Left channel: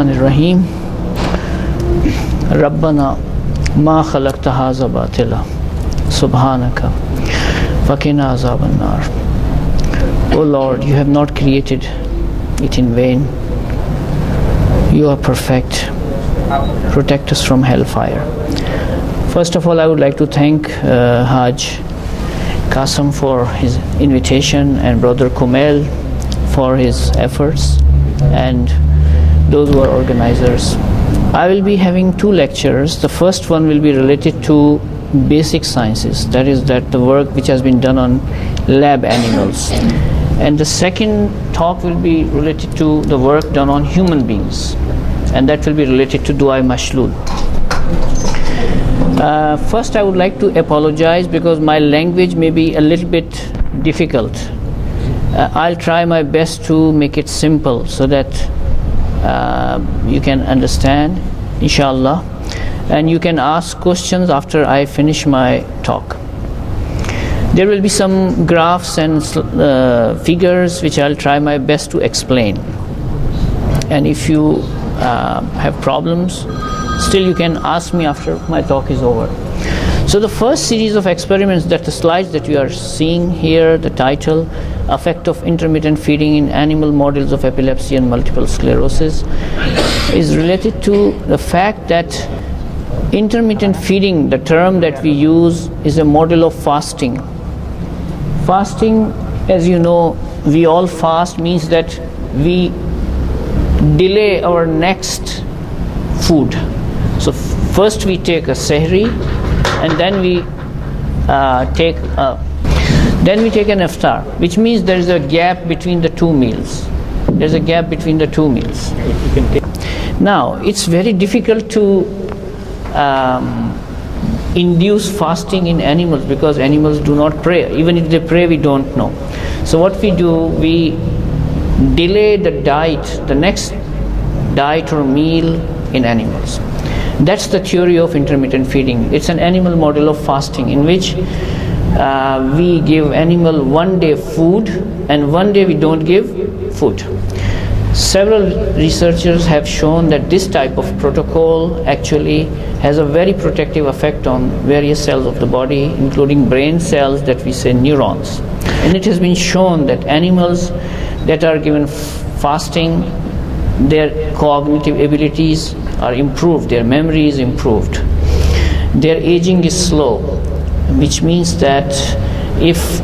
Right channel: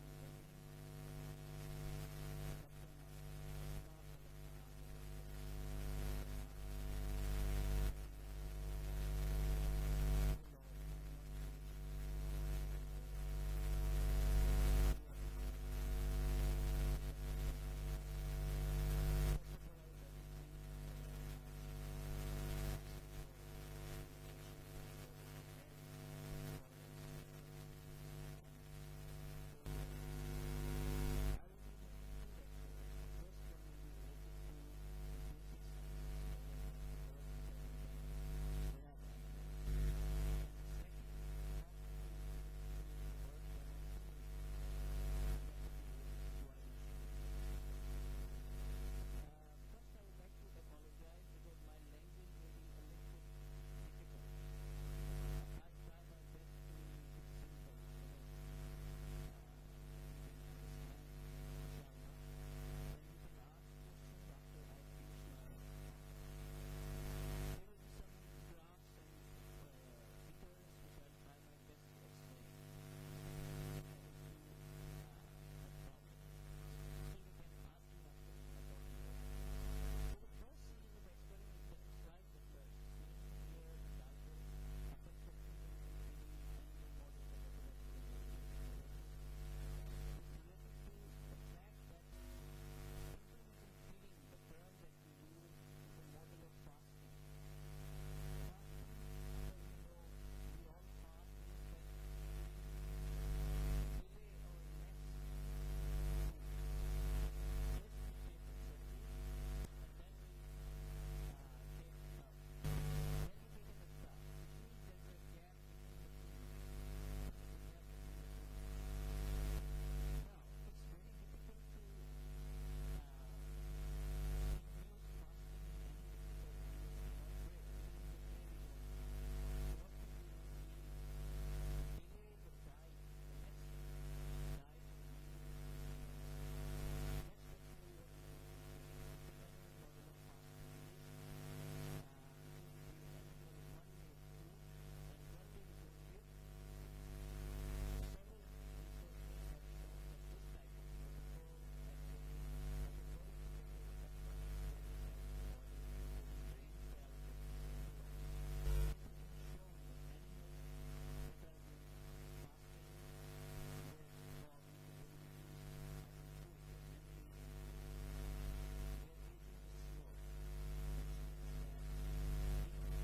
الرحيم ربنا ما خلقت هذا باطلا سبحانك فقنا عذاب النار. O Lord, you have not created it in vain. You are perfect. Protect us from hellfire. First of all, I would like to thank Haj Qasim for his invitation and Brother Kumail for his efforts and those who are organizers. I will be having two lectures. The first one will be related to basic sciences, that is the work which has been done on lab animals. And the second talk will be related to the work done on human beings, and that will be related to Du'a Mashlul. First, I would like to apologize because my language may be a little bit difficult. I'll try my best to make it simple so that you can understand, inshallah, and you can ask questions after I finish my talk. There will be some graphs and figures which I'll try my best to explain, and if you have problems, still you can ask me after my talk is over. So the first series of experiments, that the slides that you are seeing here, the title, Effect of Intermittent Feeding in Animal Models of Epilepsy and Multiple Sclerosis, is related to the fact that intermittent feeding, the term that we use, is a model of fasting. Fasting, as you know, we all fast, means that we delay our next food. So first we take a sehri, and then we take an iftar, which means there is a gap between the two meals. There's a gap between the two meals. Now, it's very difficult to induce fasting in animals because animals do not pray. Even if they pray, we don't know. So what we do, we delay the diet, the next diet or meal in animals. That's the theory of intermittent feeding. It's an animal model of fasting in which we give animal one day food and one day we don't give food. Several researchers have shown that this type of protocol actually has a very protective effect on various cells of the body, including brain cells that we say neurons. And it has been shown that animals that are given fasting, their cognitive abilities are improved, their memory is improved, their aging is slow, which means that if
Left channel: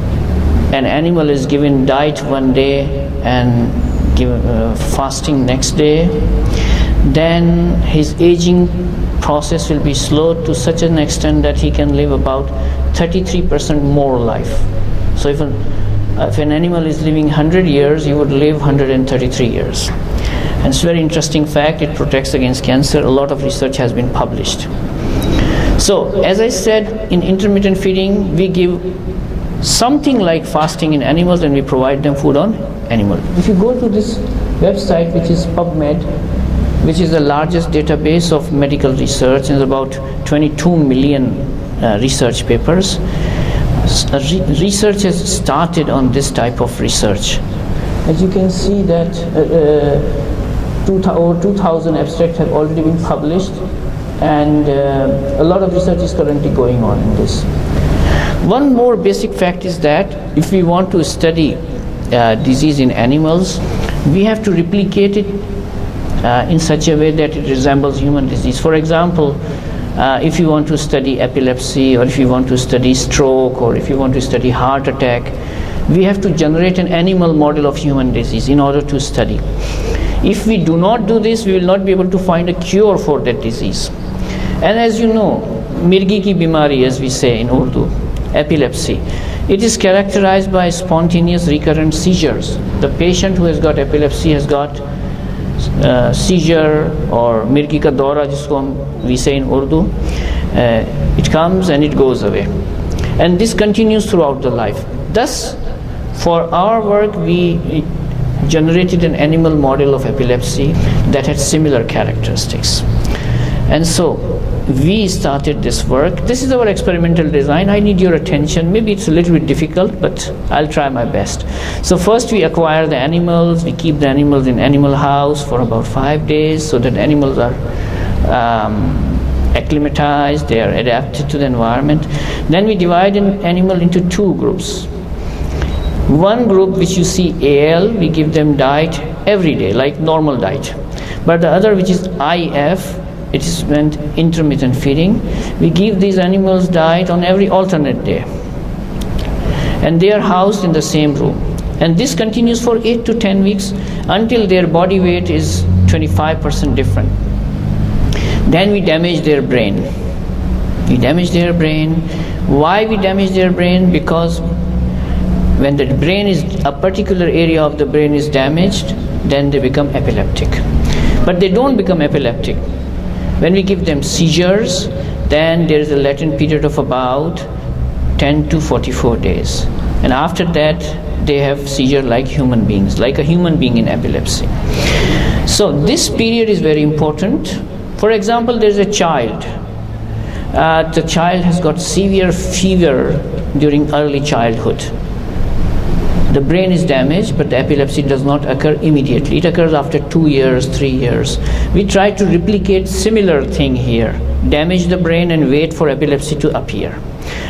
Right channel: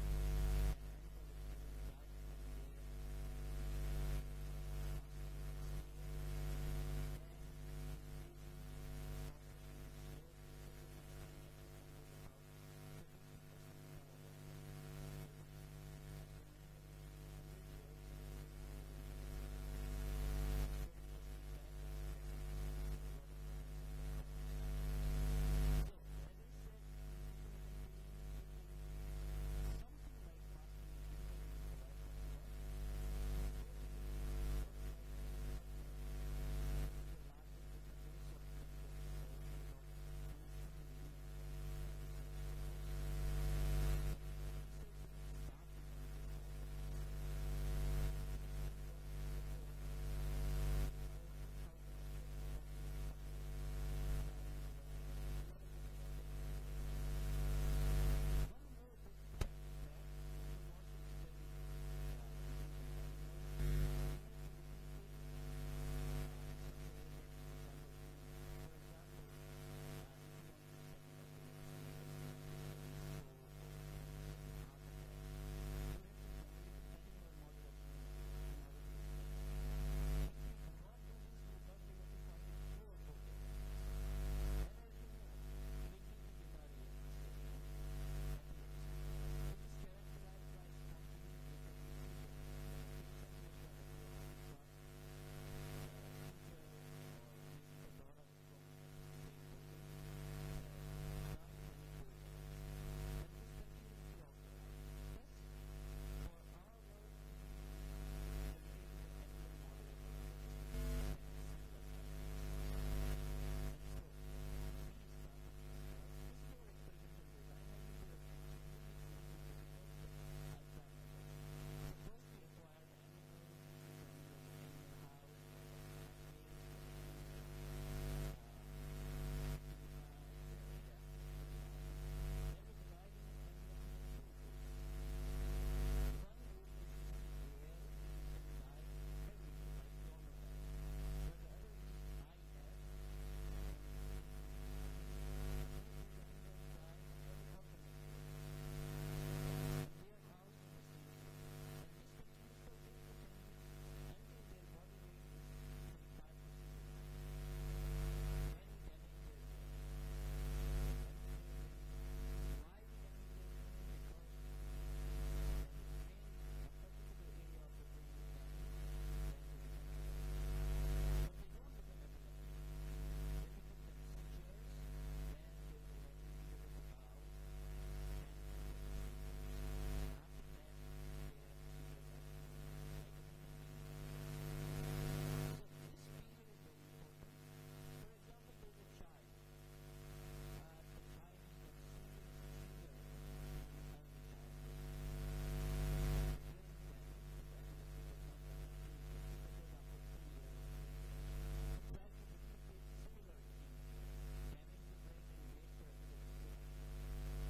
an animal is given diet one day and fasting next day, then his aging process will be slowed to such an extent that he can live about 33% more life. So if an animal is living 100 years, he would live 133 years. And it's a very interesting fact. It protects against cancer. A lot of research has been published. So, as I said, in intermittent feeding, we give something like fasting in animals and we provide them food on animal. If you go to this website, which is PubMed, which is the largest database of medical research, and about 22 million research papers, research has started on this type of research. As you can see that over 2,000 abstracts have already been published, and a lot of research is currently going on in this. One more basic fact is that if we want to study disease in animals, we have to replicate it in such a way that it resembles human disease. For example, if you want to study epilepsy, or if you want to study stroke, or if you want to study heart attack, we have to generate an animal model of human disease in order to study. If we do not do this, we will not be able to find a cure for that disease. And as you know, mirgi ki bimari, as we say in Urdu, epilepsy, it is characterized by spontaneous recurrent seizures. The patient who has got epilepsy has got seizure, or mirgi ka daura, jisko we say in Urdu. It comes and it goes away, and this continues throughout the life. Thus, for our work, we generated an animal model of epilepsy that had similar characteristics. And so, we started this work. This is our experimental design. I need your attention. Maybe it's a little bit difficult, but I'll try my best. So first we acquire the animals. We keep the animals in animal house for about 5 days so that animals are acclimatized, they are adapted to the environment. Then we divide an animal into 2 groups. One group, which you see AL, we give them diet every day, like normal diet. But the other, which is IF, it is meant intermittent feeding. We give these animals diet on every alternate day. And they are housed in the same room. And this continues for 8 to 10 weeks until their body weight is 25% different. Then we damage their brain. We damage their brain. Why we damage their brain? Because when the brain is, a particular area of the brain is damaged, then they become epileptic. But they don't become epileptic. When we give them seizures, then there is a latent period of about 10 to 44 days. And after that, they have seizure like human beings, like a human being in epilepsy. So this period is very important. For example, there is a child. The child has got severe fever during early childhood. The brain is damaged, but the epilepsy does not occur immediately. It occurs after 2 years, 3 years. We try to replicate similar thing here. Damage the brain and wait for epilepsy to appear.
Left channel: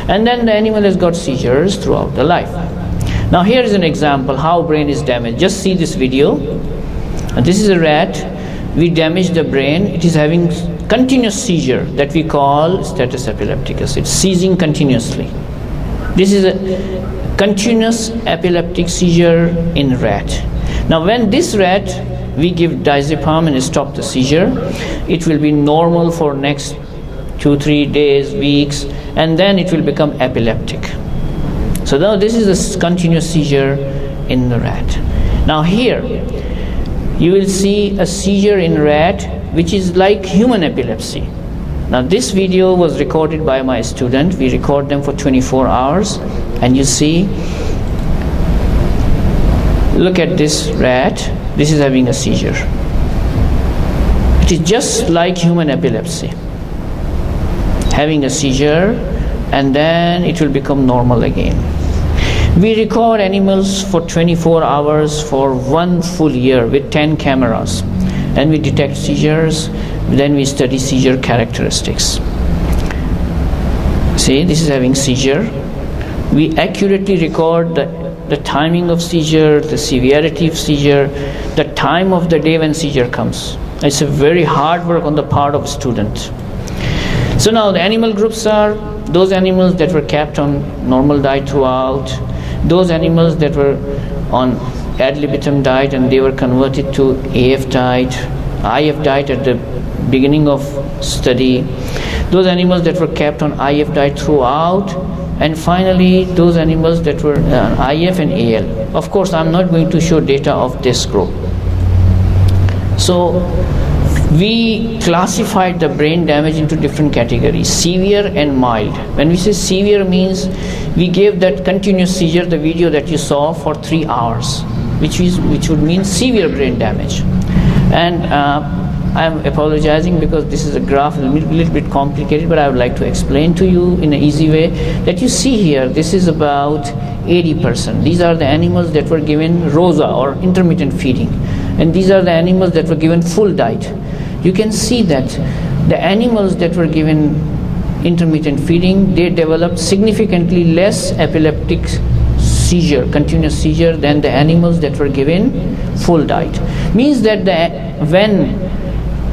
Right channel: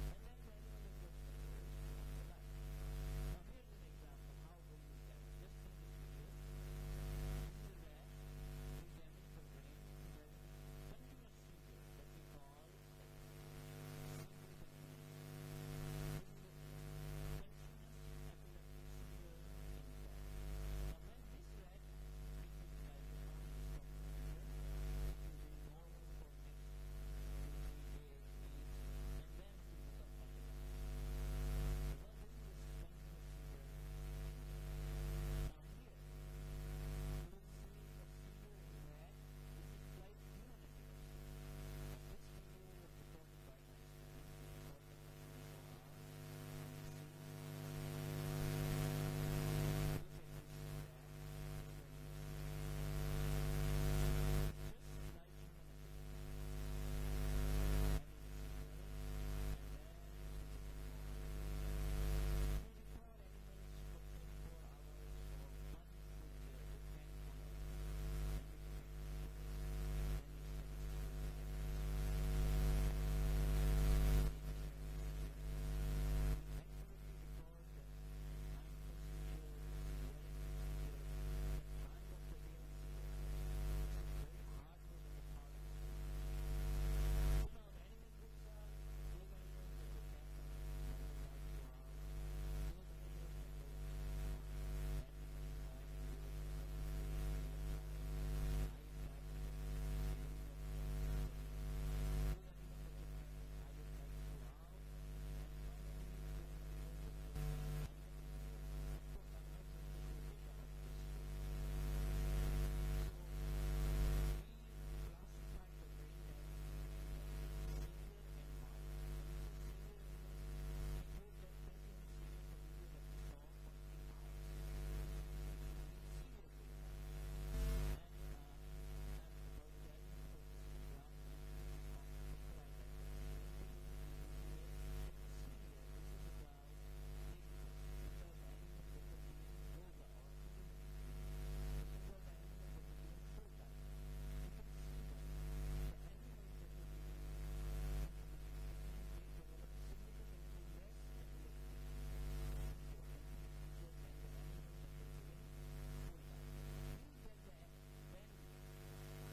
And then the animal has got seizures throughout the life. Now here is an example how brain is damaged. Just see this video. This is a rat. We damage the brain. It is having continuous seizure that we call status epilepticus. It's seizing continuously. This is a continuous epileptic seizure in rat. Now when this rat, we give diazepam and stop the seizure, it will be normal for next 2-3 days, weeks, and then it will become epileptic. So now this is a continuous seizure in the rat. Now here you will see a seizure in rat which is like human epilepsy. Now this video was recorded by my student. We record them for 24 hours. And you see, look at this rat. This is having a seizure. It is just like human epilepsy. Having a seizure, and then it will become normal again. We record animals for 24 hours for 1 full year with 10 cameras. And we detect seizures. Then we study seizure characteristics. See, this is having seizure. We accurately record the timing of seizure, the severity of seizure, the time of the day when seizure comes. It's a very hard work on the part of students. So now the animal groups are those animals that were kept on normal diet throughout, those animals that were on ad libitum diet and they were converted to AF diet, IF diet at the beginning of study, those animals that were kept on IF diet throughout, and finally those animals that were IF and AL. Of course, I'm not going to show data of this group. So we classified the brain damage into different categories, severe and mild. When we say severe means we gave that continuous seizure, the video that you saw, for 3 hours, which would mean severe brain damage. And I'm apologizing because this is a graph a little bit complicated, but I would like to explain to you in an easy way that you see here. This is about 80%. These are the animals that were given ROSA or intermittent feeding, and these are the animals that were given full diet. You can see that the animals that were given intermittent feeding, they developed significantly less epileptic seizure, continuous seizure, than the animals that were given full diet. Means that when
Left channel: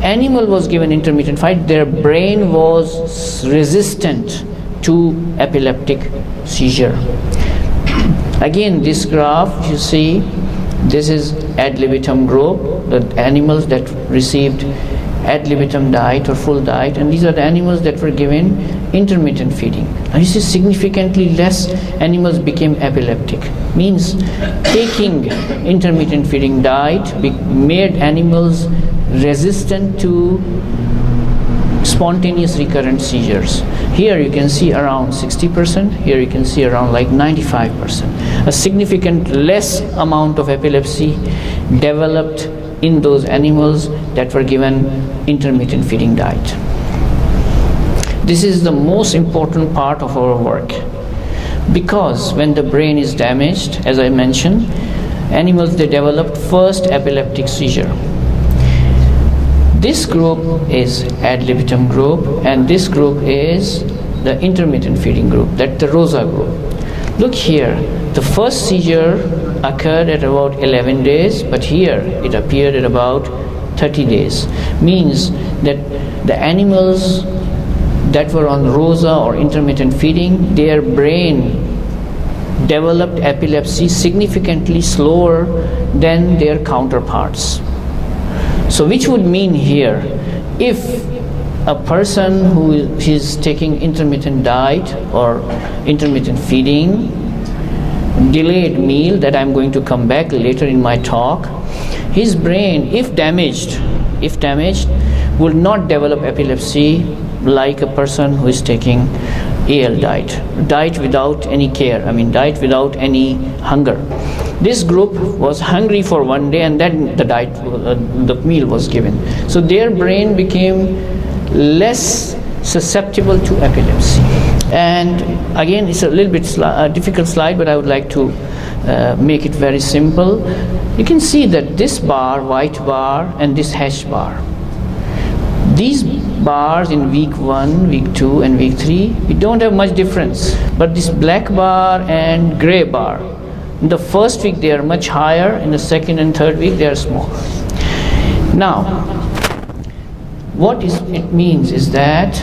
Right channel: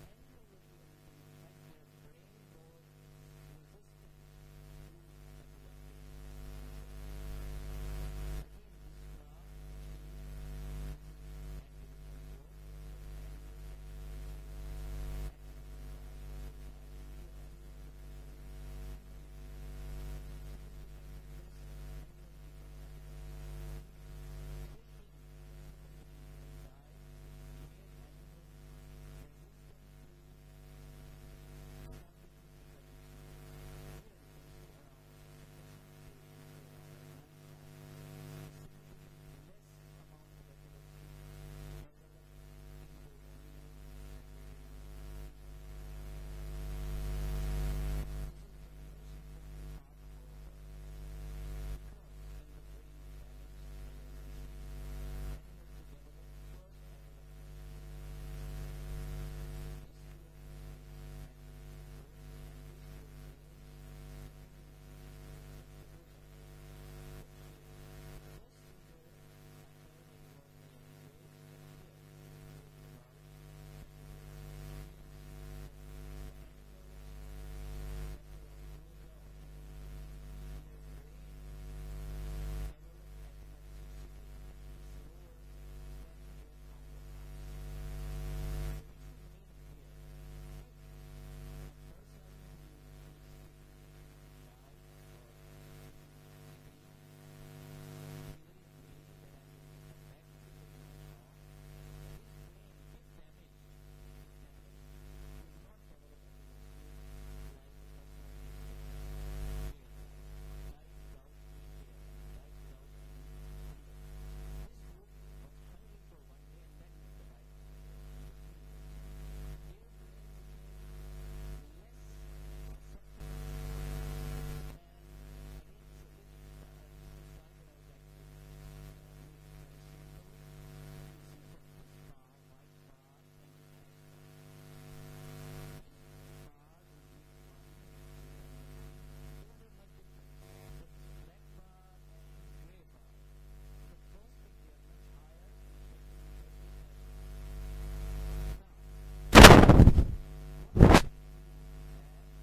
animal was given intermittent feeding, their brain was resistant to epileptic seizure. Again, this graph, you see, this is ad libitum group, the animals that received ad libitum diet or full diet, and these are the animals that were given intermittent feeding. Now you see significantly less animals became epileptic. Means taking intermittent feeding diet made animals resistant to spontaneous recurrent seizures. Here you can see around 60%, here you can see around like 95%. A significant less amount of epilepsy developed in those animals that were given intermittent feeding diet. This is the most important part of our work, because when the brain is damaged, as I mentioned, animals, they develop first epileptic seizure. This group is ad libitum group, and this group is the intermittent feeding group, that's the ROSA group. Look here, the first seizure occurred at about 11 days, but here it appeared at about 30 days. Means that the animals that were on ROSA or intermittent feeding, their brain developed epilepsy significantly slower than their counterparts. So which would mean here, if a person who is taking intermittent diet or intermittent feeding, delayed meal, that I'm going to come back later in my talk, his brain, if damaged, will not develop epilepsy like a person who is taking AL diet without any care, diet without any hunger. This group was hungry for one day, and then the meal was given. So their brain became less susceptible to epilepsy. And again, it's a little bit difficult slide, but I would like to make it very simple. You can see that this bar, white bar, and this hash bar, these bars in week 1, week 2, and week 3, we don't have much difference. But this black bar and gray bar, in the first week they are much higher, in the second and third week they are smaller. Now, what it means is that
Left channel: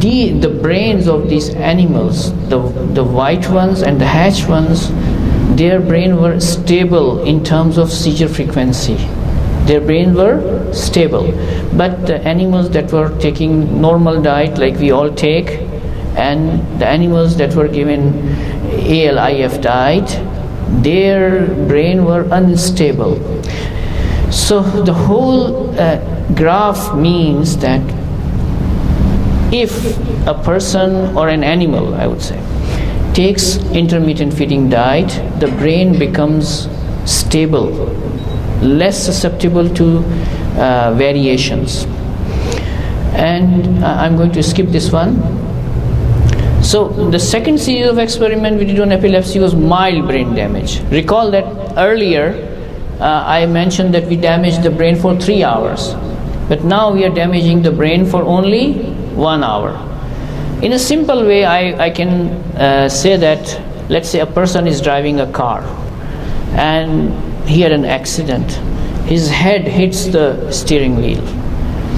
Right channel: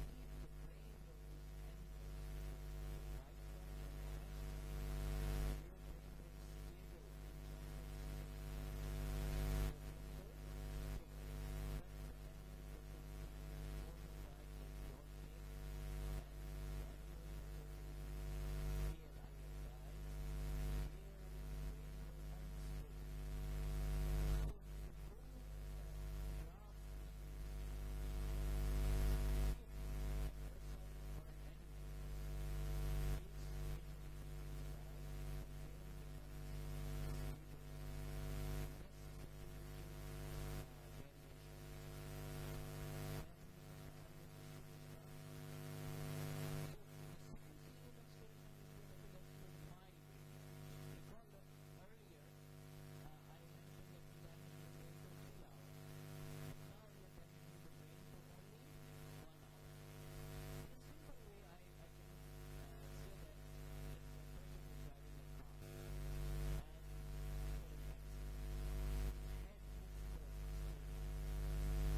the brains of these animals, the white ones and the hatch ones, their brain were stable in terms of seizure frequency. Their brains were stable. But the animals that were taking normal diet like we all take, and the animals that were given ALIF diet, their brain were unstable. So the whole graph means that if a person or an animal, I would say, takes intermittent feeding diet, the brain becomes stable, less susceptible to variations. And I'm going to skip this one. So the second series of experiment we did on epilepsy was mild brain damage. Recall that earlier I mentioned that we damaged the brain for 3 hours, but now we are damaging the brain for only 1 hour. In a simple way, I can say that, let's say a person is driving a car and he had an accident. His head hits the steering wheel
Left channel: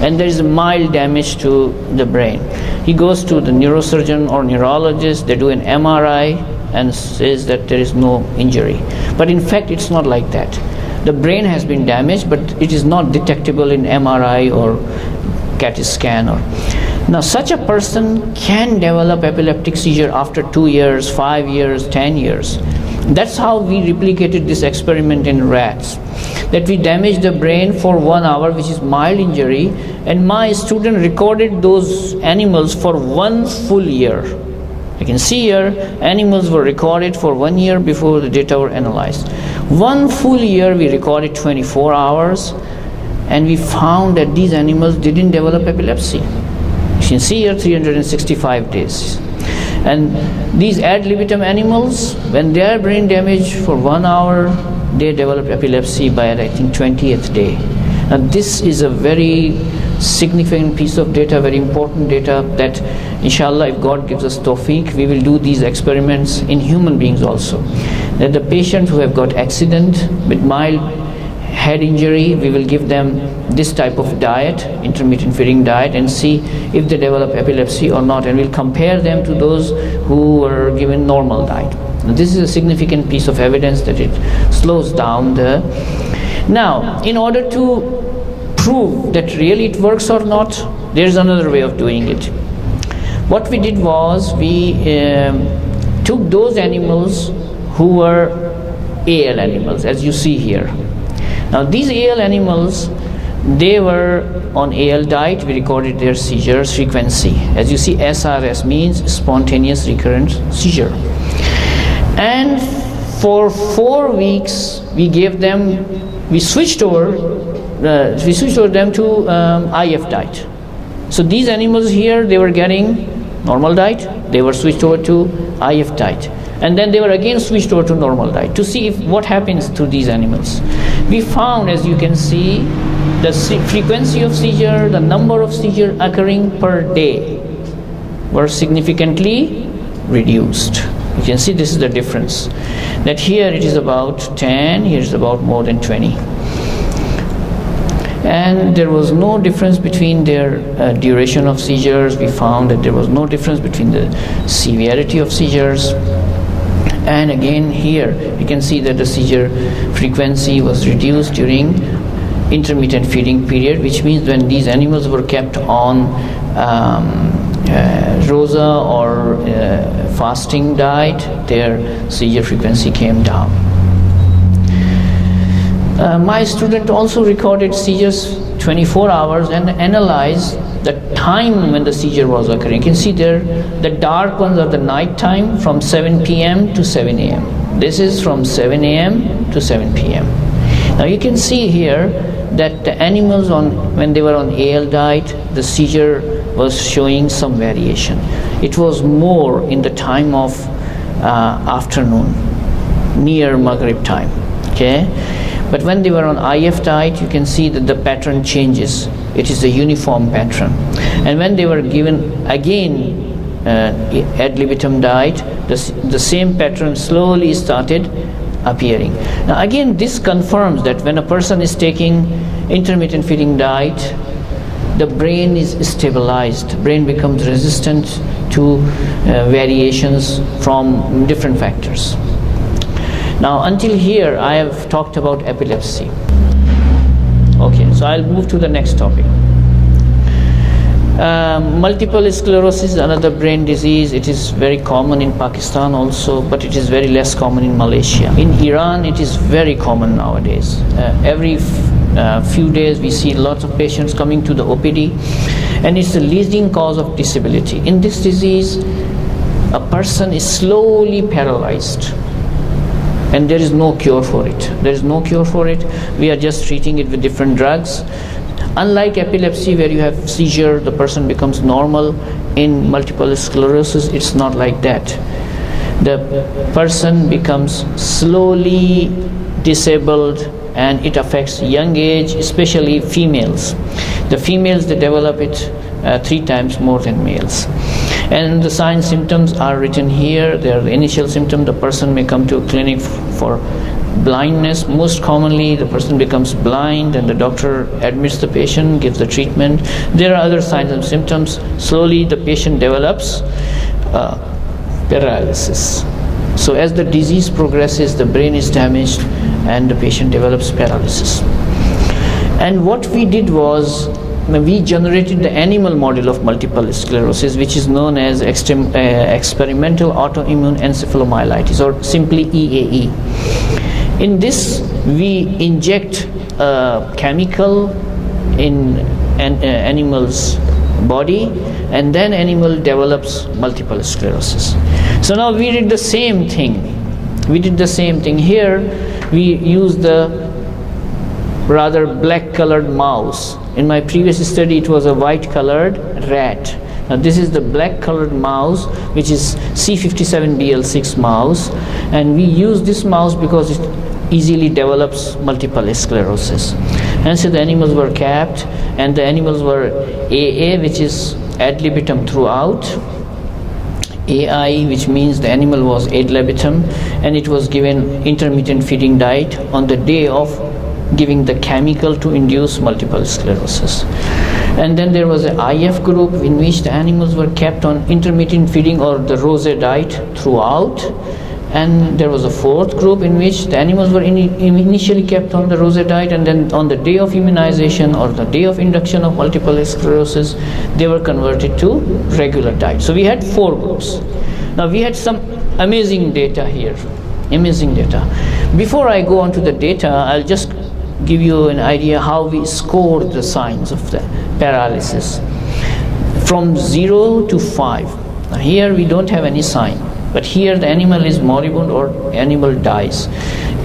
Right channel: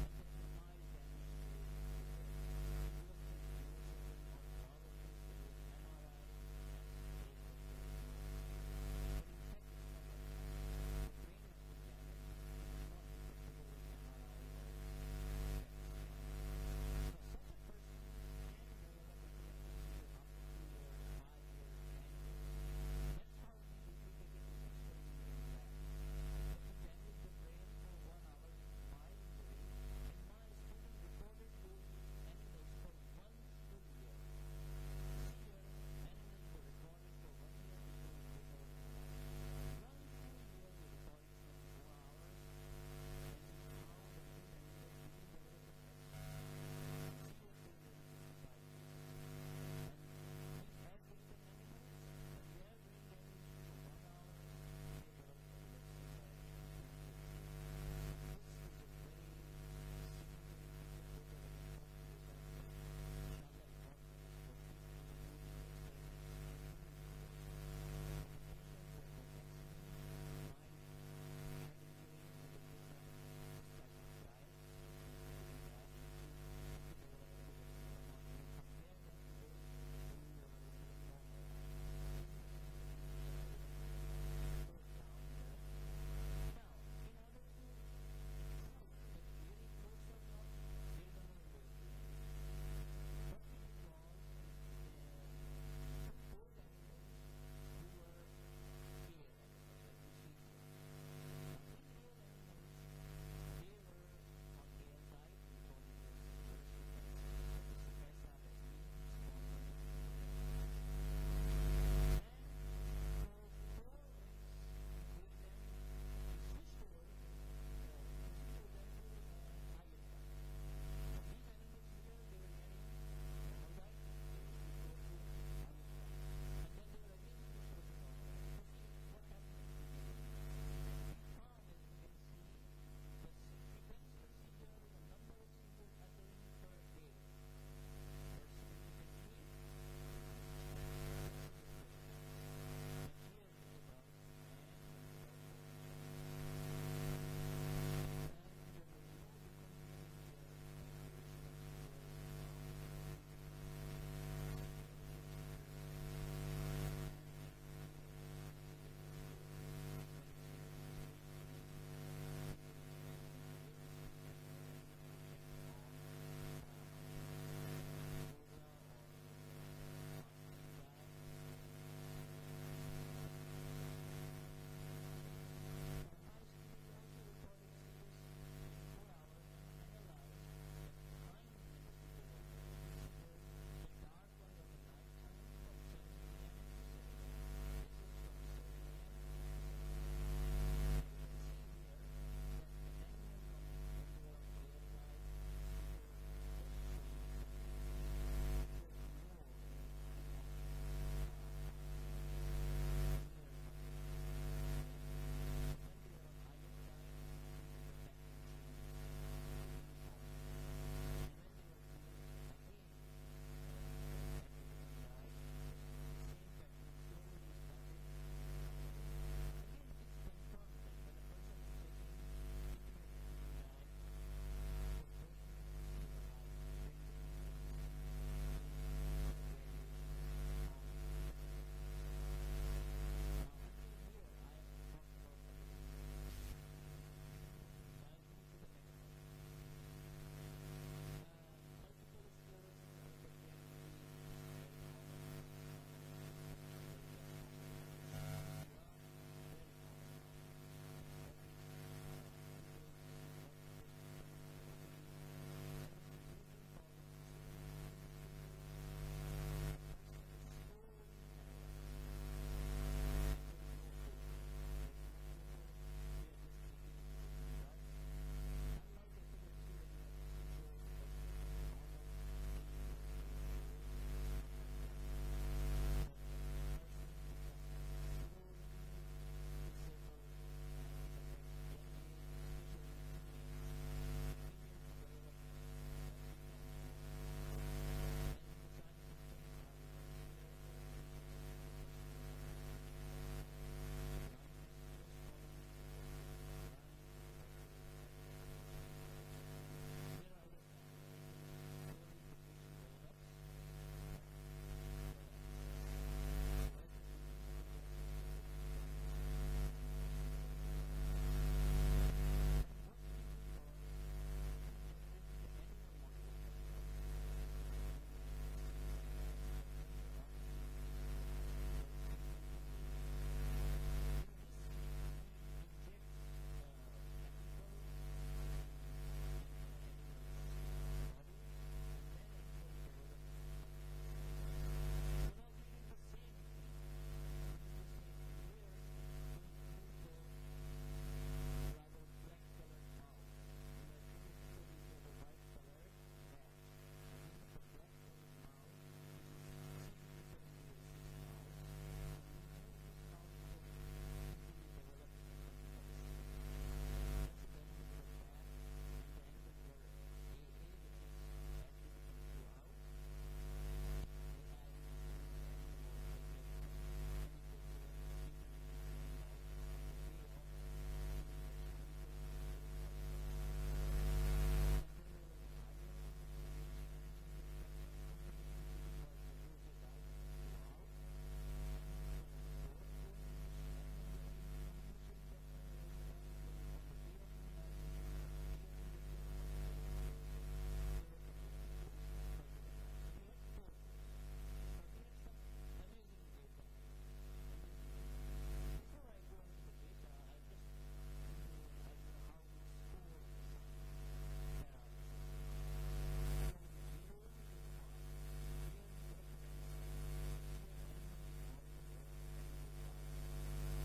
and there is a mild damage to the brain. He goes to the neurosurgeon or neurologist, they do an MRI and says that there is no injury. But in fact, it's not like that. The brain has been damaged, but it is not detectable in MRI or CAT scan. Now, such a person can develop epileptic seizure after 2 years, 5 years, 10 years. That's how we replicated this experiment in rats. That we damaged the brain for 1 hour, which is mild injury, and my student recorded those animals for 1 full year. You can see here, animals were recorded for 1 year before the data were analyzed. 1 full year we recorded 24 hours, and we found that these animals didn't develop epilepsy. You can see here 365 days. And these ad libitum animals, when they are brain damaged for 1 hour, they develop epilepsy by, I think, 20th day. Now this is a very significant piece of data, very important data, that inshallah, if God gives us tawfiq, we will do these experiments in human beings also. That the patients who have got accident with mild head injury, we will give them this type of diet, intermittent feeding diet, and see if they develop epilepsy or not, and we'll compare them to those who were given normal diet. Now, this is a significant piece of evidence that it slows down the... Now, in order to prove that really it works or not, there's another way of doing it. What we did was we took those animals who were AL animals, as you see here. Now these AL animals, they were on AL diet. We recorded their seizures frequency. As you see, SRS means spontaneous recurrent seizure. And for 4 weeks, we switched over them to IF diet. So these animals here, they were getting normal diet, they were switched over to IF diet, and then they were again switched over to normal diet to see what happens to these animals. We found, as you can see, the frequency of seizure, the number of seizure occurring per day were significantly reduced. You can see this is the difference, that here it is about 10, here is about more than 20. And there was no difference between their duration of seizures. We found that there was no difference between the severity of seizures. And again here you can see that the seizure frequency was reduced during intermittent feeding period, which means when these animals were kept on ROSA or fasting diet, their seizure frequency came down. My student also recorded seizures 24 hours and analyzed the time when the seizure was occurring. You can see there, the dark ones are the night time from 7 p.m. to 7 a.m. This is from 7 a.m. to 7 p.m. Now you can see here that the animals when they were on AL diet, the seizure was showing some variation. It was more in the time of afternoon, near Maghrib time. Okay. But when they were on IF diet, you can see that the pattern changes. It is a uniform pattern. And when they were given again ad libitum diet, the same pattern slowly started appearing. Now again, this confirms that when a person is taking intermittent feeding diet, the brain is stabilized. Brain becomes resistant to variations from different factors. Now until here I have talked about epilepsy. Okay, so I'll move to the next topic. Multiple sclerosis is another brain disease. It is very common in Pakistan also, but it is very less common in Malaysia. In Iran it is very common nowadays. Every few days we see lots of patients coming to the OPD, and it's the leading cause of disability. In this disease, a person is slowly paralyzed, and there is no cure for it. There is no cure for it. We are just treating it with different drugs. Unlike epilepsy, where you have seizure, the person becomes normal, in multiple sclerosis, it's not like that. The person becomes slowly disabled, and it affects young age, especially females. The females, they develop it 3 times more than males. And the signs, symptoms are written here. They are the initial symptom. The person may come to a clinic for blindness. Most commonly, the person becomes blind, and the doctor admits the patient, gives the treatment. There are other signs and symptoms. Slowly, the patient develops paralysis. So as the disease progresses, the brain is damaged, and the patient develops paralysis. And what we did was, we generated the animal model of multiple sclerosis, which is known as experimental autoimmune encephalomyelitis, or simply EAE. In this, we inject a chemical in an animal's body, and then animal develops multiple sclerosis. So now we did the same thing. Here we used the rather black colored mouse. In my previous study it was a white colored rat. Now this is the black colored mouse, which is C57BL6 mouse, and we use this mouse because it easily develops multiple sclerosis. And so the animals were capped, and the animals were AA, which is ad libitum throughout, AI, which means the animal was ad libitum, and it was given intermittent feeding diet on the day of giving the chemical to induce multiple sclerosis. And then there was an IF group in which the animals were kept on intermittent feeding or the ROSA diet throughout. And there was a fourth group in which the animals were initially kept on the ROSA diet, and then on the day of immunization or the day of induction of multiple sclerosis, they were converted to regular diet. So we had 4 groups. Now we had some amazing data here. Amazing data. Before I go on to the data, I'll just give you an idea how we scored the signs of the paralysis from 0 to 5. Now here we don't have any sign, but here the animal is moribund or animal dies.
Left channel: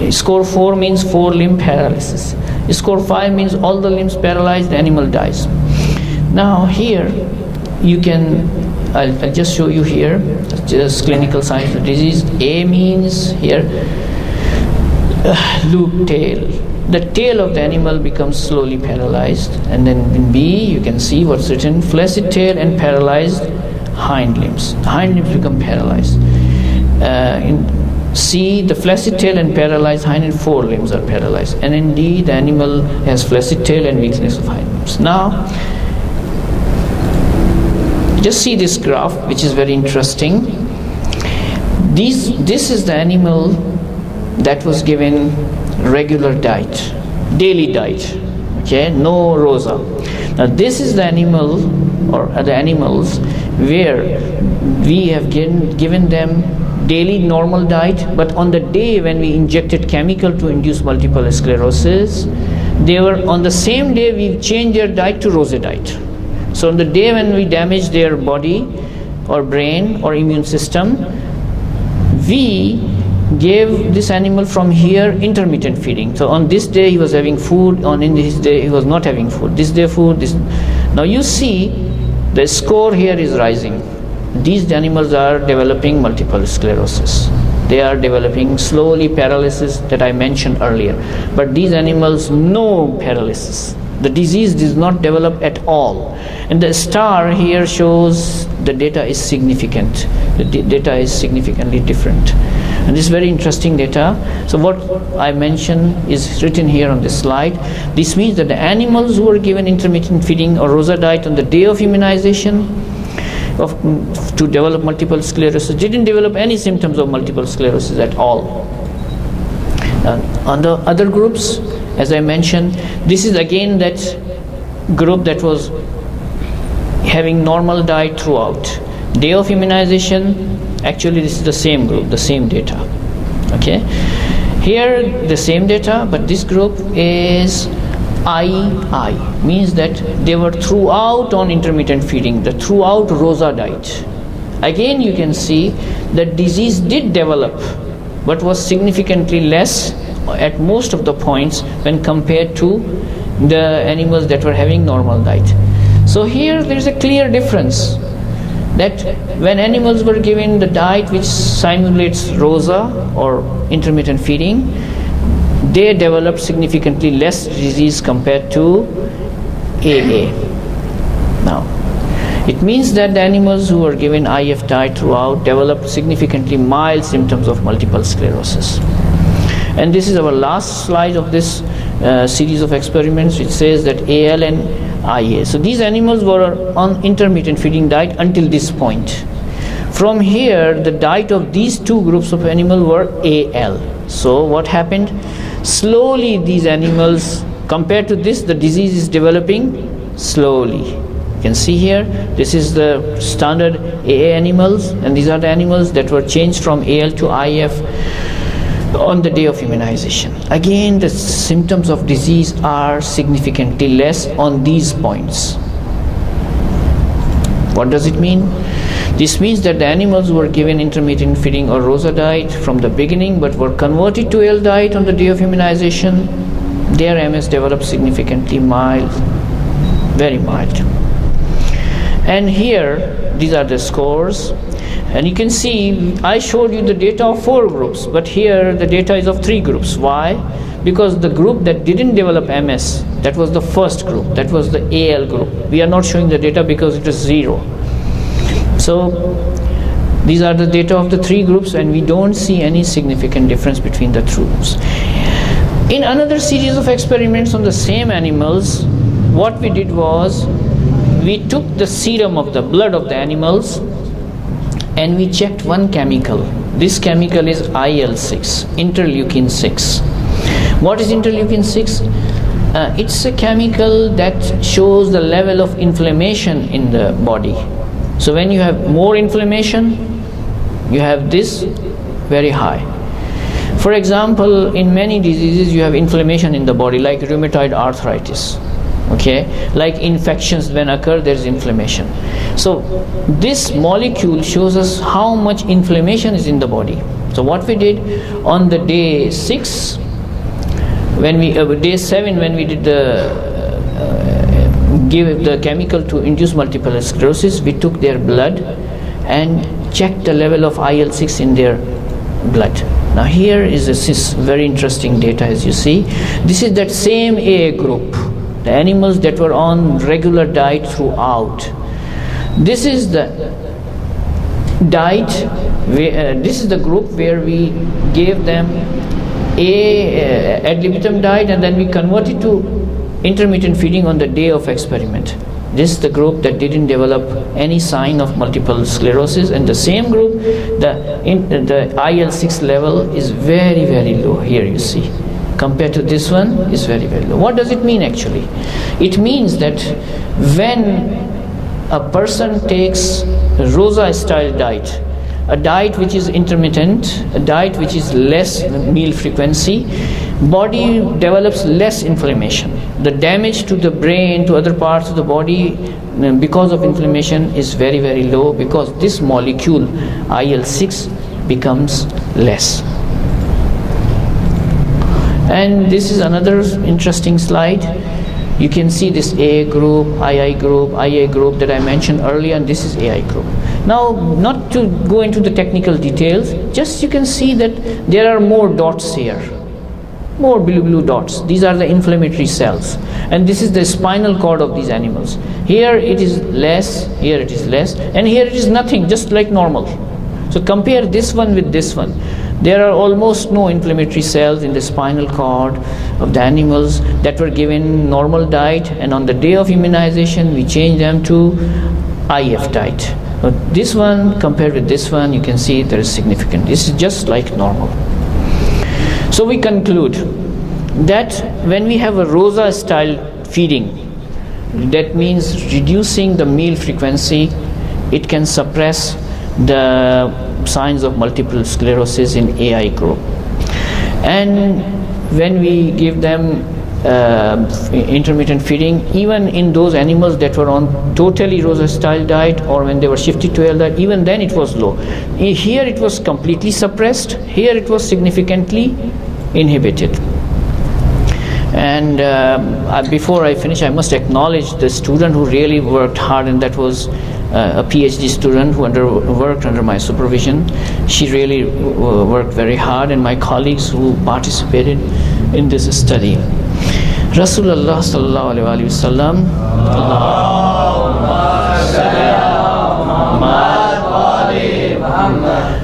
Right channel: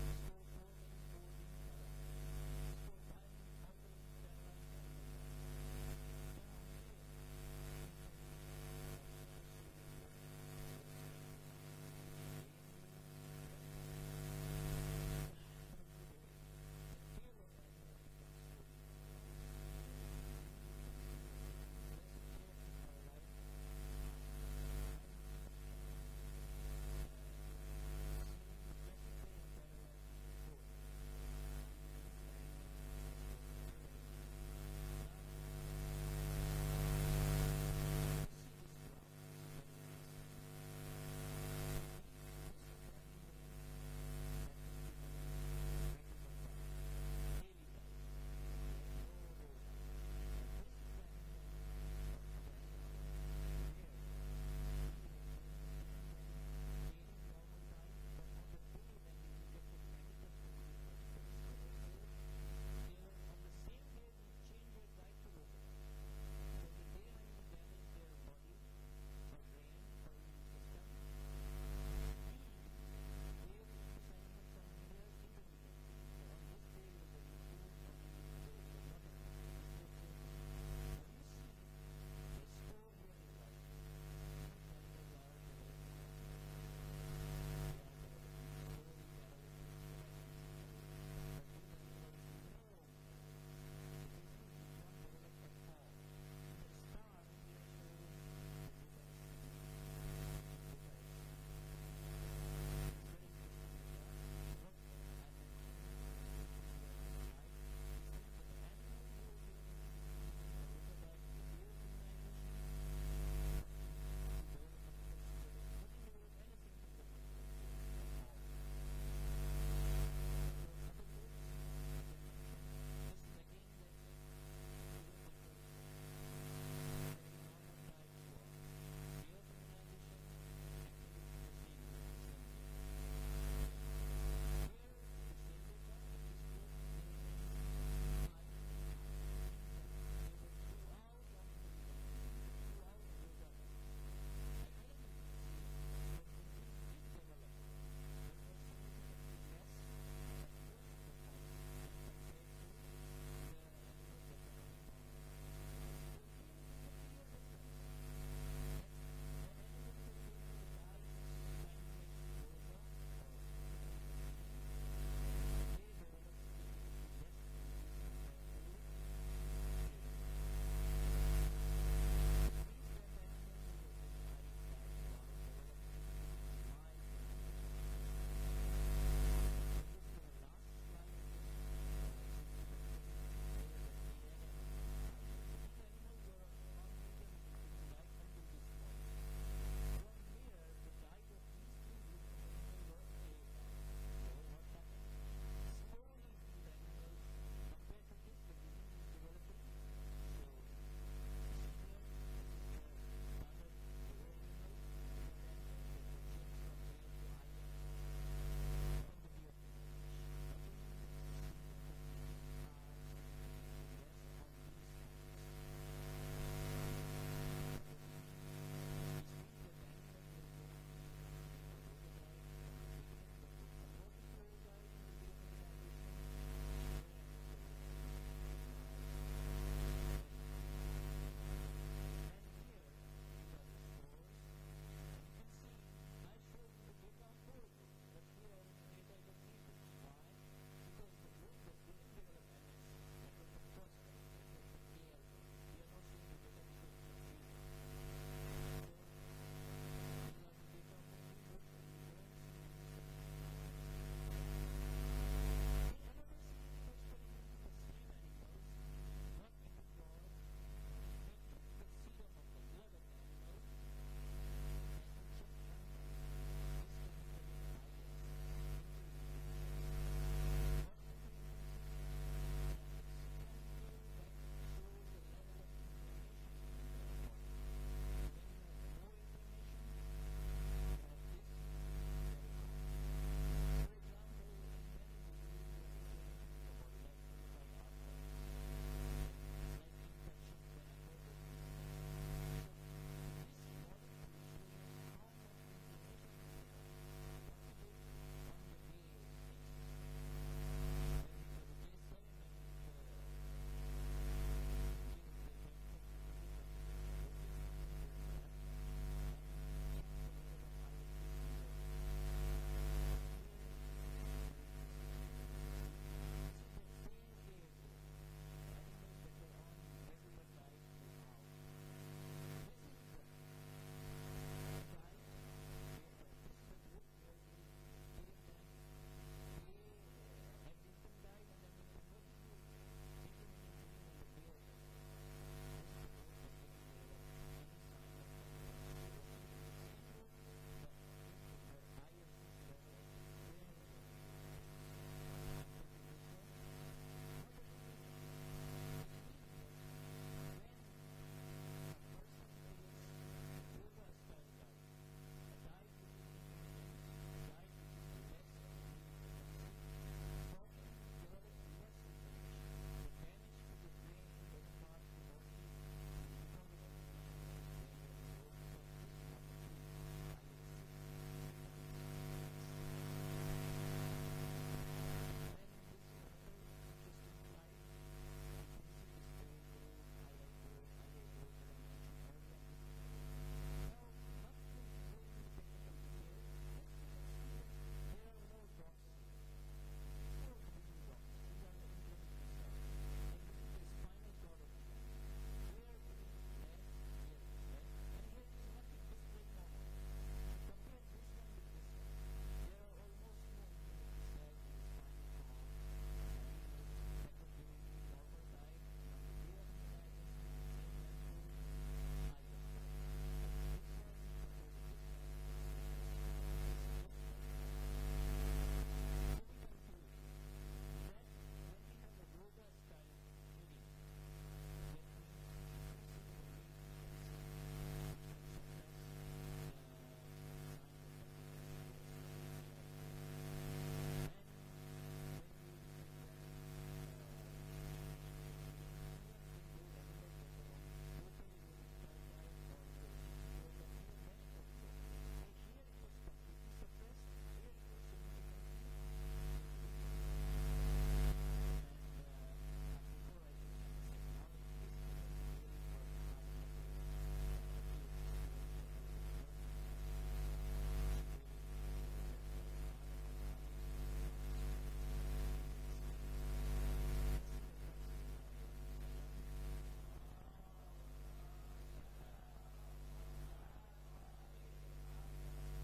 Score 4 means 4 limb paralysis. Score 5 means all the limbs paralyzed, the animal dies. Now here you can, I'll just show you here, just clinical signs of disease. A means here loop tail. The tail of the animal becomes slowly paralyzed, and then in B you can see what's written: flaccid tail and paralyzed hind limbs. The hind limbs become paralyzed. In C, the flaccid tail and paralyzed hind and forelimbs are paralyzed, and in D, the animal has flaccid tail and weakness of hind limbs. Now, just see this graph, which is very interesting. This is the animal that was given regular diet, daily diet, okay, no rosa. Now this is the animal, or the animals where we have given them daily normal diet, but on the day when we injected chemical to induce multiple sclerosis, they were, on the same day we changed their diet to rosy diet. So on the day when we damaged their body or brain or immune system, we gave this animal from here intermittent feeding. So on this day he was having food, on in this day he was not having food. This day food, this. Now you see the score here is rising. These animals are developing multiple sclerosis. They are developing slowly paralysis that I mentioned earlier. But these animals, no paralysis. The disease does not develop at all. And the star here shows the data is significant. The data is significantly different. And this is very interesting data. So what I mentioned is written here on this slide. This means that the animals who were given intermittent feeding or rosa diet on the day of immunization to develop multiple sclerosis didn't develop any symptoms of multiple sclerosis at all. On the other groups, as I mentioned, this is again that group that was having normal diet throughout. Day of immunization, actually this is the same group, the same data. Okay, here the same data, but this group is II, means that they were throughout on intermittent feeding, the throughout rosa diet. Again you can see that disease did develop, but was significantly less at most of the points when compared to the animals that were having normal diet. So here there is a clear difference, that when animals were given the diet which simulates rosa or intermittent feeding, they developed significantly less disease compared to AA. Now, it means that the animals who were given IF diet throughout developed significantly mild symptoms of multiple sclerosis. And this is our last slide of this series of experiments, which says that AL and IA. So these animals were on intermittent feeding diet until this point. From here, the diet of these two groups of animals were AL. So what happened? Slowly these animals, compared to this, the disease is developing slowly. You can see here, this is the standard AA animals, and these are the animals that were changed from AL to IF on the day of immunization. Again, the symptoms of disease are significantly less on these points. What does it mean? This means that the animals who were given intermittent feeding or rosa diet from the beginning but were converted to AL diet on the day of immunization, their MS developed significantly mild, very mild. And here, these are the scores. And you can see, I showed you the data of 4 groups, but here the data is of 3 groups. Why? Because the group that didn't develop MS, that was the first group, that was the AL group. We are not showing the data because it is 0. So these are the data of the 3 groups, and we don't see any significant difference between the 2 groups. In another series of experiments on the same animals, what we did was, we took the serum of the blood of the animals and we checked one chemical. This chemical is IL-6, interleukin 6. What is interleukin 6? It's a chemical that shows the level of inflammation in the body. So when you have more inflammation, you have this very high. For example, in many diseases you have inflammation in the body, like rheumatoid arthritis. Okay, like infections when occur, there is inflammation. So this molecule shows us how much inflammation is in the body. So what we did on the day 6, when we day 7, when we did the give the chemical to induce multiple sclerosis, we took their blood and checked the level of IL-6 in their blood. Now here is this very interesting data, as you see. This is that same AA group, the animals that were on regular diet throughout. This is the diet, this is the group where we gave them ad libitum diet, and then we converted to intermittent feeding on the day of experiment. This is the group that didn't develop any sign of multiple sclerosis, and the same group, the IL-6 level is very, very low. Here you see, compared to this one, is very, very low. What does it mean actually? It means that when a person takes a Rosa style diet, a diet which is intermittent, a diet which is less meal frequency, body develops less inflammation. The damage to the brain, to other parts of the body because of inflammation is very, very low, because this molecule IL-6 becomes less. And this is another interesting slide. You can see this AA group, II group, IA group that I mentioned earlier, and this is AI group. Now, not to go into the technical details, just you can see that there are more dots here, more blue dots. These are the inflammatory cells, and this is the spinal cord of these animals. Here it is less, here it is less, and here it is nothing, just like normal. So compare this one with this one. There are almost no inflammatory cells in the spinal cord of the animals that were given normal diet, and on the day of immunization we changed them to IF diet. But this one compared with this one, you can see there is significant. This is just like normal. So we conclude that when we have a Rosa style feeding, that means reducing the meal frequency, it can suppress the signs of multiple sclerosis in AI group. And when we give them intermittent feeding, even in those animals that were on totally Rosa style diet, or when they were shifted to AL diet, even then it was low. Here it was completely suppressed, here it was significantly inhibited. And before I finish, I must acknowledge the student who really worked hard, and that was a PhD student who worked under my supervision. She really worked very hard, and my colleagues who participated in this study. Rasulullah sallallahu alaihi wasallam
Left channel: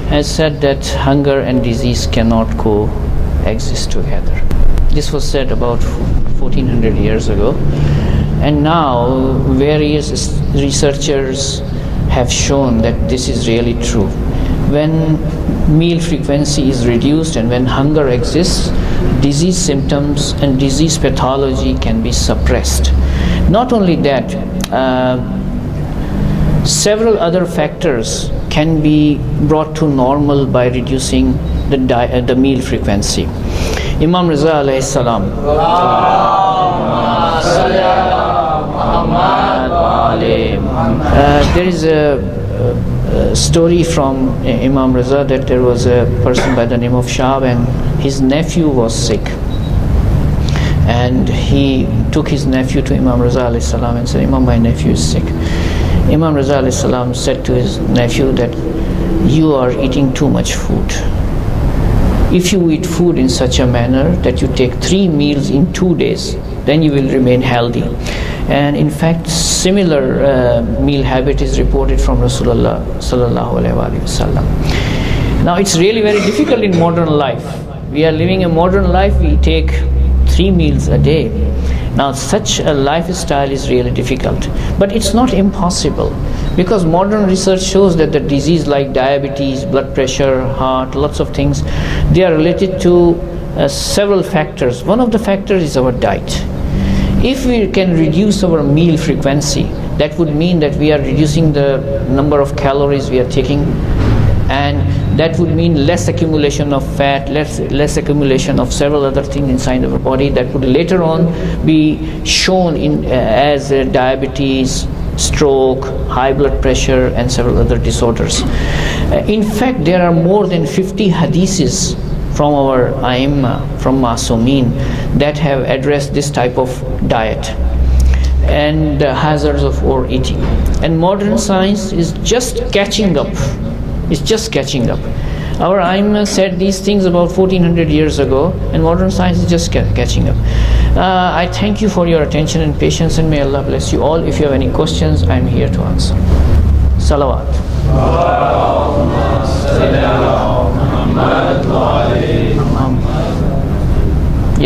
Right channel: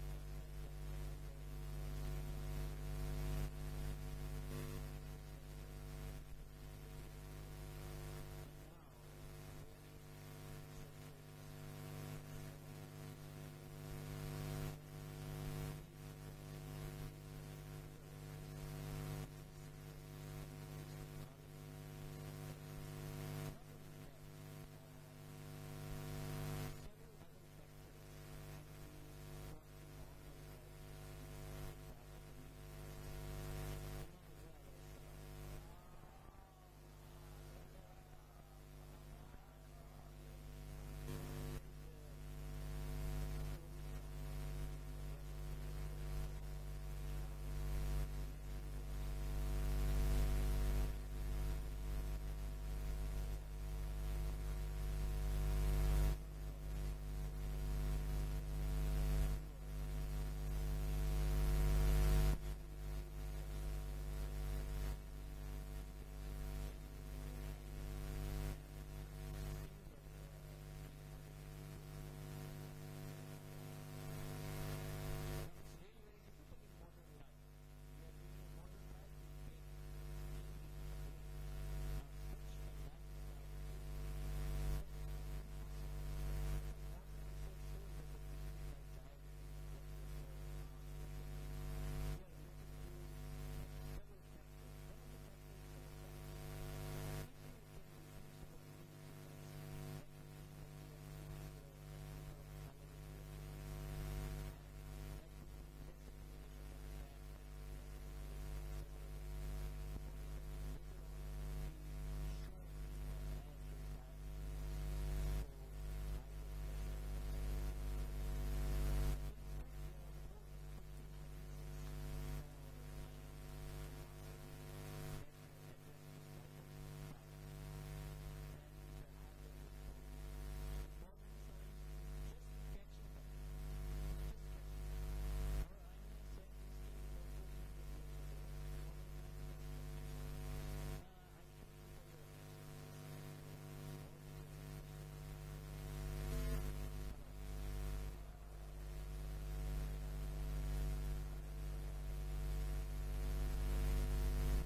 has said that hunger and disease cannot coexist together. This was said about 1400 years ago. And now various researchers have shown that this is really true. When meal frequency is reduced and when hunger exists, disease symptoms and disease pathology can be suppressed. Not only that, several other factors can be brought to normal by reducing the meal frequency. Imam Riza alayhi salam, there is a story from Imam Riza that there was a person by the name of Shab, and his nephew was sick, and he took his nephew to Imam Riza alayhi salam and said, Imam, my nephew is sick. Imam Riza alayhi salam said to his nephew that you are eating too much food. If you eat food in such a manner that you take 3 meals in 2 days, then you will remain healthy. And in fact, similar meal habit is reported from Rasulullah sallallahu alaihi wasallam. Now it's really very difficult in modern life. We are living a modern life, we take 3 meals a day. Now such a lifestyle is really difficult, but it's not impossible, because modern research shows that the disease like diabetes, blood pressure, heart, lots of things, they are related to several factors. One of the factors is our diet. If we can reduce our meal frequency, that would mean that we are reducing the number of calories we are taking, and that would mean less accumulation of fat, less accumulation of several other things inside our body that would later on be shown as diabetes, stroke, high blood pressure, and several other disorders. In fact, there are more than 50 hadiths from our Aimma, from Masumeen, that have addressed this type of diet. and the hazards of overeating. And modern science is just catching up. It's just catching up. Our Aimma said these things about 1400 years ago, and modern science is just catching up. I thank you for your attention and patience, and may Allah bless you all. If you have any questions, I'm here to answer. Salawat.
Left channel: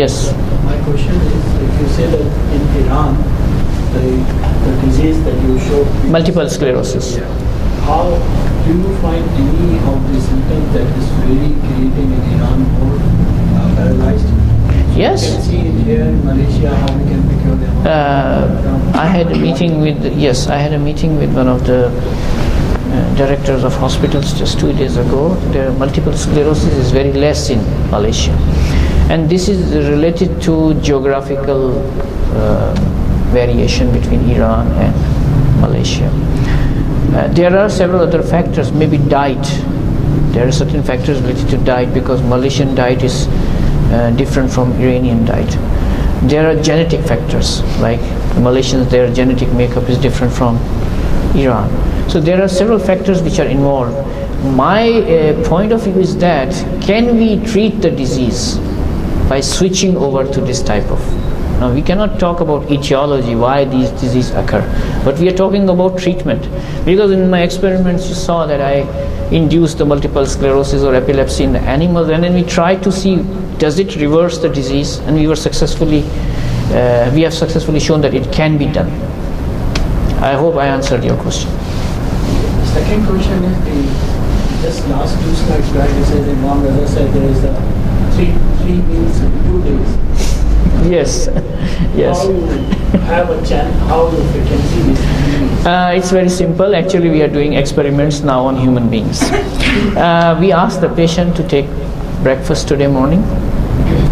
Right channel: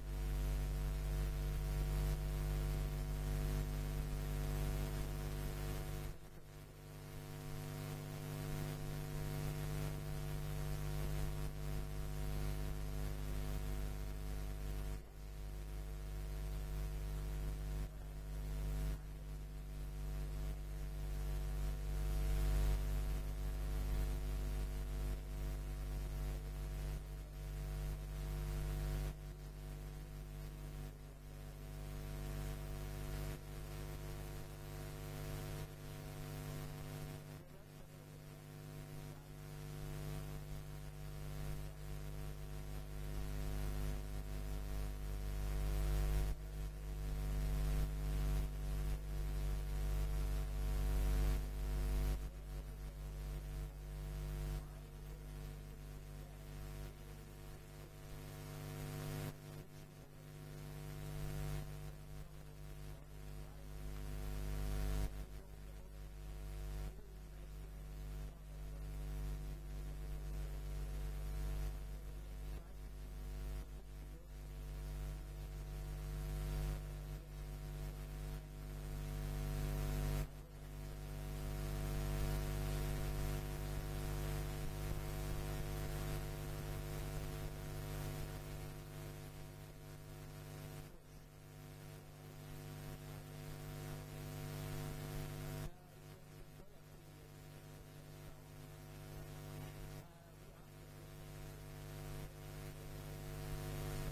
Yes. My question is, if you say that in Iran, the disease that you showed, Multiple sclerosis. how do you find any of the symptoms that is really creating in Iran more paralyzed? Yes. You can see in here in Malaysia how we can cure them. I had a meeting with one of the directors of hospitals just 2 days ago. The multiple sclerosis is very less in Malaysia, and this is related to geographical variation between Iran and Malaysia. There are several other factors, maybe diet. There are certain factors related to diet, because Malaysian diet is different from Iranian diet. There are genetic factors, like Malaysians, their genetic makeup is different from Iran. So there are several factors which are involved. My point of view is that, can we treat the disease by switching over to this type of? Now, we cannot talk about etiology, why these diseases occur, but we are talking about treatment. Because in my experiments, you saw that I induced the multiple sclerosis or epilepsy in the animals, and then we tried to see, does it reverse the disease? And we have successfully shown that it can be done. I hope I answered your question. Second question is, just last 2 slides back, you said Imam Raza said there is a three meals in 2 days. Yes, yes. How you have a chance, how you can see this? It's very simple. Actually, we are doing experiments now on human beings. We ask the patient to take breakfast today morning,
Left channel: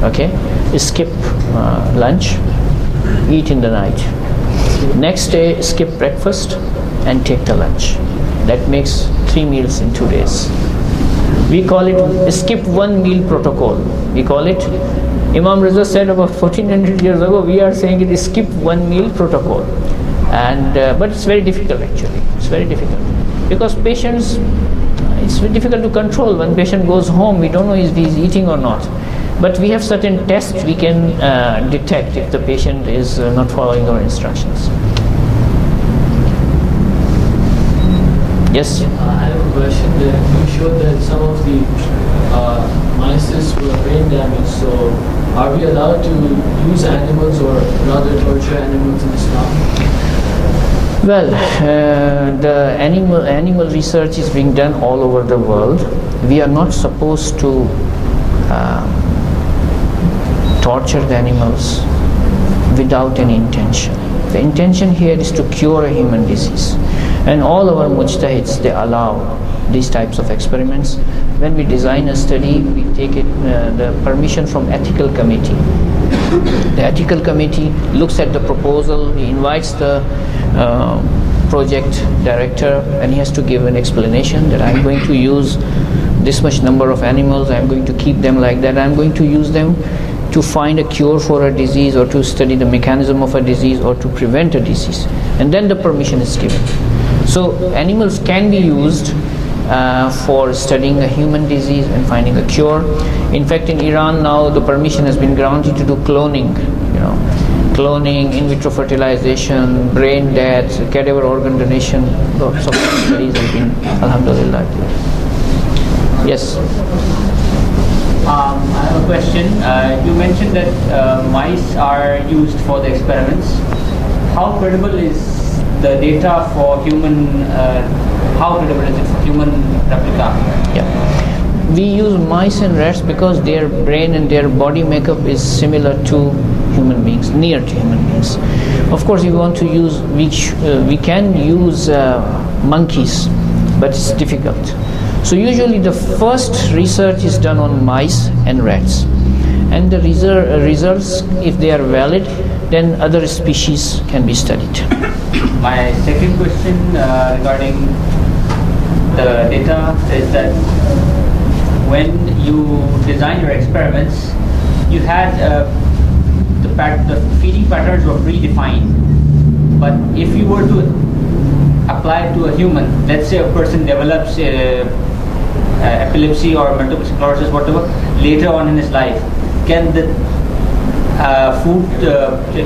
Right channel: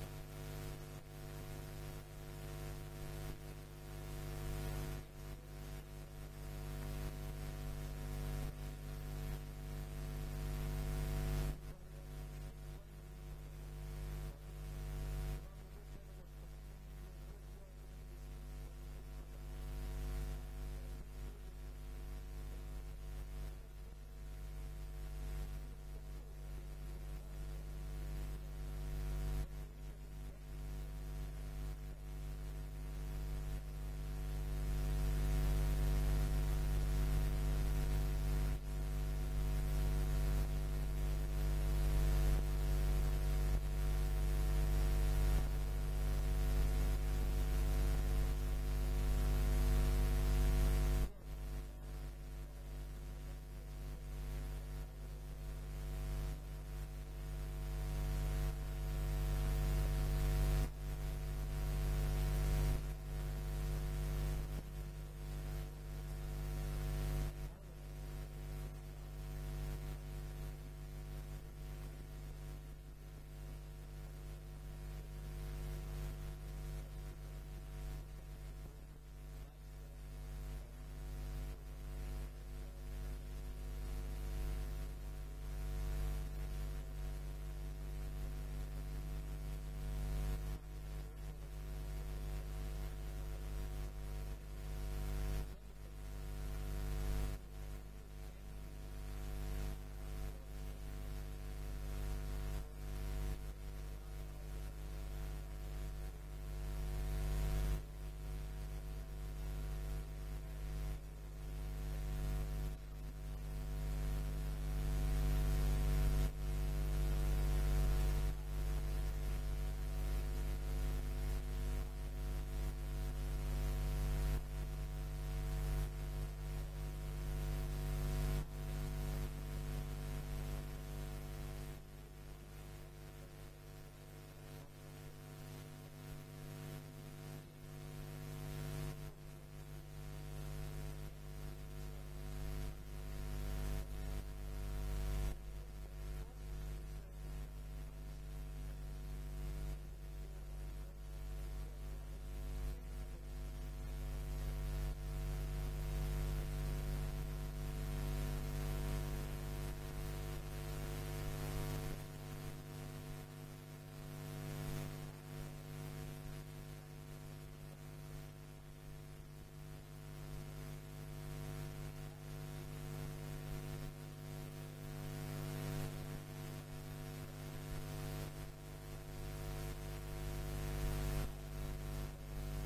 okay? Skip lunch, eat in the night. Next day, skip breakfast and take the lunch. That makes 3 meals in 2 days. We call it skip 1 meal protocol. We call it, Imam Raza said about 1400 years ago, we are saying it is skip 1 meal protocol. And but it's very difficult actually. It's very difficult. Because patients, it's very difficult to control. When patient goes home, we don't know if he's eating or not. But we have certain tests we can detect if the patient is not following our instructions. Yes? I have a question. You showed that some of the mice were brain damaged. So, are we allowed to use animals or rather torture animals in Islam? Well, the animal research is being done all over the world. We are not supposed to torture the animals without any intention. The intention here is to cure a human disease. And all our mujtahids, they allow these types of experiments. When we design a study, we take the permission from ethical committee. The ethical committee looks at the proposal, he invites the project director, and he has to give an explanation that I'm going to use this much number of animals, I'm going to keep them like that, I'm going to use them to find a cure for a disease or to study the mechanism of a disease or to prevent a disease. And then the permission is given. So animals can be used for studying a human disease and finding a cure. In fact, in Iran now the permission has been granted to do cloning, cloning, in vitro fertilization, brain death, cadaver organ donation. Lots of studies have been, alhamdulillah. Yes. I have a question. You mentioned that mice are used for the experiments. How credible is the data for human? How credible is it for human replica? Yeah. We use mice and rats because their brain and their body makeup is similar to human beings, near to human beings. Of course, we want to use, we can use monkeys, but it's difficult. So usually the first research is done on mice and rats. And the results, if they are valid, then other species can be studied. My second question regarding the data is that when you design your experiments, you had the feeding patterns were predefined, But if you were to apply it to a human, let's say a person develops epilepsy or multiple sclerosis, whatever, later on in his life, can the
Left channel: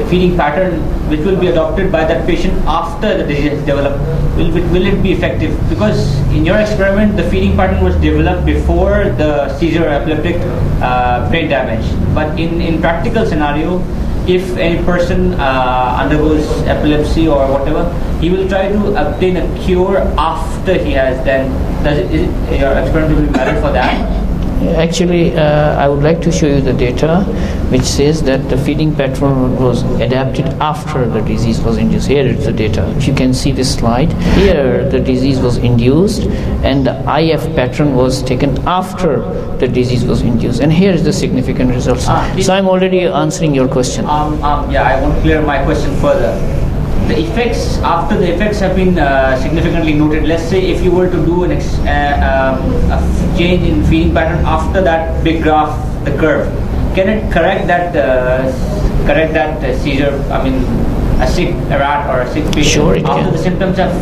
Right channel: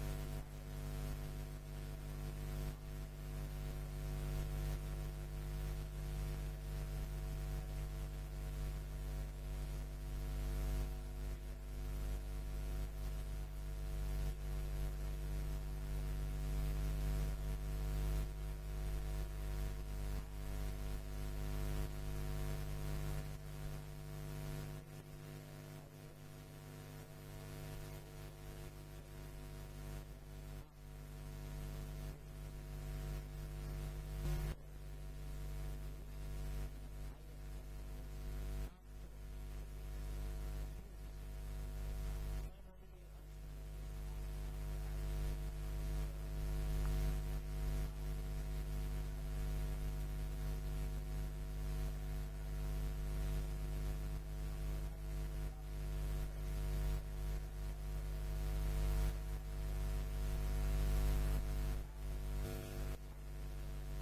feeding pattern which will be adopted by that patient after the disease is developed, will it be effective? Because in your experiment, the feeding pattern was developed before the seizure or epileptic brain damage. But in practical scenario, if any person undergoes epilepsy or whatever, he will try to obtain a cure after he has. Then is your experiment will be valid for that? Actually, I would like to show you the data which says that the feeding pattern was adapted after the disease was induced. Here is the data. If you can see this slide, here the disease was induced and the IF pattern was taken after the disease was induced. And here is the significant results. So I'm already answering your question. Yeah, I want to clear my question further. The effects, after the effects have been significantly noted, let's say if you were to do a change in feeding pattern after that big graph, the curve, can it correct that seizure? I mean, a sick rat or a sick patient, sure, it after can. the symptoms have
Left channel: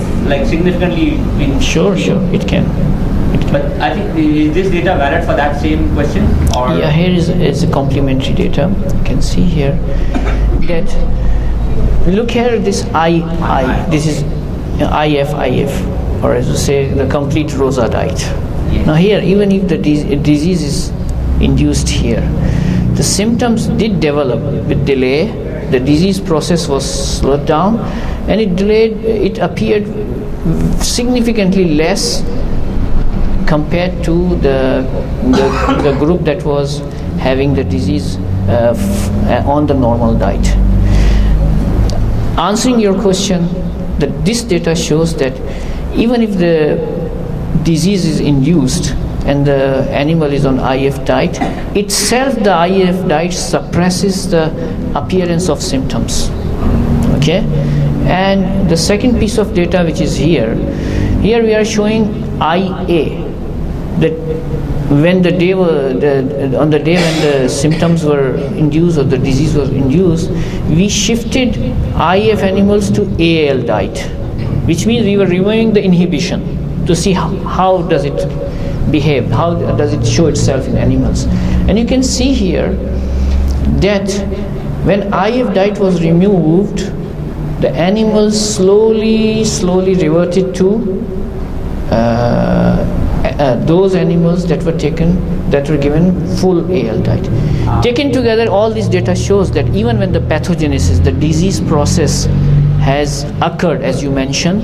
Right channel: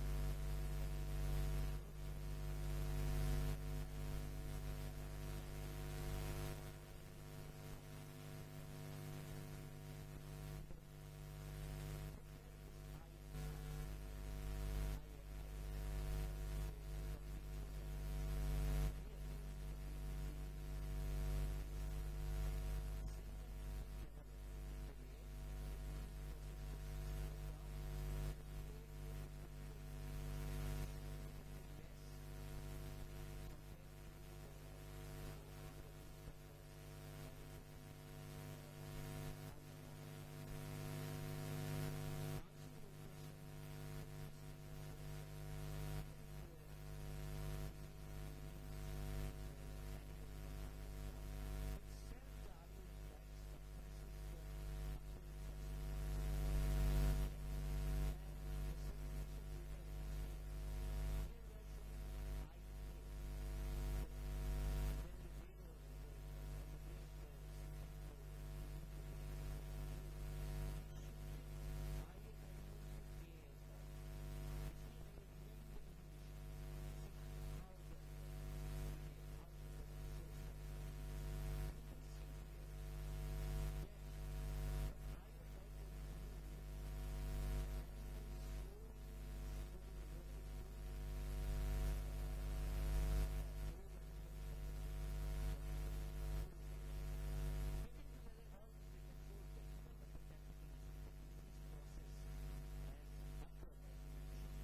significantly been Sure, it can. But I think, is this data valid for that same question? Or Yeah, here is a complementary data. You can see here that look here, this this is IF, or as you say, the complete rosa diet. Yes. Now here, even if the disease is induced here, the symptoms did develop with delay. The disease process was slowed down, and it appeared significantly less compared to the group that was having the disease on the normal diet. Answering your question, that this data shows that even if the disease is induced and the animal is on IF diet, itself the IF diet suppresses the appearance of symptoms. Okay? And the second piece of data which is here we are showing IA, that when on the day when the symptoms were induced or the disease was induced, we shifted IF animals to AL diet, which means we were removing the inhibition to see how does it behave, how does it show itself in animals. And you can see here that when IF diet was removed, the animals slowly reverted to those animals that were given full AL diet. Taken together, all this data shows that even when the pathogenesis, the disease process has occurred, as you mentioned,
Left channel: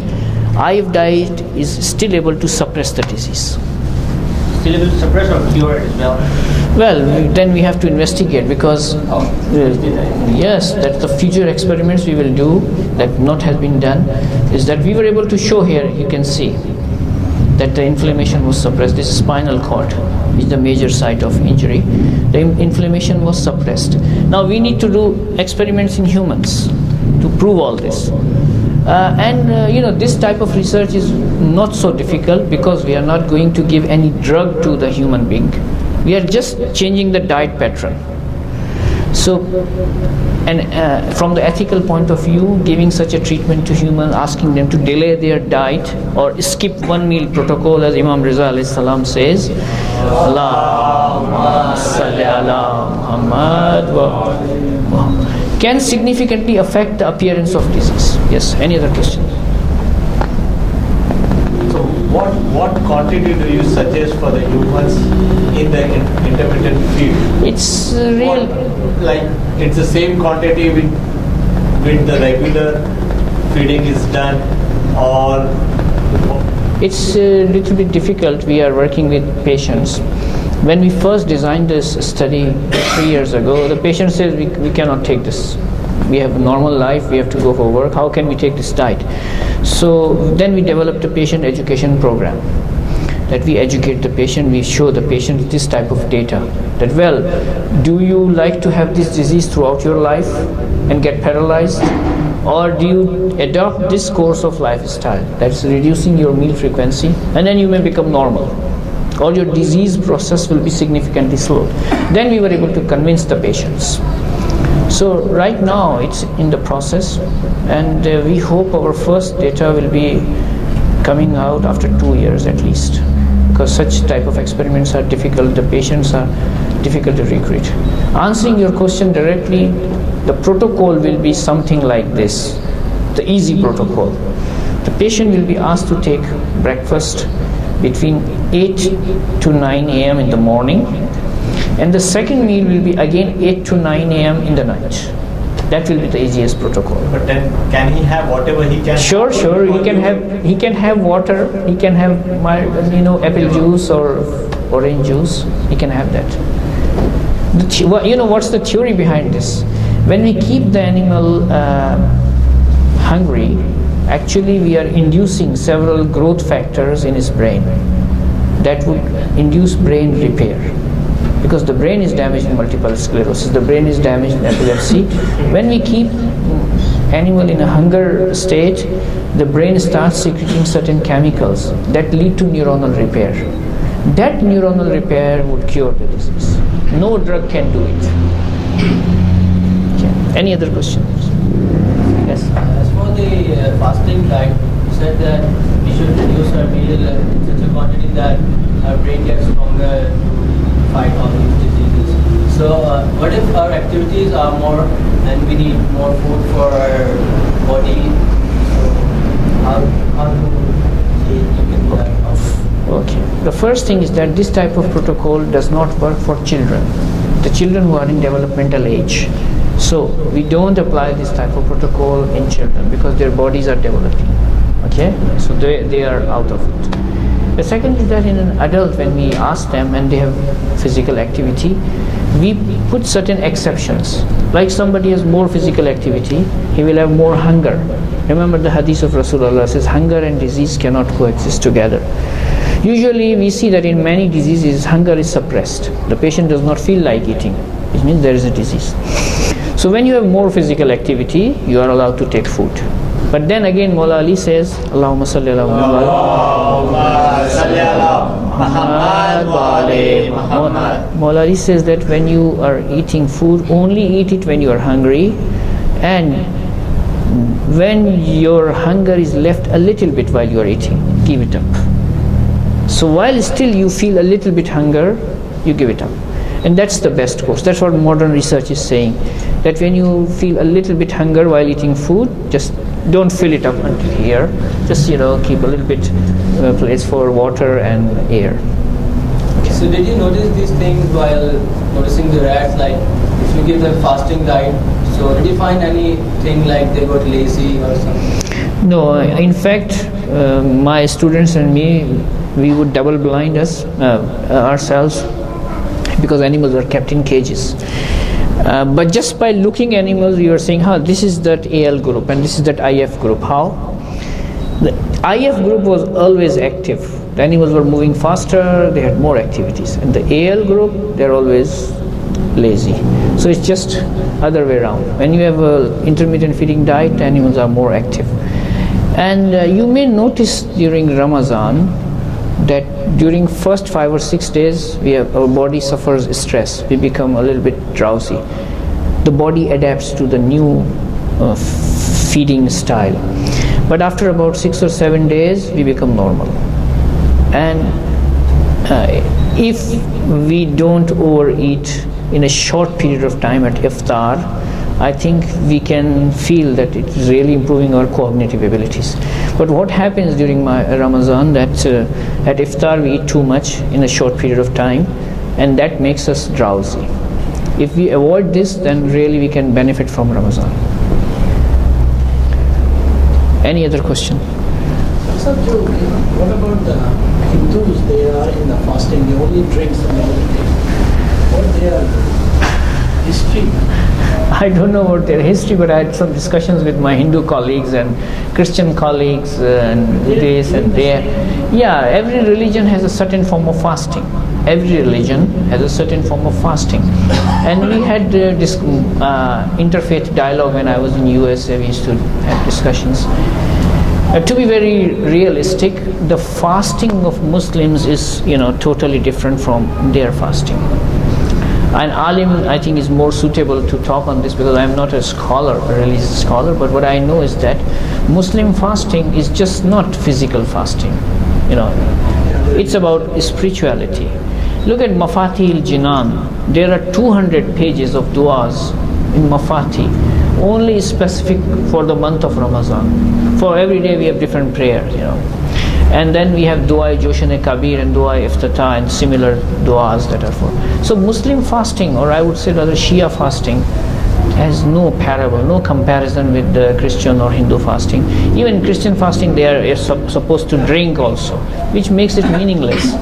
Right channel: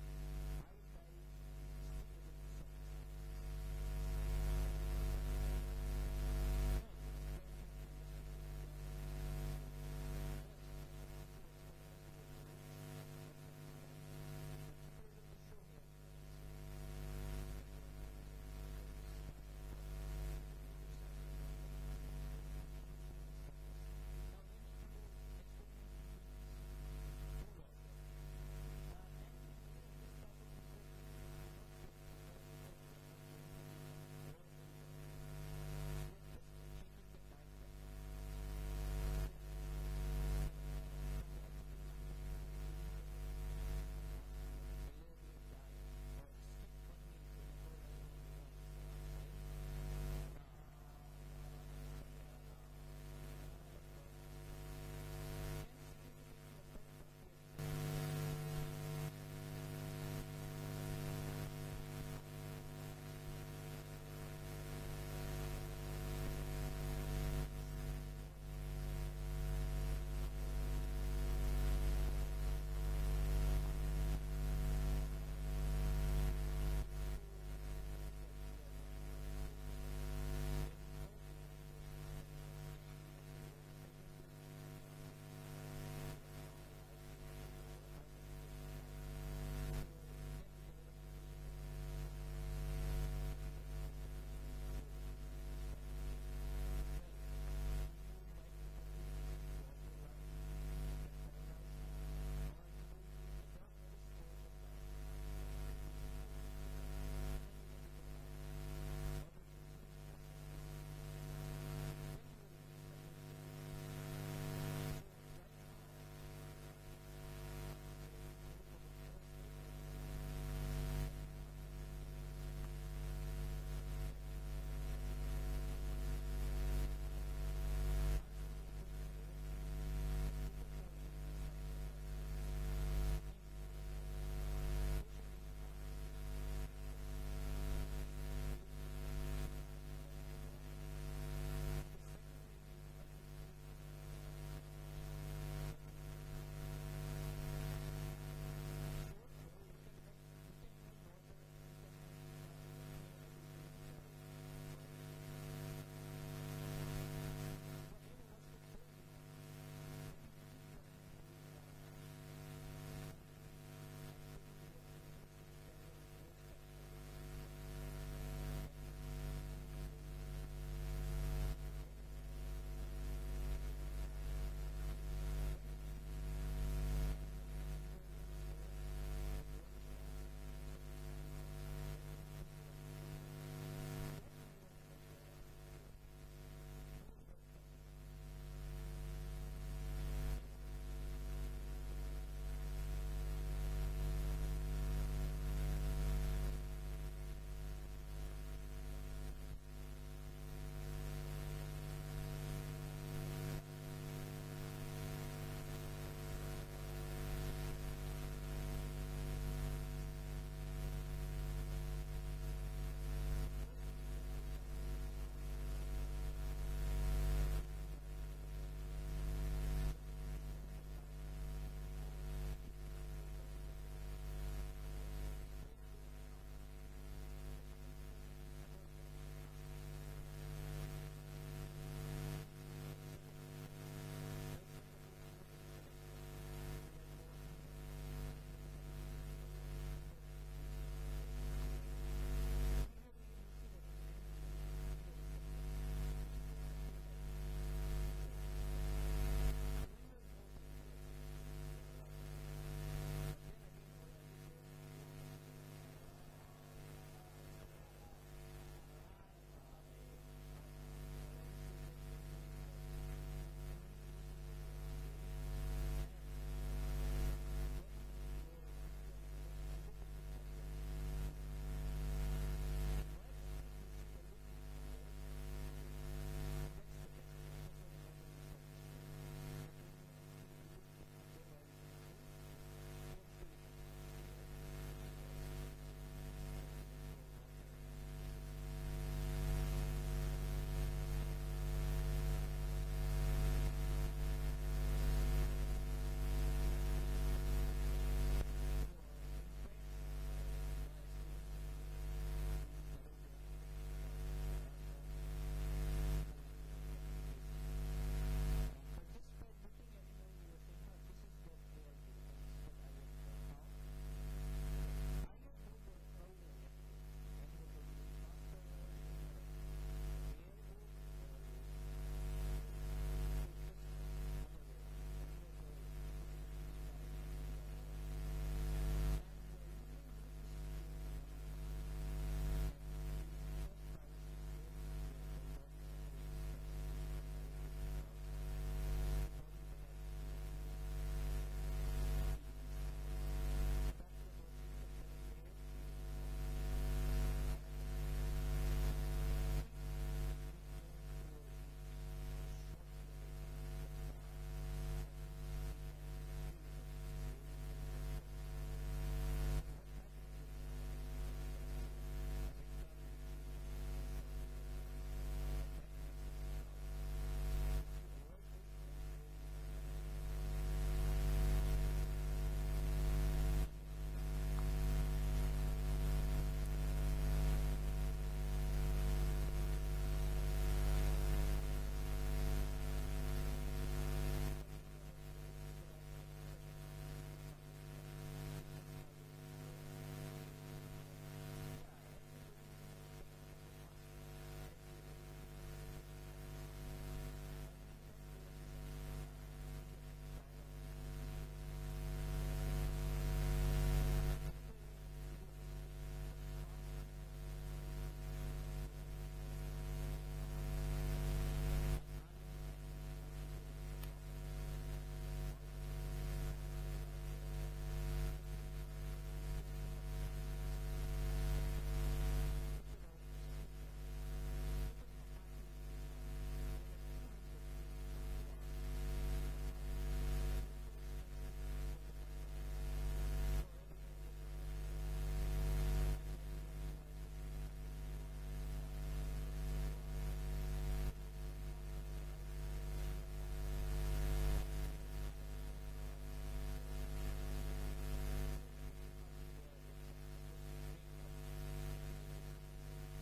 IF diet is still able to suppress the disease. still able to suppress or cure it as well? Well, then we have to investigate, because yes, that the future experiments we will do that not has been done is that we were able to show here, you can see that the inflammation was suppressed. This is spinal cord, which is the major site of injury. The inflammation was suppressed. Now we need to do experiments in humans to prove all this. This type of research is not so difficult, because we are not going to give any drug to the human being. We are just changing the diet pattern. So, from the ethical point of view, giving such a treatment to humans, asking them to delay their diet or skip one meal protocol, as Imam Riza alayhi salam says, Allahumma salli ala Muhammad wa can significantly affect the appearance of disease. Yes, any other questions? So what quantity do you suggest for the humans in the intermittent feed? It's real. Like it's the same quantity with the regular feeding is done, or It's a little bit difficult. We are working with patients. When we first designed this study 3 years ago, the patient says we cannot take this. We have a normal life, we have to go for work. How can we take this diet? So then we developed a patient education program, that we educate the patient, we show the patient this type of data, that, well, do you like to have this disease throughout your life and get paralyzed, or do you adopt this course of lifestyle that's reducing your meal frequency, and then you may become normal, or your disease process will be significantly slowed. Then we were able to convince the patients. So right now it's in the process, and we hope our first data will be coming out after 2 years at least, because such type of experiments are difficult, the patients are difficult to recruit. Answering your question directly, the protocol will be something like this, the easy protocol. The patient will be asked to take breakfast between 8 to 9 a.m. in the morning, and the second meal will be again 8 to 9 a.m. in the night. That will be the easiest protocol. But then can he have whatever he can? Sure. He can have water. He can have apple juice or orange juice. He can have that. What's the theory behind this? When we keep the animal hungry, actually we are inducing several growth factors in his brain that would induce brain repair. Because the brain is damaged in multiple sclerosis, the brain is damaged in epilepsy. When we keep animal in a hunger state, the brain starts secreting certain chemicals that lead to neuronal repair. That neuronal repair would cure the disease. No drug can do it. Okay. Any other questions? Yes. As for the fasting diet, you said that we should reduce our meal in such a quantity that our brain gets stronger to fight all these diseases. So what if our activities are more and we need more food for our body? So how do you can do that? Okay. The first thing is that this type of protocol does not work for children, the children who are in developmental age. So we don't apply this type of protocol in children because their bodies are developing. Okay, so they are out of it. The second is that in an adult, when we ask them and they have physical activity, we put certain exceptions. Like somebody has more physical activity, he will have more hunger. Remember the hadith of Rasulullah says hunger and disease cannot coexist together. Usually we see that in many diseases hunger is suppressed. The patient does not feel like eating, which means there is a disease. So when you have more physical activity, you are allowed to take food. But then again, Mawla Ali says, Allahumma salli ala Muhammad. Mawla Ali says that when you are eating food, only eat it when you are hungry, and when your hunger is left a little bit while you are eating, give it up. So while still you feel a little bit hunger, you give it up. And that's the best course. That's what modern research is saying. That when you feel a little bit hunger while eating food, just don't fill it up until here. Just keep a little bit place for water and air. Okay. So did you notice these things while noticing the rats? Like if you give them fasting diet, so did you find anything like they got lazy or something? No, in fact, my students and me, we would double blind ourselves because animals are kept in cages. But just by looking animals, we were saying, this is that AL group and this is that IF group. How? The IF group was always active. The animals were moving faster, they had more activities. And the AL group, they're always lazy. So it's just other way around. When you have an intermittent feeding diet, the animals are more active. And you may notice during Ramadan that during first 5 or 6 days, our body suffers stress. We become a little bit drowsy. The body adapts to the new feeding style. But after about 6 or 7 days, we become normal. And if we don't overeat in a short period of time at iftar, I think we can feel that it is really improving our cognitive abilities. But what happens during my Ramadan, that at iftar we eat too much in a short period of time, and that makes us drowsy. If we avoid this, then really we can benefit from Ramadan. Any other question? Sir, what about the Hindus? They are in the fasting, they only drink some everything. What their history? I don't know about their history, but I had some discussions with my Hindu colleagues and Christian colleagues and this and that. Yeah, every religion has a certain form of fasting. Every religion has a certain form of fasting. And we had this interfaith dialogue when I was in US. We used to have discussions. To be very realistic, the fasting of Muslims is totally different from their fasting. An alim, I think, is more suitable to talk on this because I am not a scholar, a religious scholar, but what I know is that Muslim fasting is just not physical fasting. It's about spirituality. Look at Mafatihil Jinan. There are 200 pages of du'as in Mafati, only specific for the month of Ramadan. For every day we have different prayers, And then we have Dua Joshan Kabir and Dua Iftatah and similar du'as that are for. So Muslim fasting, or I would say rather Shia fasting, has no parable, no comparison with the Christian or Hindu fasting. Even Christian fasting, they are supposed to drink also, which makes it meaningless.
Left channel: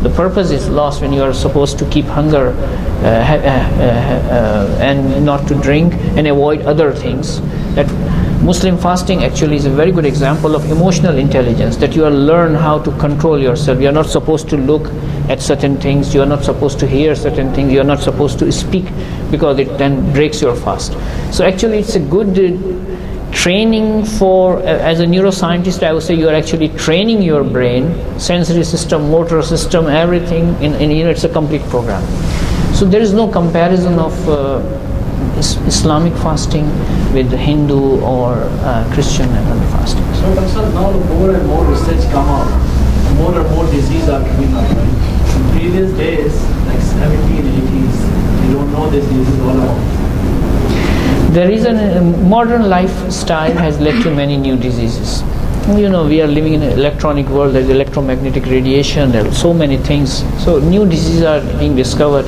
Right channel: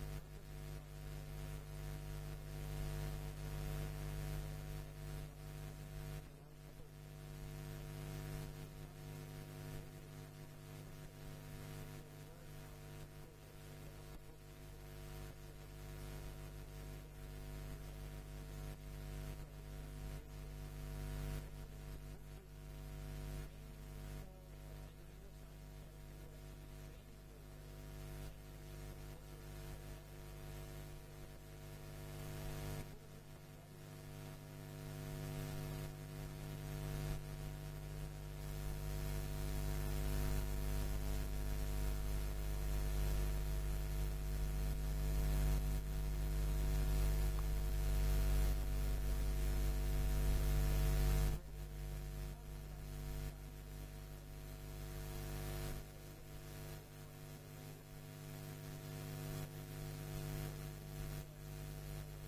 The purpose is lost when you are supposed to keep hunger and not to drink and avoid other things. That Muslim fasting actually is a very good example of emotional intelligence, that you learn how to control yourself. You are not supposed to look at certain things, you are not supposed to hear certain things, you are not supposed to speak because it then breaks your fast. So actually it's a good training for, as a neuroscientist I would say you are actually training your brain, sensory system, motor system, everything, it's a complete program. So there is no comparison of Islamic fasting with Hindu or Christian fasting. So now the more and more research come out, more and more diseases are coming up. Right? In previous days, like 70s, 80s, you don't know this disease all about. There is a modern lifestyle has led to many new diseases. We are living in an electronic world. There's electromagnetic radiation. There are so many things. So new diseases are being discovered.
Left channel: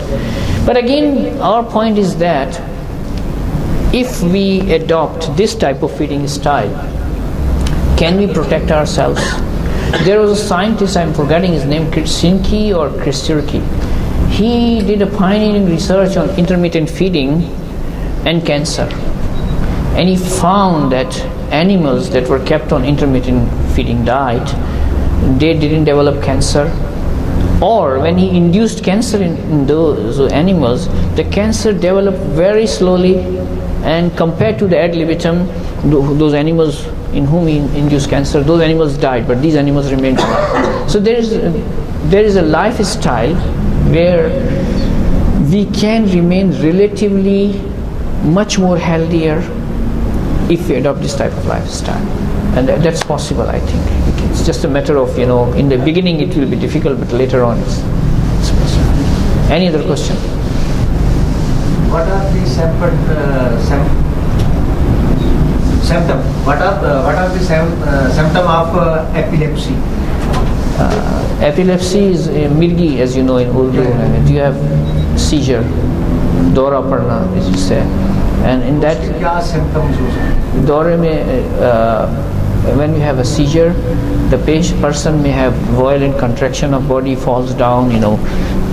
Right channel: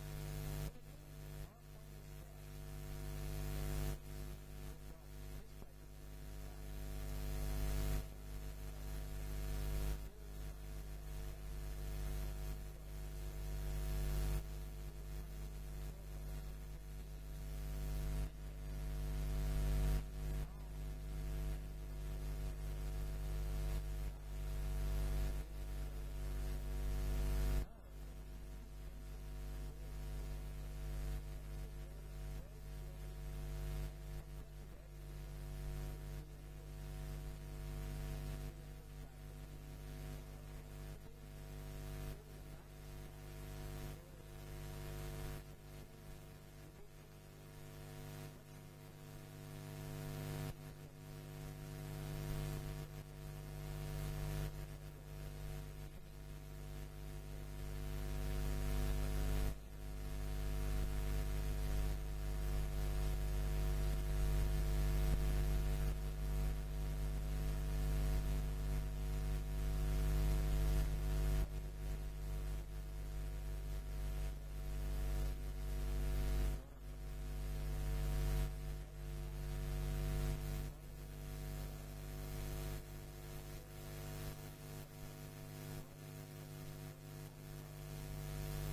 But again, our point is that if we adopt this type of feeding style, can we protect ourselves? There was a scientist, I'm forgetting his name, Krasinski or Kristurki. He did a pioneering research on intermittent feeding and cancer. And he found that animals that were kept on intermittent feeding diet, they didn't develop cancer. Or when he induced cancer in those animals, the cancer developed very slowly, and compared to the ad libitum, those animals in whom he induced cancer, those animals died, but these animals remained alive. So there is a lifestyle where we can remain relatively much more healthier if we adopt this type of lifestyle, and that's possible. I think it's just a matter of in the beginning it will be difficult, but later on it's possible. Any other question? What are the symptoms? What are the symptoms of epilepsy? Epilepsy is mirgi, as you know in Urdu language. You have seizure, dora parna, as you say, and in that क्या symptoms हो सकते? dore mein, when you have a seizure, the person may have violent contraction of body, falls down,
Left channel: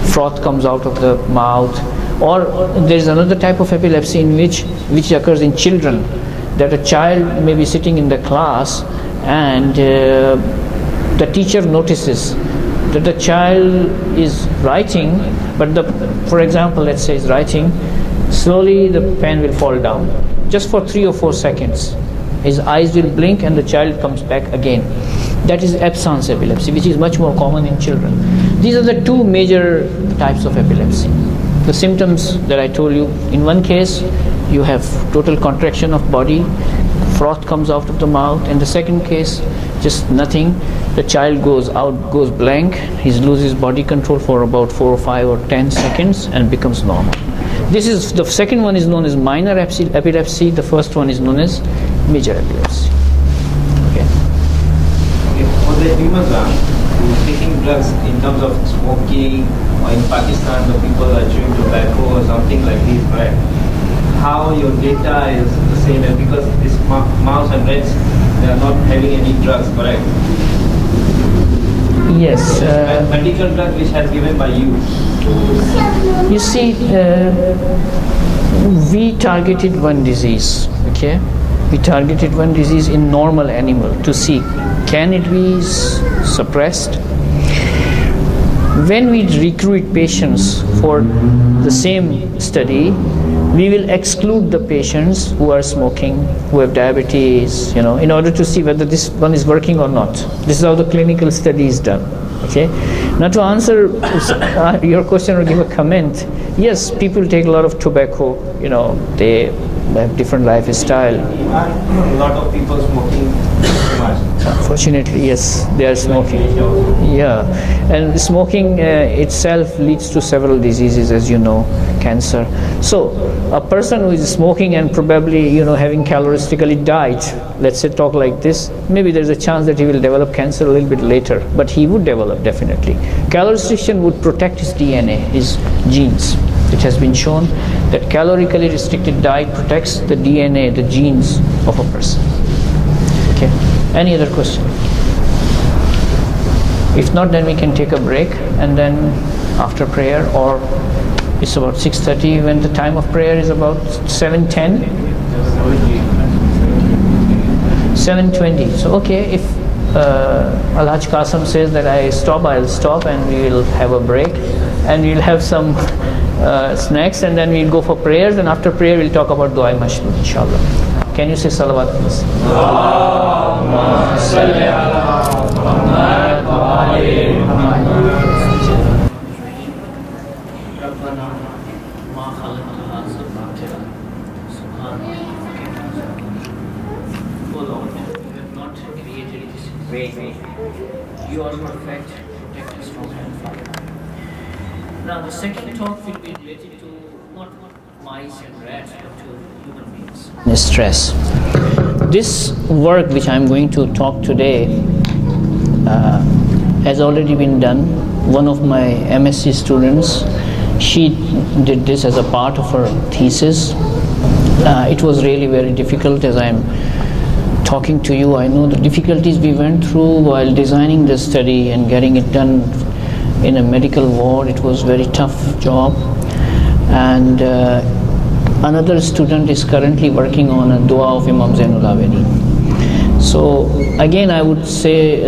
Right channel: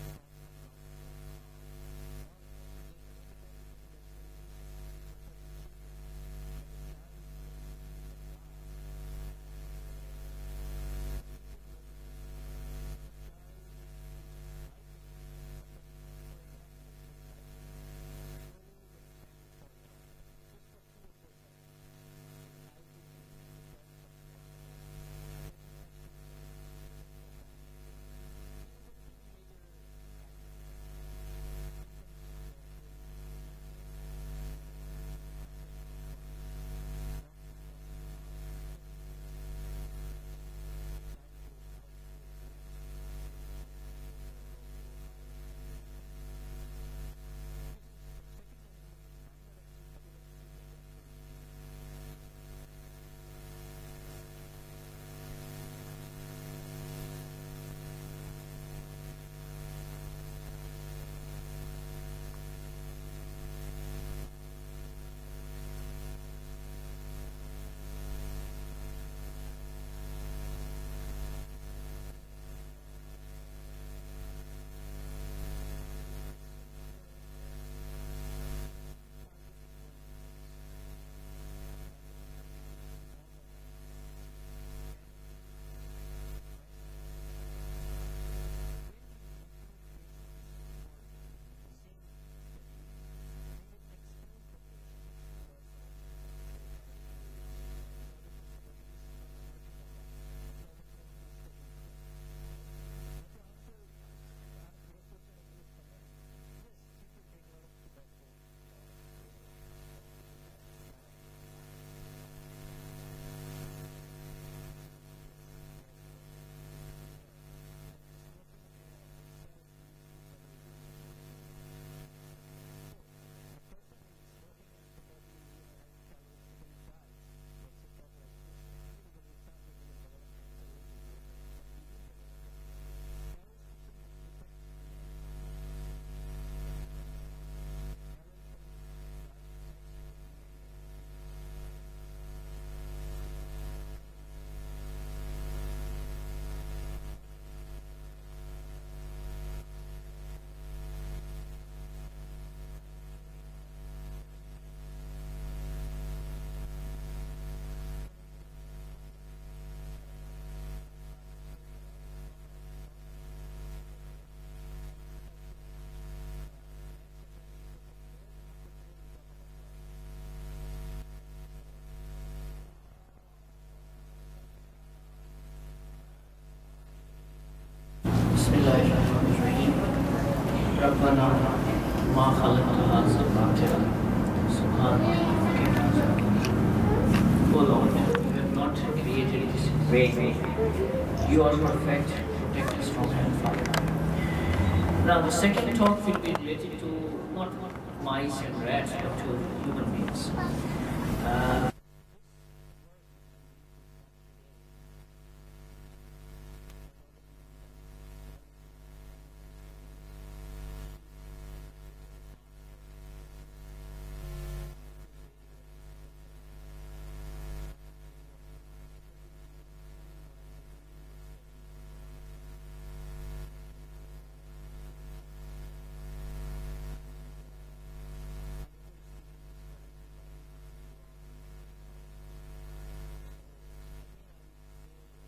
froth comes out of the mouth. Or there is another type of epilepsy in which occurs in children, that a child may be sitting in the class and the teacher notices that the child is writing, but for example, let's say is writing, slowly the pen will fall down, just for 3 or 4 seconds. His eyes will blink and the child comes back again. That is absence epilepsy, which is much more common in children. These are the two major types of epilepsy. The symptoms that I told you, in one case you have total contraction of body, froth comes out of the mouth, and the second case just nothing. The child goes blank, he loses body control for about 4 or 5 or 10 seconds and becomes normal. The second one is known as minor epilepsy, the first one is known as major epilepsy. Okay. For the humans who are taking drugs in terms of smoking, or in Pakistan the people are chewing tobacco or something like this, right? How your data is the same, and because this mouse and rats, they are not having any drugs, correct? Yes. Medical drug which has given by you. You see, we targeted one disease, okay? We targeted one disease in normal animal to see, can it be suppressed? When we recruit patients for the same study, we will exclude the patients who are smoking, who have diabetes, in order to see whether this one is working or not. This is how the clinical study is done. Okay. Now to answer your question or give a comment, yes, people take a lot of tobacco. They have different lifestyle. A lot of people smoking too much. Unfortunately, yes, they are smoking. Yeah, and smoking itself leads to several diseases, as you know, cancer. So, a person who is smoking and probably, having caloristically diet, let's say talk like this, maybe there's a chance that he will develop cancer a little bit later, but he would develop definitely. Calorie restriction would protect his DNA, his genes. It has been shown that calorically restricted diet protects the DNA, the genes of a person. Okay. Any other question? If not, then we can take a break, and then after prayer, or it's about 6:30 when the time of prayer is about 7:10. 7:20. So okay, if Alhaj Qasim says that I stop, I'll stop, and we will have a break, and we'll have some snacks, and then we'll go for prayers, and after prayer we'll talk about Dua Mashlul, inshallah. Can you say salawat, please? Allahumma salli ala Muhammad wa ali Muhammad. Rabbana ma khalaqna hadha batila subhanaka. Oh Lord, you have not created this way. You are perfect, protect us from hellfire. Now the second talk will be related to not mice and rats, but to human beings. Stress. This work which I'm going to talk today has already been done. One of my MSc students, she did this as a part of her thesis. It was really very difficult. As I'm talking to you, I know the difficulties we went through while designing the study and getting it done in a medical ward. It was a very tough job. And another student is currently working on a dua of Imam Zainul Abidin. So again, I would say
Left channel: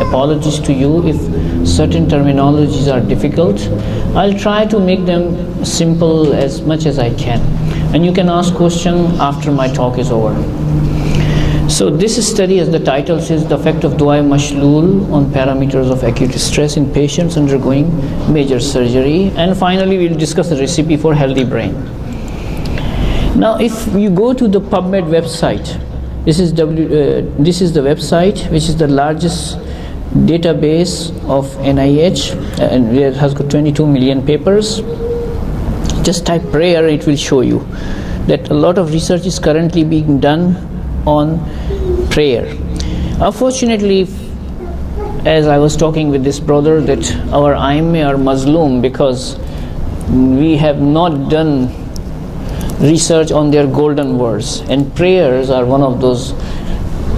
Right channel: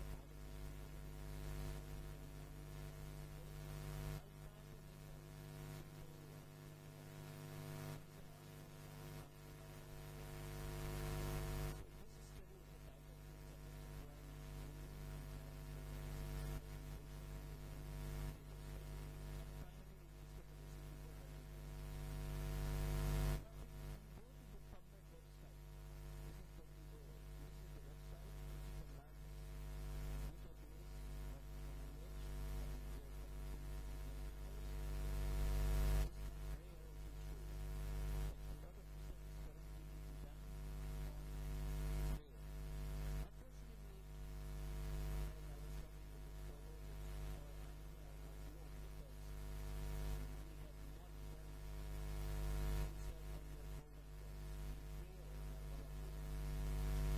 apologies to you if certain terminologies are difficult. I'll try to make them simple as much as I can, and you can ask questions after my talk is over. So this study, as the title says, the effect of Dua Mashlul on parameters of acute stress in patients undergoing major surgery, and finally we'll discuss the recipe for healthy brain. Now if you go to the PubMed website, this is the website which is the largest database of NIH, and it has got 22 million papers. Just type prayer, it will show you that a lot of research is currently being done on prayer. Unfortunately, as I was talking with this brother, that our IMA are Muslim because we have not done research on their golden words, and prayers are one of those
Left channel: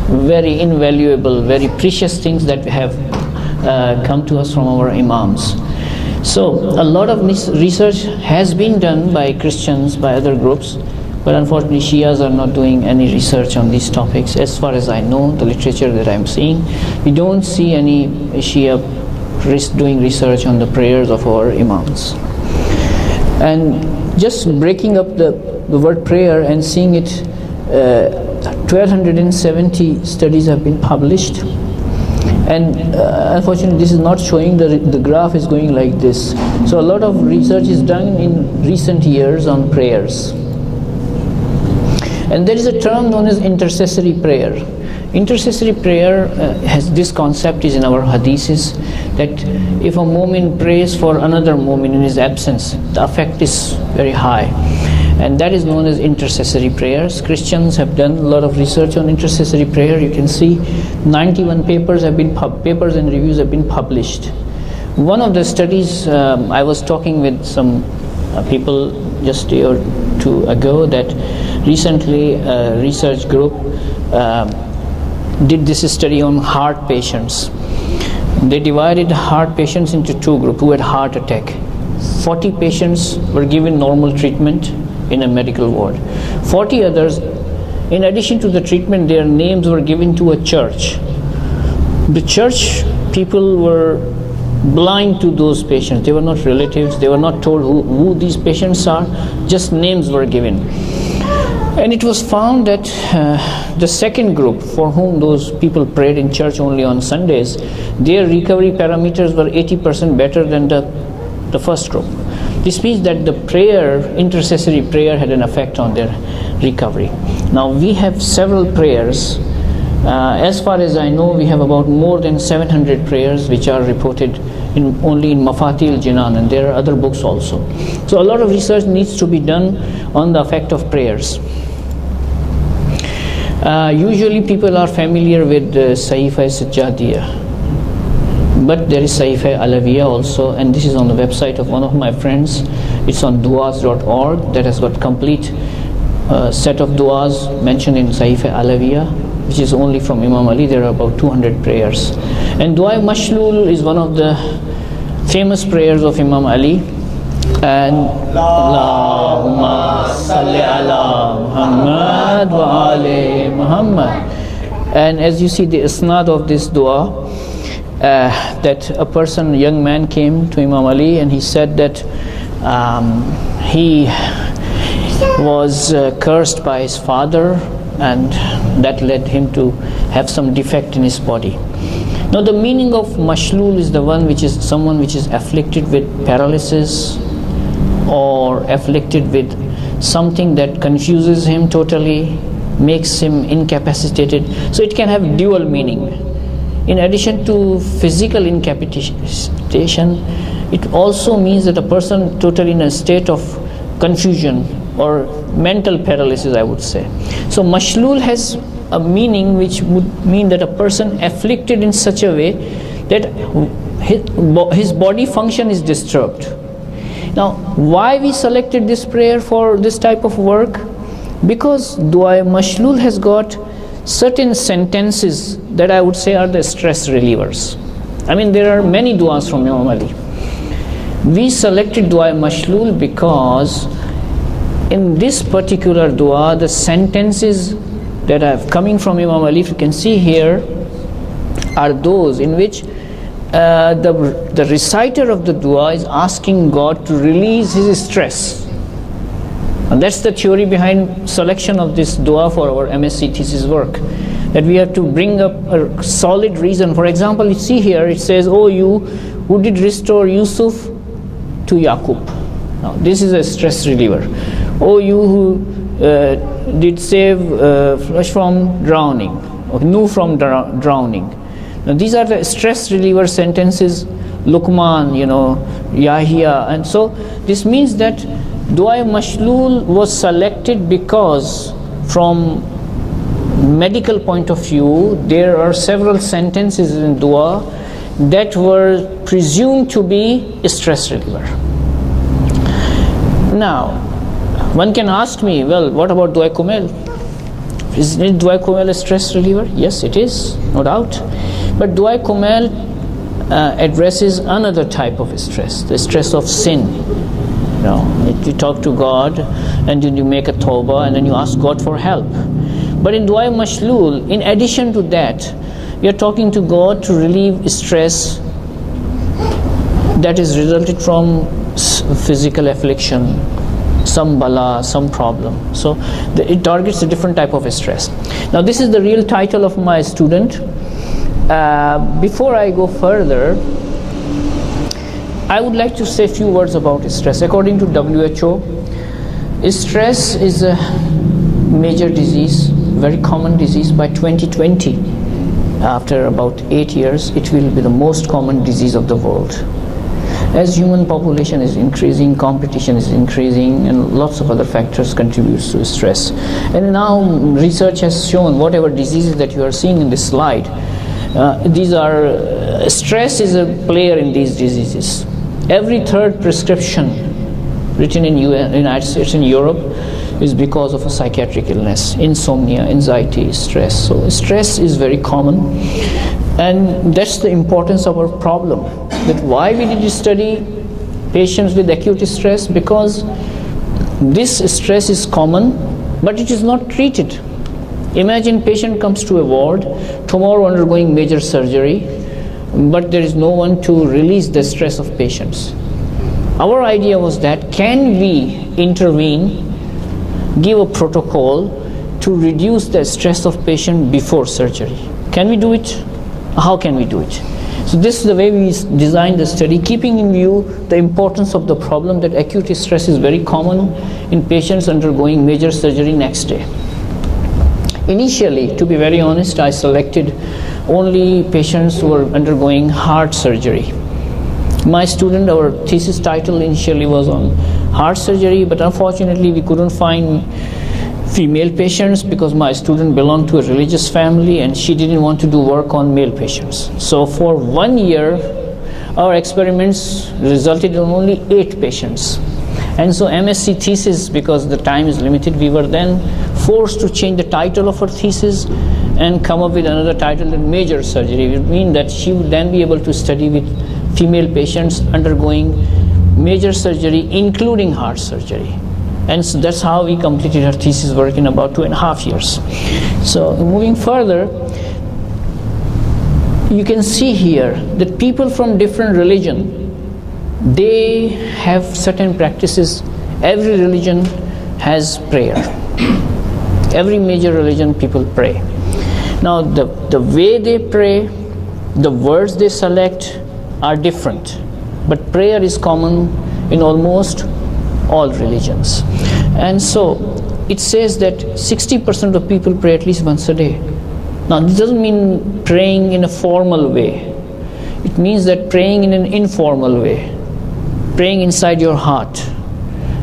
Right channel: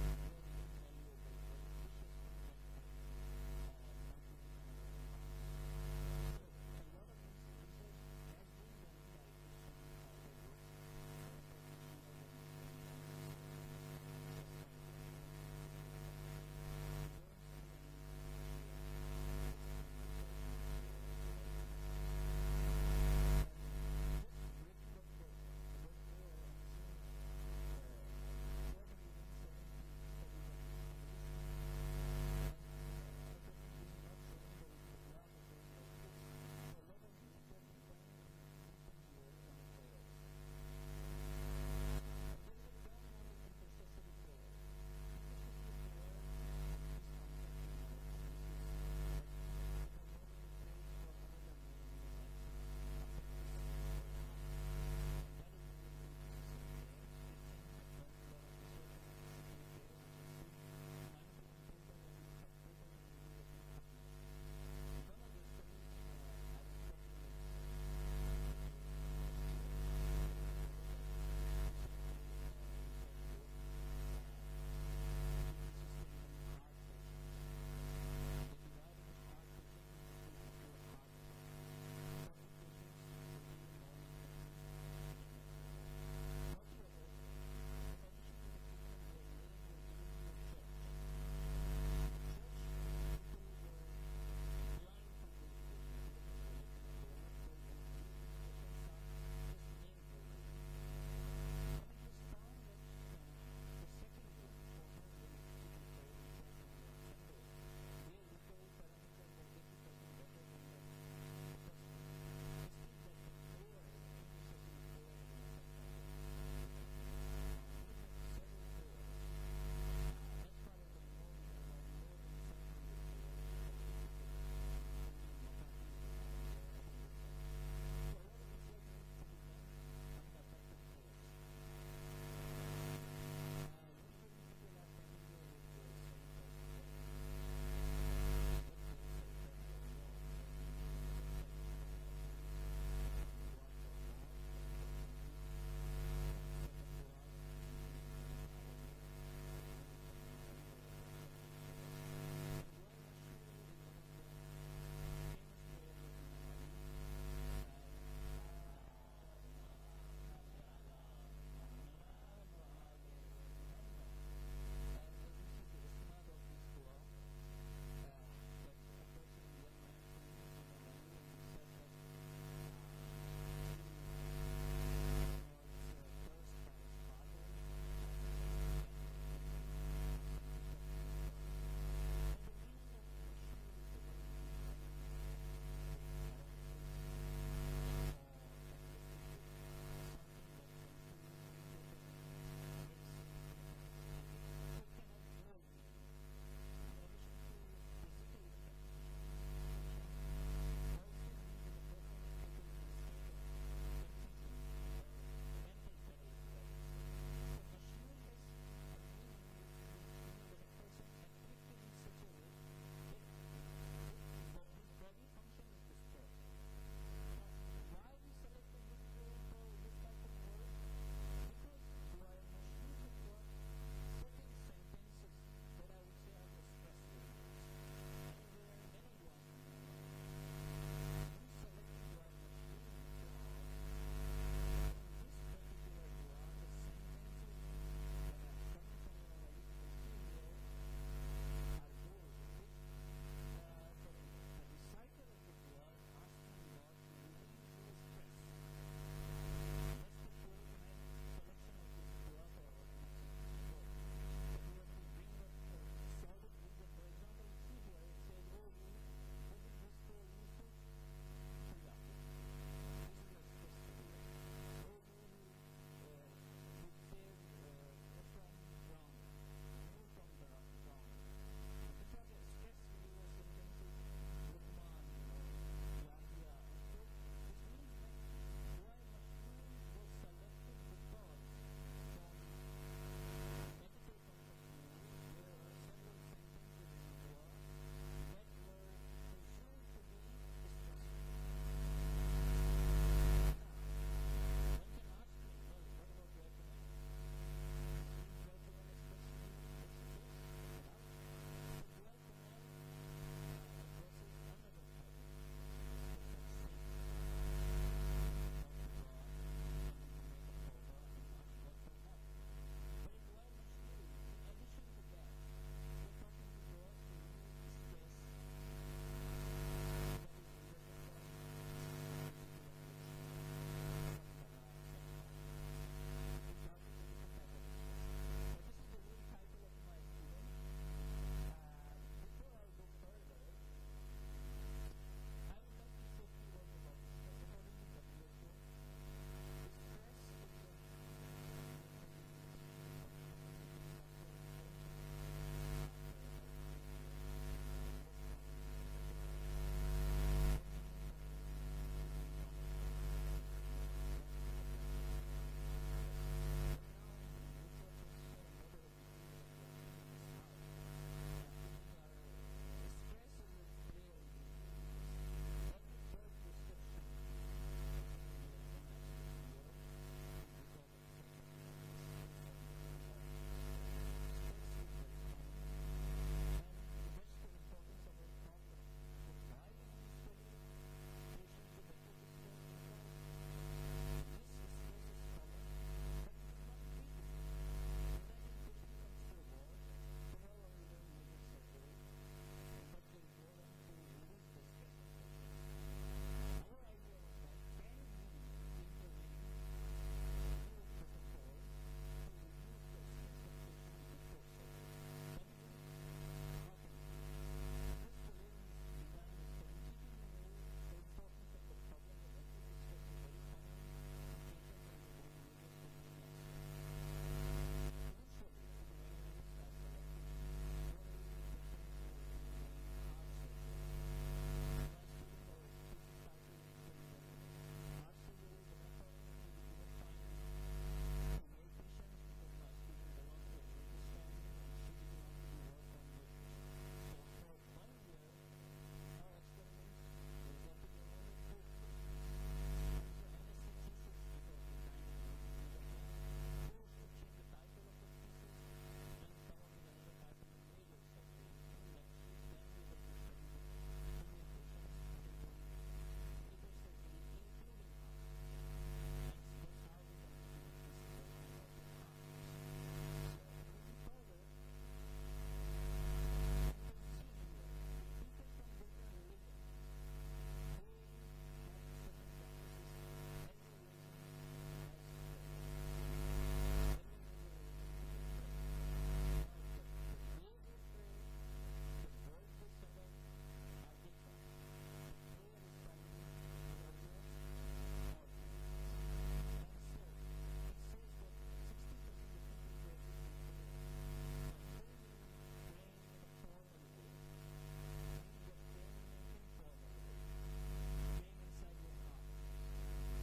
very invaluable, very precious things that have come to us from our imams. So a lot of research has been done by Christians, by other groups, but unfortunately Shias are not doing any research on these topics. As far as I know, the literature that I'm seeing, we don't see any Shia doing research on the prayers of our imams. And just breaking up the word prayer and seeing it, 1270 studies have been published, and unfortunately this is not showing, the graph is going like this. So a lot of research is done in recent years on prayers. And there is a term known as intercessory prayer. Intercessory prayer has this concept is in our hadiths, that if a mu'min prays for another mu'min in his absence, the effect is very high, and that is known as intercessory prayers. Christians have done a lot of research on intercessory prayer. You can see 91 papers have been papers and reviews have been published. One of the studies, I was talking with some people just a day or two ago, that recently a research group did this study on heart patients. They divided heart patients into two groups who had heart attack. 40 patients were given normal treatment in a medical ward. 40 others, in addition to the treatment, their names were given to a church. The church people were blind to those patients. They were not relatives. They were not told who these patients are. Just names were given. And it was found that the second group, for whom those people prayed in church only on Sundays, their recovery parameters were 80% better than the first group. This means that the prayer, intercessory prayer, had an effect on their recovery. Now we have several prayers. As far as I know, we have about more than 700 prayers which are reported only in Mafatih al-Jinan, and there are other books also. So a lot of research needs to be done on the effect of prayers. Usually people are familiar with Sahifa Sajjadiyah, but there is Sahifa Alawiyah also, and this is on the website of one of my friends. It's on duas.org, that has got complete set of duas mentioned in Sahifa Alawiyah, which is only from Imam Ali. There are about 200 prayers. And Dua Mashlul is one of the famous prayers of Imam Ali. And Allahumma salli ala Muhammad wa ali Muhammad. And as you see the isnad of this dua, that a young man came to Imam Ali and he said that he was cursed by his father, and that led him to have some defect in his body. Now the meaning of mashlul is the one which is someone which is afflicted with paralysis or afflicted with something that confuses him totally, makes him incapacitated. So it can have dual meaning. In addition to physical incapacitation, it also means that a person totally in a state of confusion or mental paralysis, I would say. So mashlul has a meaning which would mean that a person afflicted in such a way that his body function is disturbed. Now, why we selected this prayer for this type of work? Because Dua Mashlul has got certain sentences that I would say are the stress relievers. I mean, there are many duas from Imam Ali. We selected Dua Mashlul because in this particular dua, the sentences that are coming from Imam Ali, if you can see here, are those in which the reciter of the dua is asking God to release his stress. And that's the theory behind selection of this dua for our MSc thesis work, that we have to bring up a solid reason. For example, you see here it says, "Oh, you who did restore Yusuf to Yaqub." Now this is a stress reliever. "Oh, you who did save Flush from drowning, or Nuh from drowning." Now these are the stress reliever sentences, Luqman, Yahya. And so this means that Dua Mashlul was selected because from medical point of view, there are several sentences in dua that were presumed to be a stress reliever. Now, one can ask me, well, what about Dua Kumail? Isn't Dua Kumail a stress reliever? Yes, it is, no doubt. But Dua Kumail addresses another type of stress, the stress of sin. You talk to God and then you make a tawbah and then you ask God for help. But in Dua Mashlul, in addition to that, you're talking to God to relieve stress that is resulted from physical affliction, some bala, some problem. So it targets a different type of stress. Now this is the real title of my student. Before I go further, I would like to say a few words about stress. According to WHO, stress is a major disease, very common disease. By 2020, after about 8 years, it will be the most common disease of the world. As human population is increasing, competition is increasing, and lots of other factors contribute to stress. And now research has shown whatever diseases that you are seeing in this slide, stress is a player in these diseases. Every third prescription written in United States and Europe is because of a psychiatric illness, insomnia, anxiety, stress. So stress is very common, and that's the importance of our problem. That why we did study patients with acute stress, because this stress is common, but it is not treated. Imagine patient comes to a ward, tomorrow undergoing major surgery, but there is no one to release the stress of patients. Our idea was that can we intervene give a protocol to reduce the stress of patient before surgery. Can we do it? How can we do it? So this is the way we designed the study, keeping in view the importance of the problem that acute stress is very common in patients undergoing major surgery next day. Initially, to be very honest, I selected only patients who were undergoing heart surgery. My student, our thesis title initially was on heart surgery, but unfortunately we couldn't find female patients because my student belonged to a religious family and she didn't want to do work on male patients. So for 1 year, our experiments resulted in only 8 patients. And so MSc thesis, because the time is limited, we were then forced to change the title of our thesis and come up with another title, major surgery. It would mean that she would then be able to study with female patients undergoing major surgery, including heart surgery. And so that's how we completed our thesis work in about 2.5 years. So moving further, you can see here that people from different religion, they have certain practices. Every religion has prayer. Every major religion, people pray. Now the way they pray, the words they select are different, but prayer is common in almost all religions. And so it says that 60% of people pray at least once a day. Now this doesn't mean praying in a formal way. It means that praying in an informal way, praying inside your heart.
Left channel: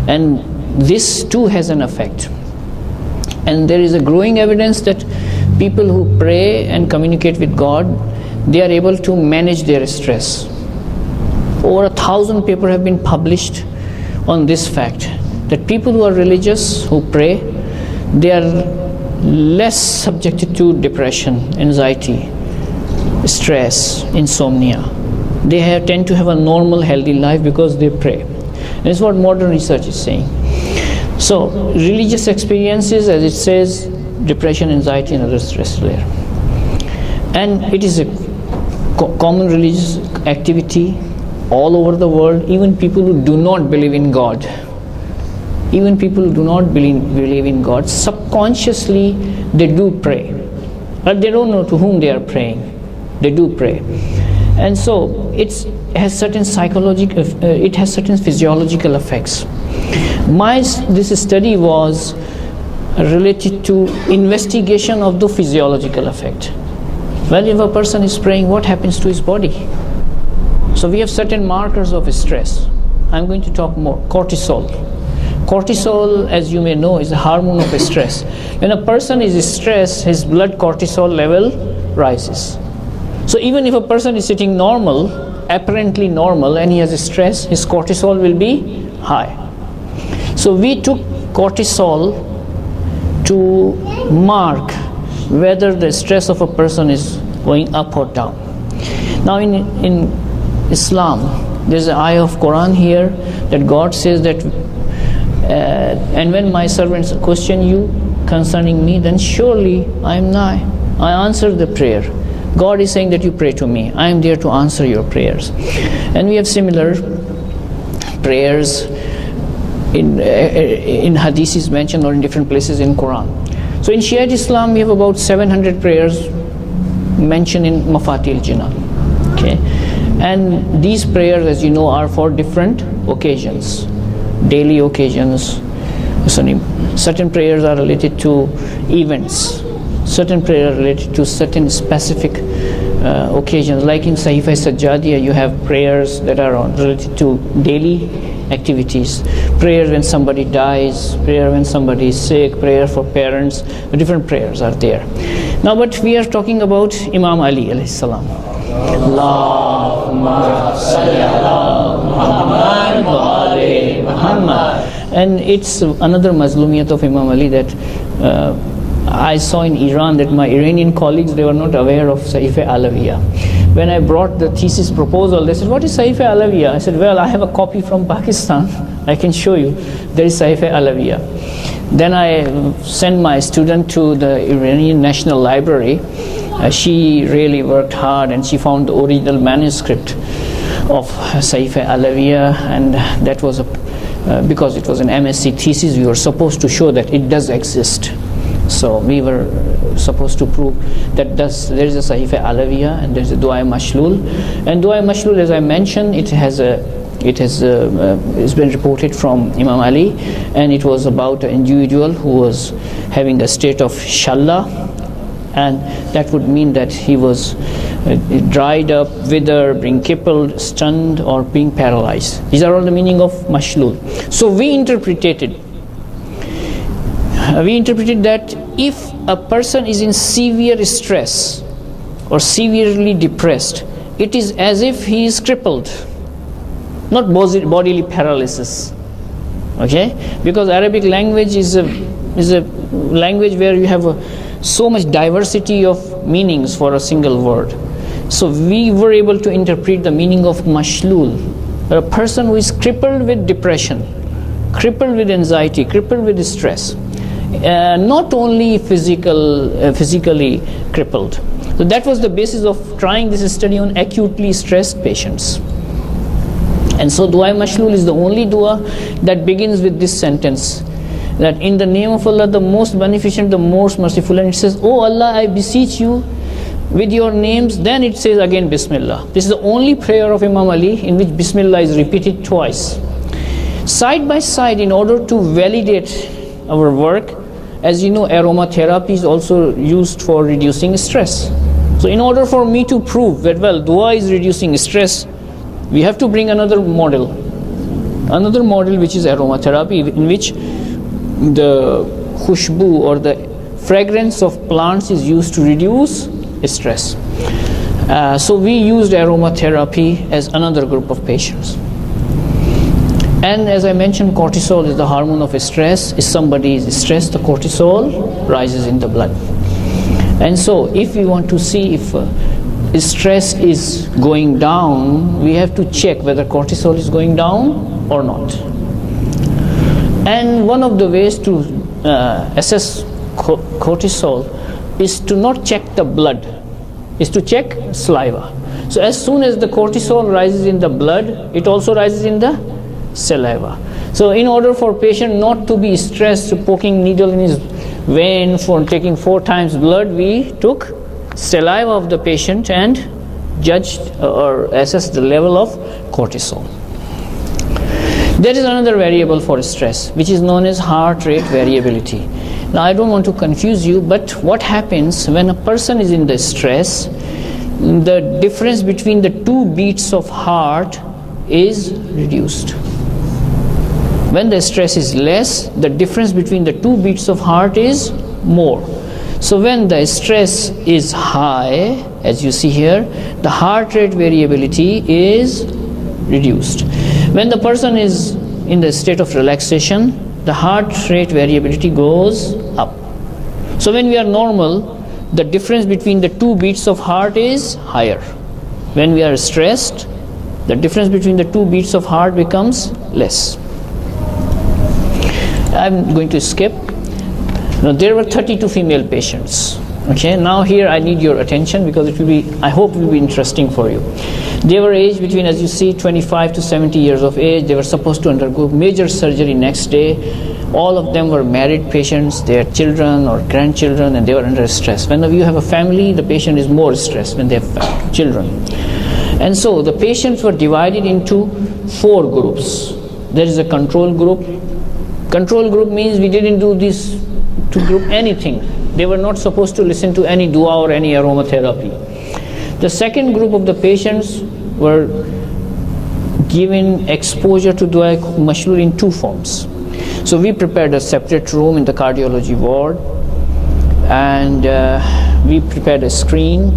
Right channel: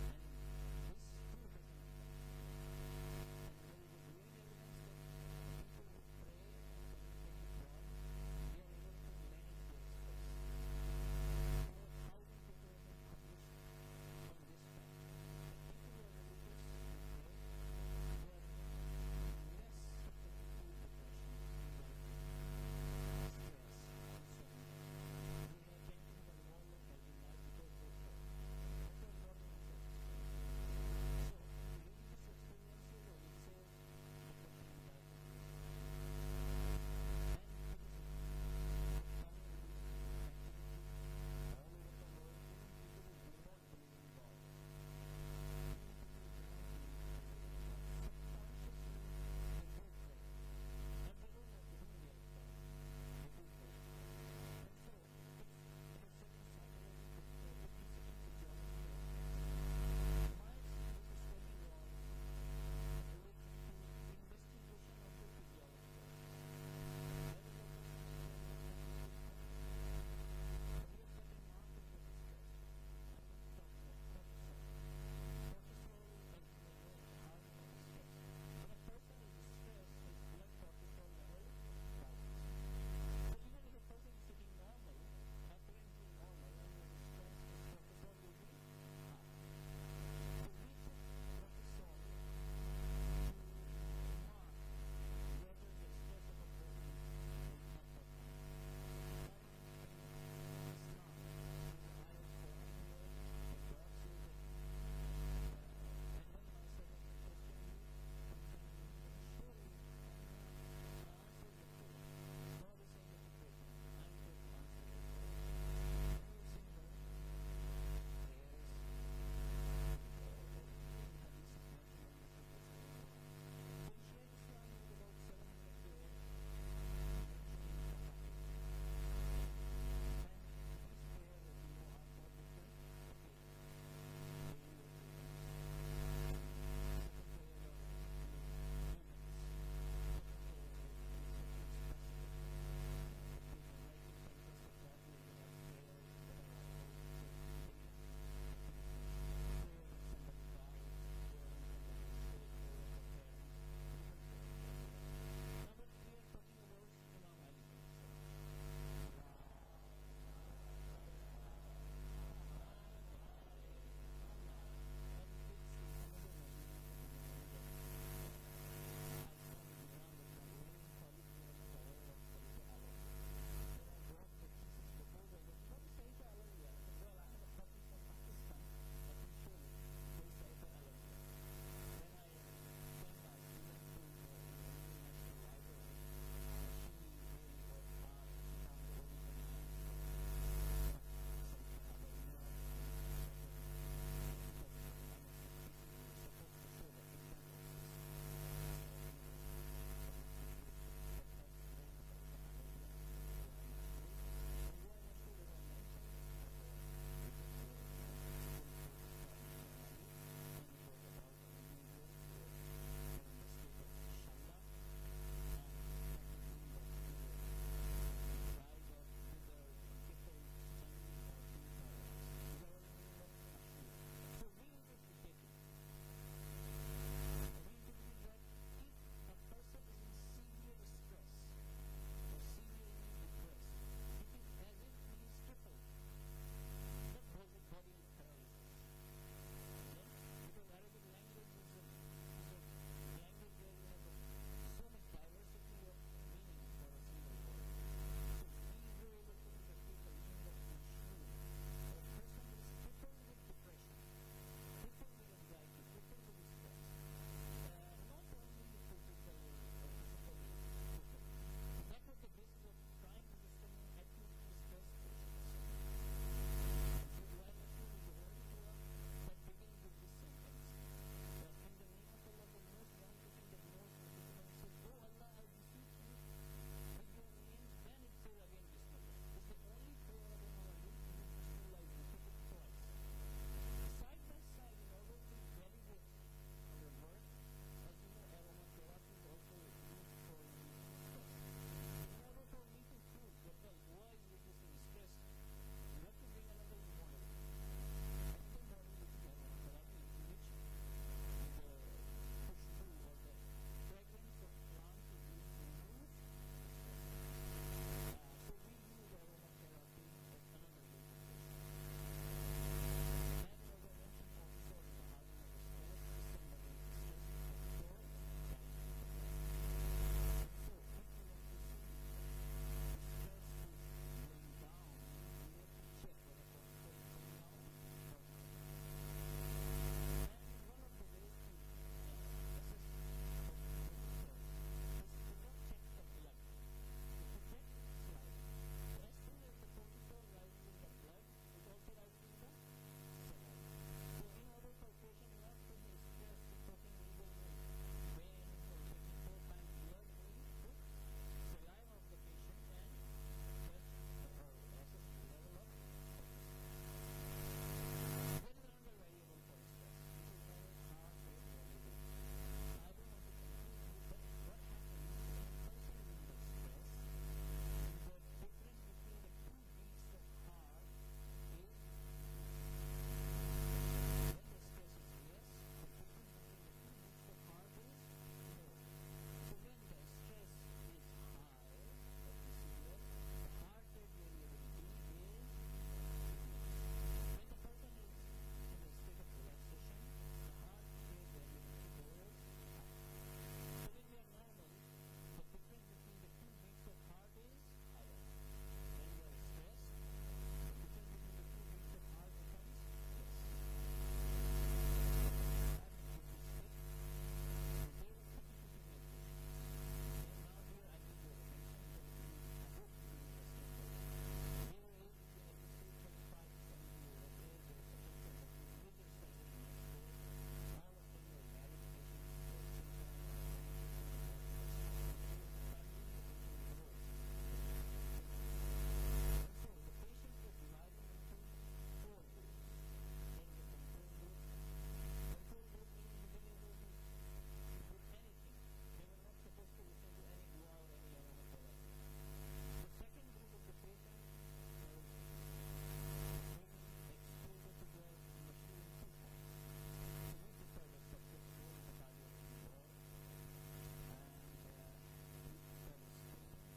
And this too has an effect. And there is a growing evidence that people who pray and communicate with God, they are able to manage their stress. Over 1,000 papers have been published on this fact, that people who are religious, who pray, they are less subjected to depression, anxiety, stress, insomnia. They tend to have a normal, healthy life because they pray. And it's what modern research is saying. So religious experiences, as it says, depression, anxiety, and other stress layer. And it is a common religious activity all over the world. Even people who do not believe in God, even people who do not believe in God, subconsciously they do pray. But they don't know to whom they are praying. They do pray. And so it has certain it has certain physiological effects. This study was related to investigation of the physiological effect. Well, if a person is praying, what happens to his body? So we have certain markers of stress. I'm going to talk more. Cortisol. Cortisol, as you may know, is a hormone of stress. When a person is stressed, his blood cortisol level rises. So even if a person is sitting normal, apparently normal, and he has stress, his cortisol will be high. So we took cortisol to mark whether the stress of a person is going up or down. Now in Islam, there's an ayah of Quran here that God says that and when my servants question you concerning me, then surely I am nigh. I answer the prayer. God is saying that you pray to me. I am there to answer your prayers. And we have similar prayers in hadiths mentioned or in different places in Quran. So in Shiite Islam, we have about 700 prayers mentioned in Mafatih al-Jinan. Okay? And these prayers, as you know, are for different occasions, daily occasions. Certain prayers are related to events. Certain prayers are related to certain specific occasions. Like in Sahifa Sajjadiyah, you have prayers that are related to daily activities. Prayers when somebody dies, prayer when somebody is sick, prayer for parents. Different prayers are there. Now, but we are talking about Imam Ali alayhi salam. Allahumma salli ala Muhammad wa ali Muhammad. And it's another mazlumiyat of Imam Ali that I saw in Iran, that my Iranian colleagues, they were not aware of Sahifa Alawiyah. When I brought the thesis proposal, they said, what is Sahifa Alawiyah? I said, well, I have a copy from Pakistan. I can show you. There is Sahifa Alawiyah. Then I sent my student to the Iranian National Library. She really worked hard and she found the original manuscript of Sahifa Alawiyah, and that was because it was an MSc thesis, we were supposed to show that it does exist. So we were supposed to prove that there is a Sahifa Alawiya and there is a Dua Mashlul. And Dua Mashlul, as I mentioned, it's been reported from Imam Ali, and it was about an individual who was having a state of shalla, and that would mean that he was dried up, withered, being crippled, stunned, or being paralyzed. These are all the meaning of mashlul. So we interpreted that if a person is in severe stress or severely depressed, it is as if he is crippled, not bodily paralysis. Okay, because Arabic language is a language where you have so much diversity of meanings for a single word. So we were able to interpret the meaning of mashlul, a person who is crippled with depression, crippled with anxiety, crippled with stress, not only physically crippled. So that was the basis of trying this study on acutely stressed patients. And so Dua Mashlul is the only dua that begins with this sentence, that in the name of Allah, the most beneficent, the most merciful. And it says, "Oh Allah, I beseech you with your names." Then it says again Bismillah. This is the only prayer of Imam Ali in which Bismillah is repeated twice. Side by side, in order to validate our work, as you know, aromatherapy is also used for reducing stress. So in order for me to prove that, well, dua is reducing stress, we have to bring another model which is aromatherapy, in which the khushbu or the fragrance of plants is used to reduce stress. So we used aromatherapy as another group of patients. And as I mentioned, cortisol is the hormone of stress. If somebody is stressed, the cortisol rises in the blood. And so if we want to see if stress is going down, we have to check whether cortisol is going down or not. And one of the ways to assess cortisol is to not check the blood, is to check saliva. So as soon as the cortisol rises in the blood, it also rises in the saliva. So in order for patient not to be stressed, poking needle in his vein for taking 4 times blood, we took saliva of the patient and judged or assessed the level of cortisol. There is another variable for stress, which is known as heart rate variability. Now I don't want to confuse you, but what happens when a person is in the stress, the difference between the 2 beats of heart is reduced. When the stress is less, the difference between the 2 beats of heart is more. So when the stress is high, as you see here, the heart rate variability is reduced. When the person is in the state of relaxation, the heart rate variability goes up. So when we are normal, the difference between the 2 beats of heart is higher. When we are stressed, the difference between the 2 beats of heart becomes less. I'm going to skip. Now there were 32 female patients. Okay, now here I need your attention because I hope it will be interesting for you. They were aged between, as you see, 25 to 70 years of age. They were supposed to undergo major surgery next day. All of them were married patients. They had children or grandchildren, and they were under stress. When you have a family, the patient is more stressed when they have children. And so the patients were divided into 4 groups. There is a control group. Control group means we didn't do this to group anything. They were not supposed to listen to any dua or any aromatherapy. The second group of the patients were given exposure to dua mashlul in 2 forms. So we prepared a separate room in the cardiology ward, and we prepared a screen.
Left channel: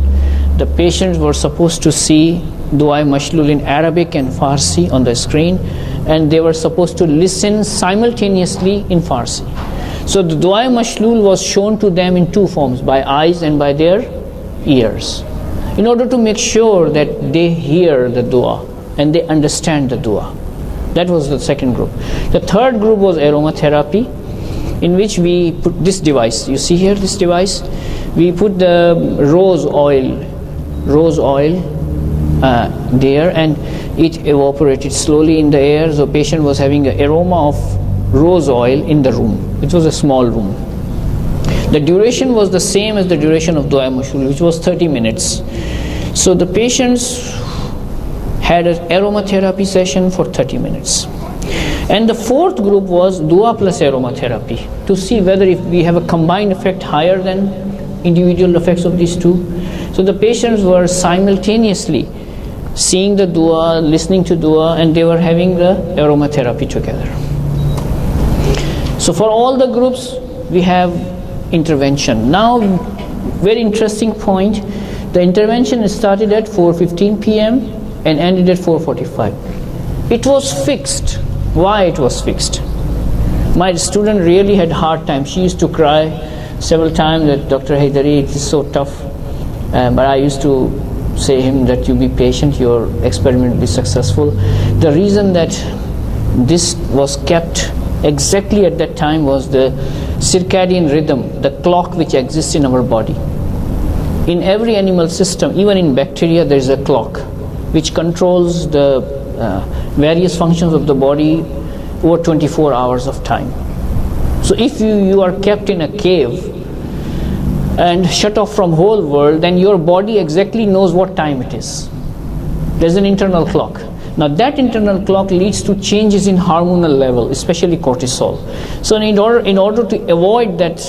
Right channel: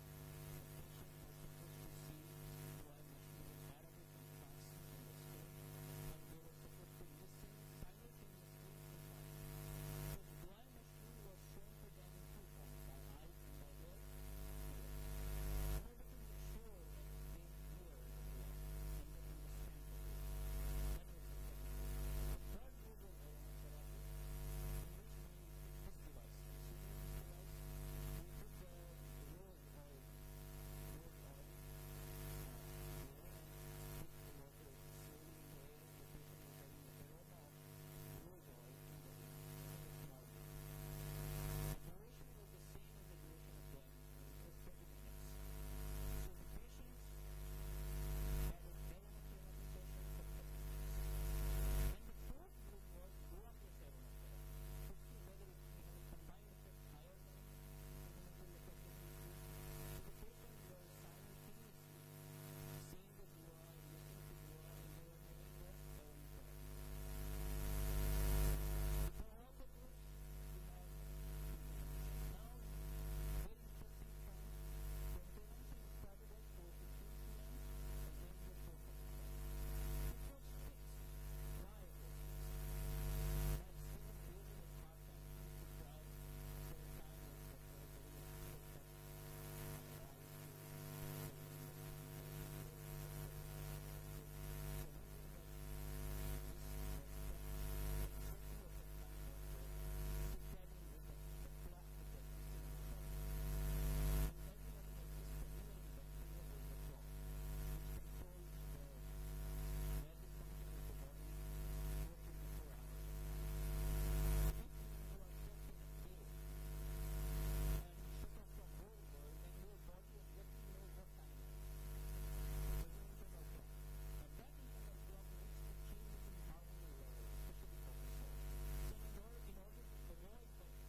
The patients were supposed to see dua mashlul in Arabic and Farsi on the screen, and they were supposed to listen simultaneously in Farsi. So the dua mashlul was shown to them in 2 forms, by eyes and by their ears, in order to make sure that they hear the dua and they understand the dua. That was the second group. The third group was aromatherapy, in which we put this device. You see here this device? We put the rose oil there, and it evaporated slowly in the air. So patient was having an aroma of rose oil in the room. It was a small room. The duration was the same as the duration of Dua Mashlul, which was 30 minutes. So the patients had an aromatherapy session for 30 minutes. And the fourth group was Dua plus aromatherapy, to see whether if we have a combined effect higher than individual effects of these two. So the patients were simultaneously seeing the Dua, listening to Dua, and they were having the aromatherapy together. So for all the groups, we have intervention. Now, very interesting point, the intervention started at 4:15 p.m. and ended at 4:45. It was fixed. Why it was fixed? My student really had hard time. She used to cry several times that, Dr. Haidari, it is so tough. But I used to say him that you be patient, your experiment will be successful. The reason that this was kept exactly at that time was the circadian rhythm, the clock which exists in our body. In every animal system, even in bacteria, there is a clock which controls the various functions of the body over 24 hours of time. So if you are kept in a cave and shut off from whole world, then your body exactly knows what time it is. There's an internal clock. Now that internal clock leads to changes in hormonal level, especially cortisol. So in order to avoid that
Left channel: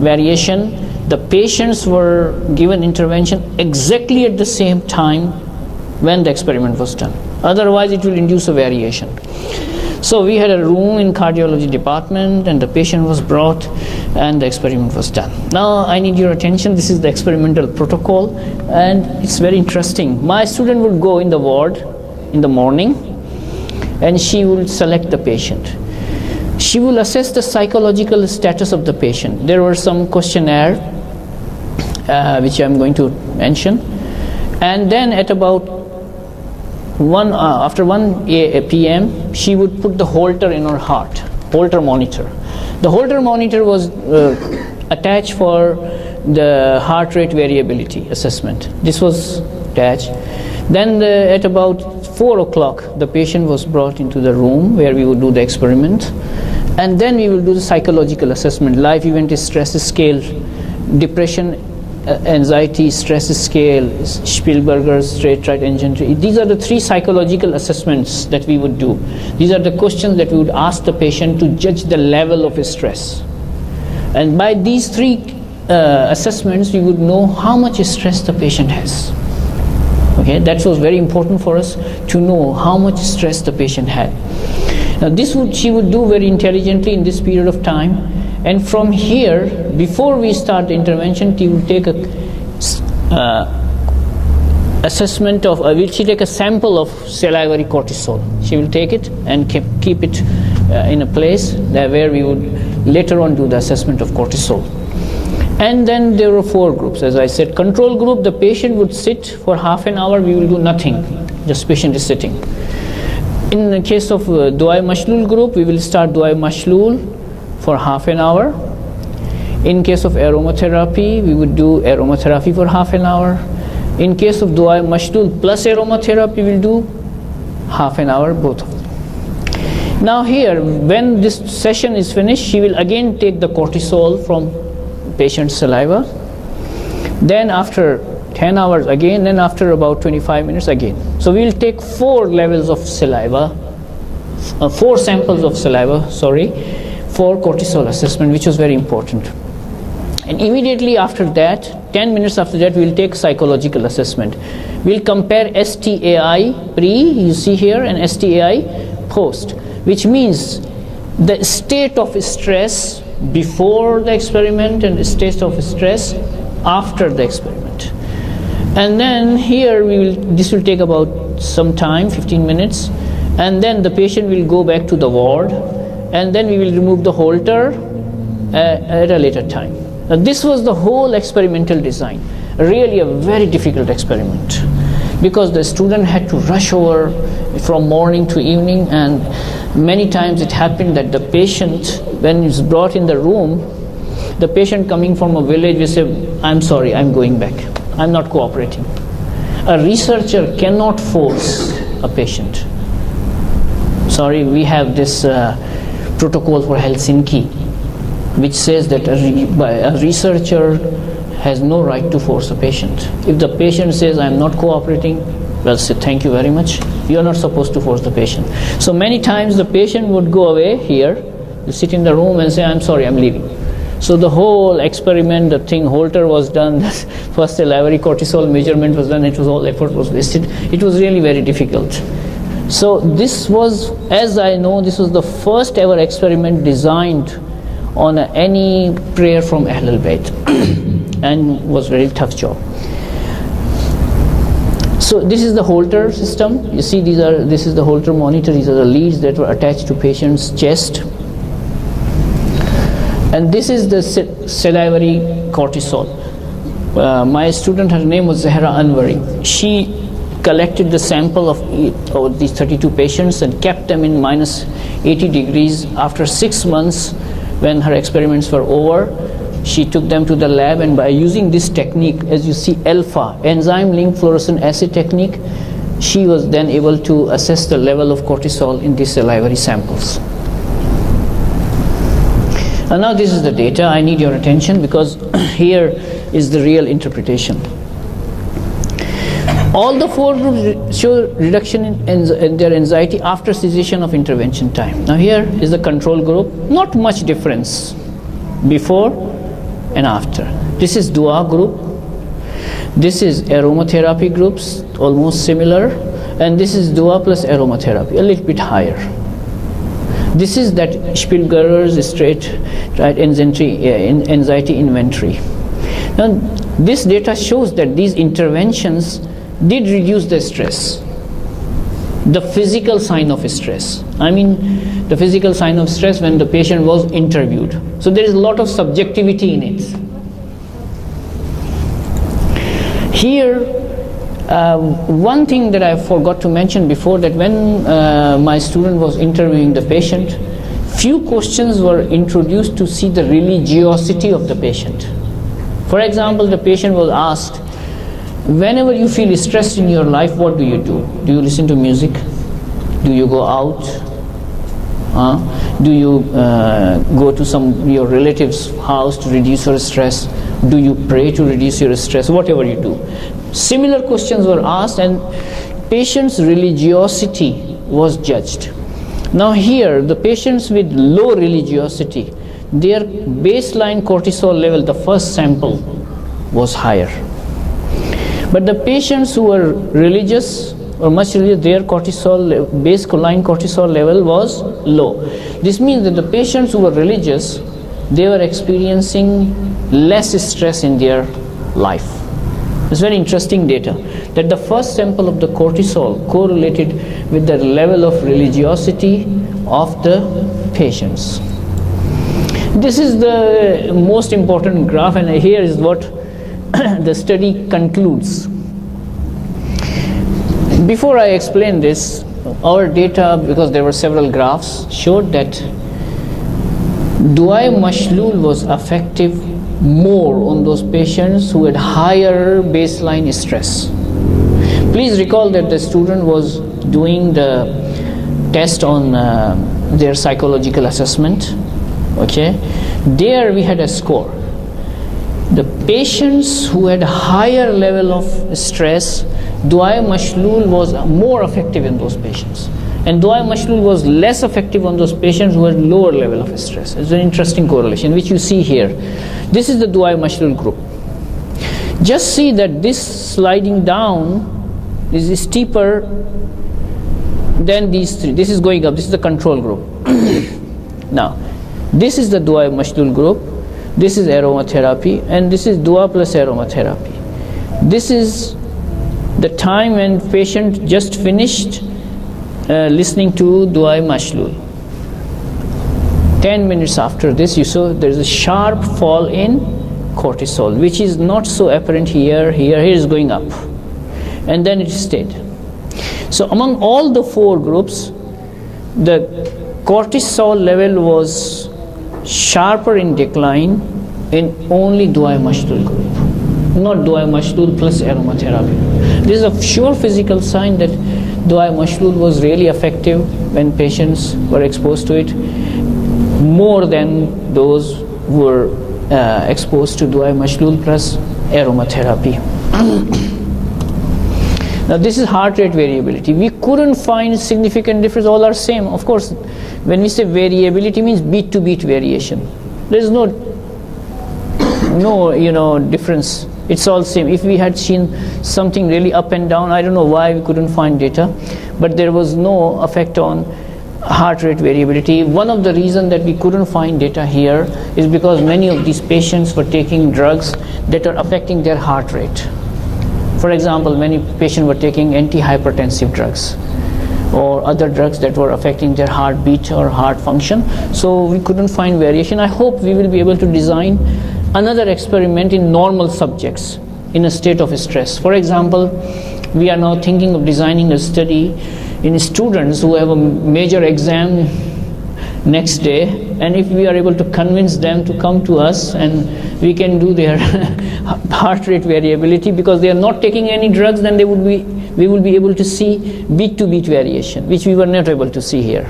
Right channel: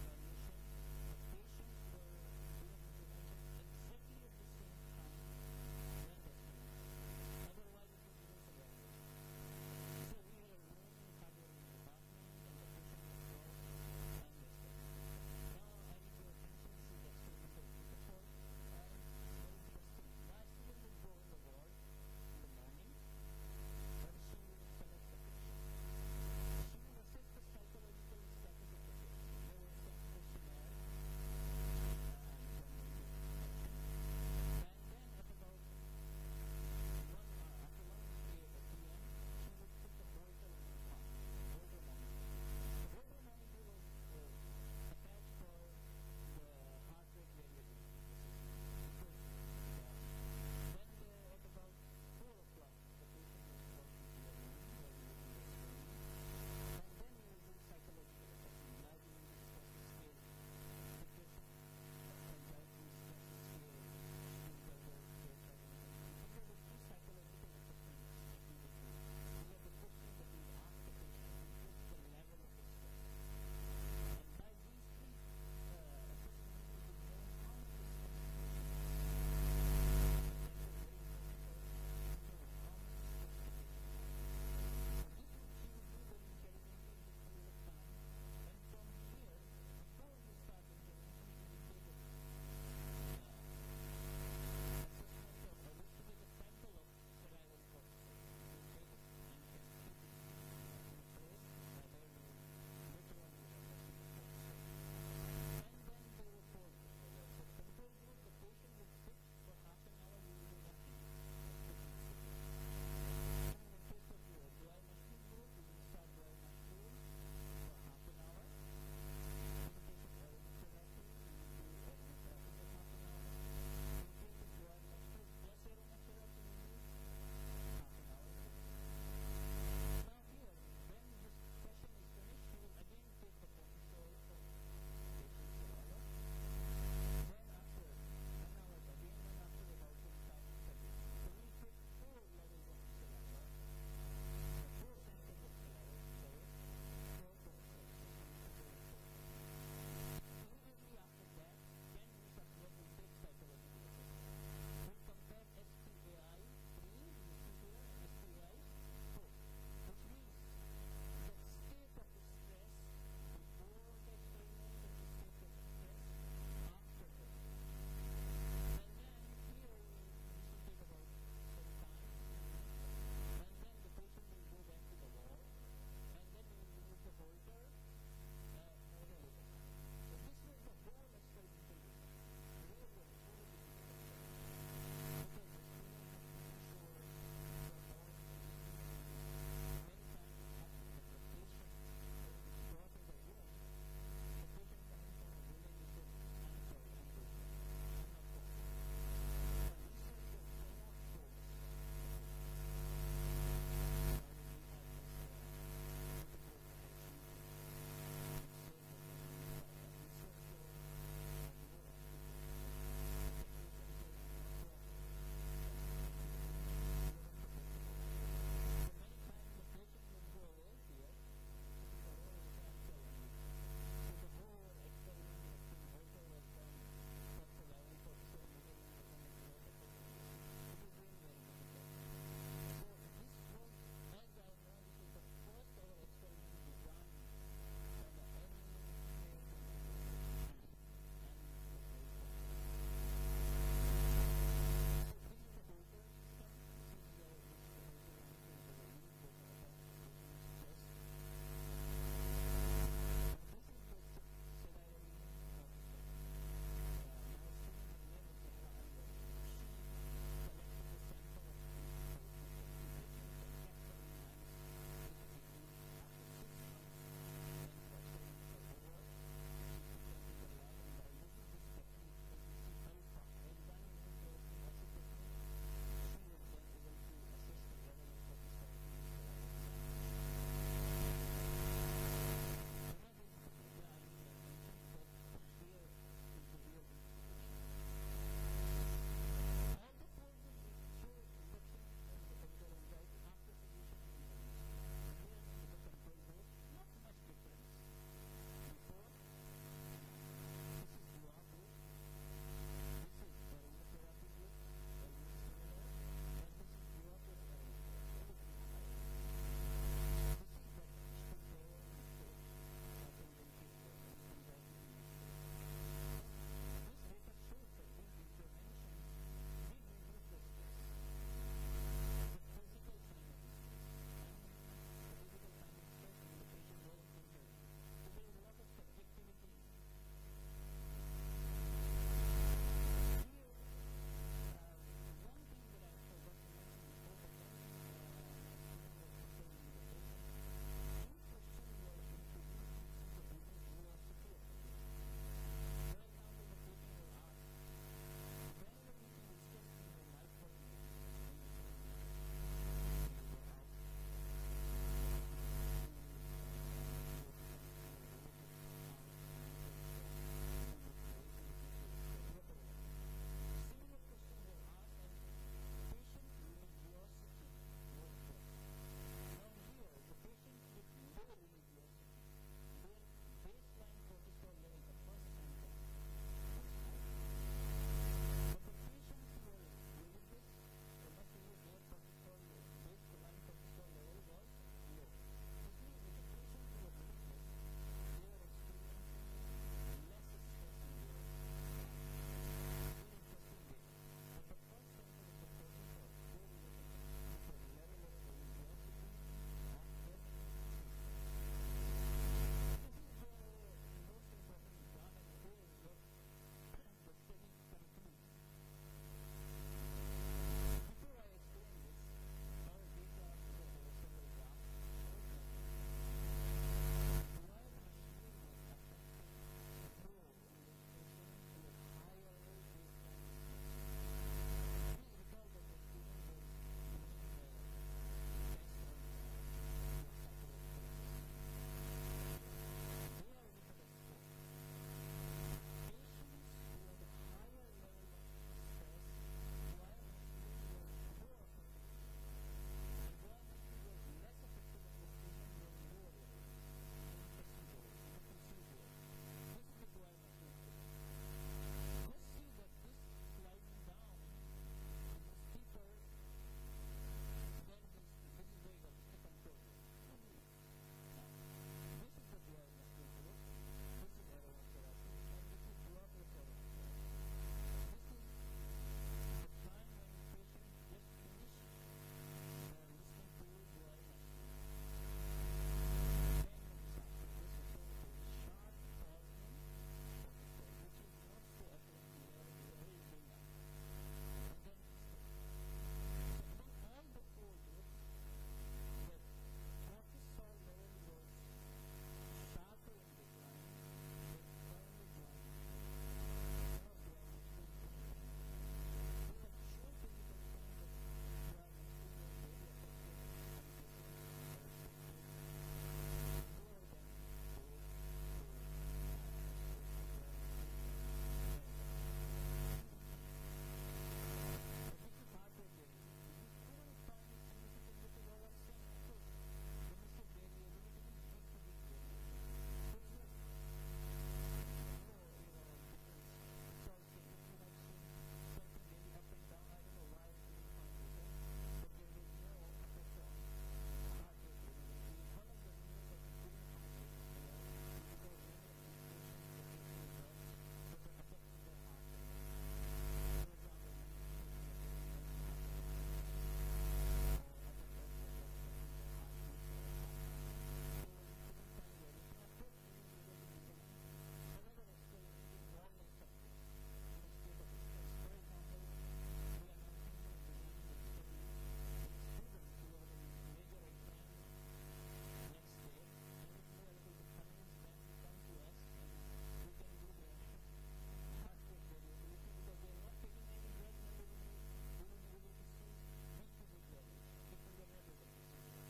variation, the patients were given intervention exactly at the same time when the experiment was done. Otherwise it will induce a variation. So we had a room in cardiology department, and the patient was brought and the experiment was done. Now I need your attention. This is the experimental protocol, and it's very interesting. My student would go in the ward in the morning, and she will select the patient. She will assess the psychological status of the patient. There were some questionnaire which I'm going to mention, and then at about after 1 p.m. she would put the Holter in her heart, Holter monitor. The Holter monitor was attached for the heart rate variability assessment. This was attached. Then at about 4 o'clock, the patient was brought into the room where we would do the experiment, and then we will do the psychological assessment, life event stress scale, depression, anxiety stress scale, Spielberger's straight right engine tree. These are the 3 psychological assessments that we would do. These are the questions that we would ask the patient to judge the level of stress. And by these 3 assessments, we would know how much stress the patient has. Okay, that was very important for us to know how much stress the patient had. Now she would do very intelligently in this period of time. And from here, before we start the intervention, she will take a assessment of, she take a sample of salivary cortisol. She will take it and keep it in a place where we would later on do the assessment of cortisol. And then there were 4 groups. As I said, control group, the patient would sit for half an hour, we will do nothing, just patient is sitting. In the case of Dua Mashlul group, we will start Dua Mashlul for half an hour. In case of aromatherapy, we would do aromatherapy for half an hour. In case of Dua Mashlul plus aromatherapy, we will do half an hour, both of them. Now here, when this session is finished, she will again take the cortisol from patient's saliva. Then after 10 hours again, then after about 25 minutes again. So we will take 4 levels of saliva, 4 samples of saliva, for cortisol assessment, which was very important. And immediately after that, 10 minutes after that, we will take psychological assessment. We'll compare STAI pre, you see here, and STAI post, which means the state of stress before the experiment and the state of stress after the experiment. And then here this will take about some time, 15 minutes, and then the patient will go back to the ward, and then we will remove the Holter at a later time. Now this was the whole experimental design. Really a very difficult experiment, because the student had to rush over from morning to evening, and many times it happened that the patient, when he's brought in the room, the patient coming from a village will say, "I'm sorry, I'm going back. I'm not cooperating. A researcher cannot force a patient. Sorry, we have this protocol for Helsinki, which says that a researcher has no right to force a patient. If the patient says, I'm not cooperating, well, say, thank you very much. You are not supposed to force the patient. So many times the patient would go away here, sit in the room and say, I'm sorry, I'm leaving. So the whole experiment, the thing Holter was done, the first salivary cortisol measurement was done, all effort was wasted. It was really very difficult. So this was, as I know, this was the first ever experiment designed on any prayer from Ahlul Bayt and was a very tough job. So this is the Holter system. You see, this is the Holter monitor. These are the leads that were attached to patient's chest. And this is the salivary cortisol. My student, her name was Zahra Anwari. She collected the sample of these 32 patients and kept them in minus 80 degrees. After 6 months, when her experiments were over, she took them to the lab, and by using this technique, as you see, alpha, enzyme-linked fluorescent acid technique, she was then able to assess the level of cortisol in these salivary samples. And now this is the data. I need your attention because here is the real interpretation. All the 4 groups show reduction in their anxiety after cessation of intervention time. Now here is the control group. Not much difference before and after. This is dua group. This is aromatherapy groups, almost similar. And this is dua plus aromatherapy, a little bit higher. This is that Spielberger's anxiety inventory. Now this data shows that these interventions did reduce the stress, the physical sign of stress. I mean the physical sign of stress when the patient was interviewed. So there is a lot of subjectivity in it. Here, one thing that I forgot to mention before, that when my student was interviewing the patient, few questions were introduced to see the religiosity of the patient. For example, the patient was asked, whenever you feel stressed in your life, what do you do? Do you listen to music? Do you go out? Do you go to your relative's house to reduce your stress? Do you pray to reduce your stress? Whatever you do. Similar questions were asked, and patient's religiosity was judged. Now here, the patients with low religiosity, their baseline cortisol level, the first sample, was higher. But the patients who were religious or much religious, their baseline cortisol level was low. This means that the patients who were religious, they were experiencing less stress in their life. It's very interesting data that the first sample of the cortisol correlated with the level of religiosity of the patients. This is the most important graph, and here is what the study concludes. Before I explain this, our data, because there were several graphs, showed that Duai Mashlul was effective more on those patients who had higher baseline stress. Please recall that the student was doing the test on their psychological assessment. Okay, there we had a score. The patients who had higher level of stress, Duai Mashlul was more effective in those patients. And Duai Mashlul was less effective on those patients who had lower level of stress. It's an interesting correlation, which you see here. This is the Duai Mashlul group. Just see that this sliding down is steeper than these three. This is going up. This is the control group. Now, this is the Duai Mashlul group. This is aromatherapy, and this is Dua plus aromatherapy. This is the time when patient just finished listening to Duai Mashlul. 10 minutes after this, you saw there's a sharp fall in cortisol, which is not so apparent here. Here is going up, and then it stayed. So among all the 4 groups, the cortisol level was sharper in decline in only Duai Mashlul group. not dua mashlul plus aromatherapy. This is a sure physical sign that dua mashlul was really effective when patients were exposed to it, more than those who were exposed to dua mashlul plus aromatherapy. Now this is heart rate variability. We couldn't find significant difference. All are same. Of course, when we say variability, means beat to beat variation. There is no difference. It's all same. If we had seen something really up and down, I don't know why we couldn't find data, but there was no effect on heart rate variability. One of the reasons that we couldn't find data here is because many of these patients were taking drugs that are affecting their heart rate. For example, many patients were taking antihypertensive drugs or other drugs that were affecting their heartbeat or heart function. So we couldn't find variation. I hope we will be able to design another experiment in normal subjects in a state of stress. For example, we are now thinking of designing a study in students who have a major exam next day, and if we are able to convince them to come to us and we can do their heart rate variability, because they are not taking any drugs, then we will be able to see beat to beat variation, which we were not able to see here.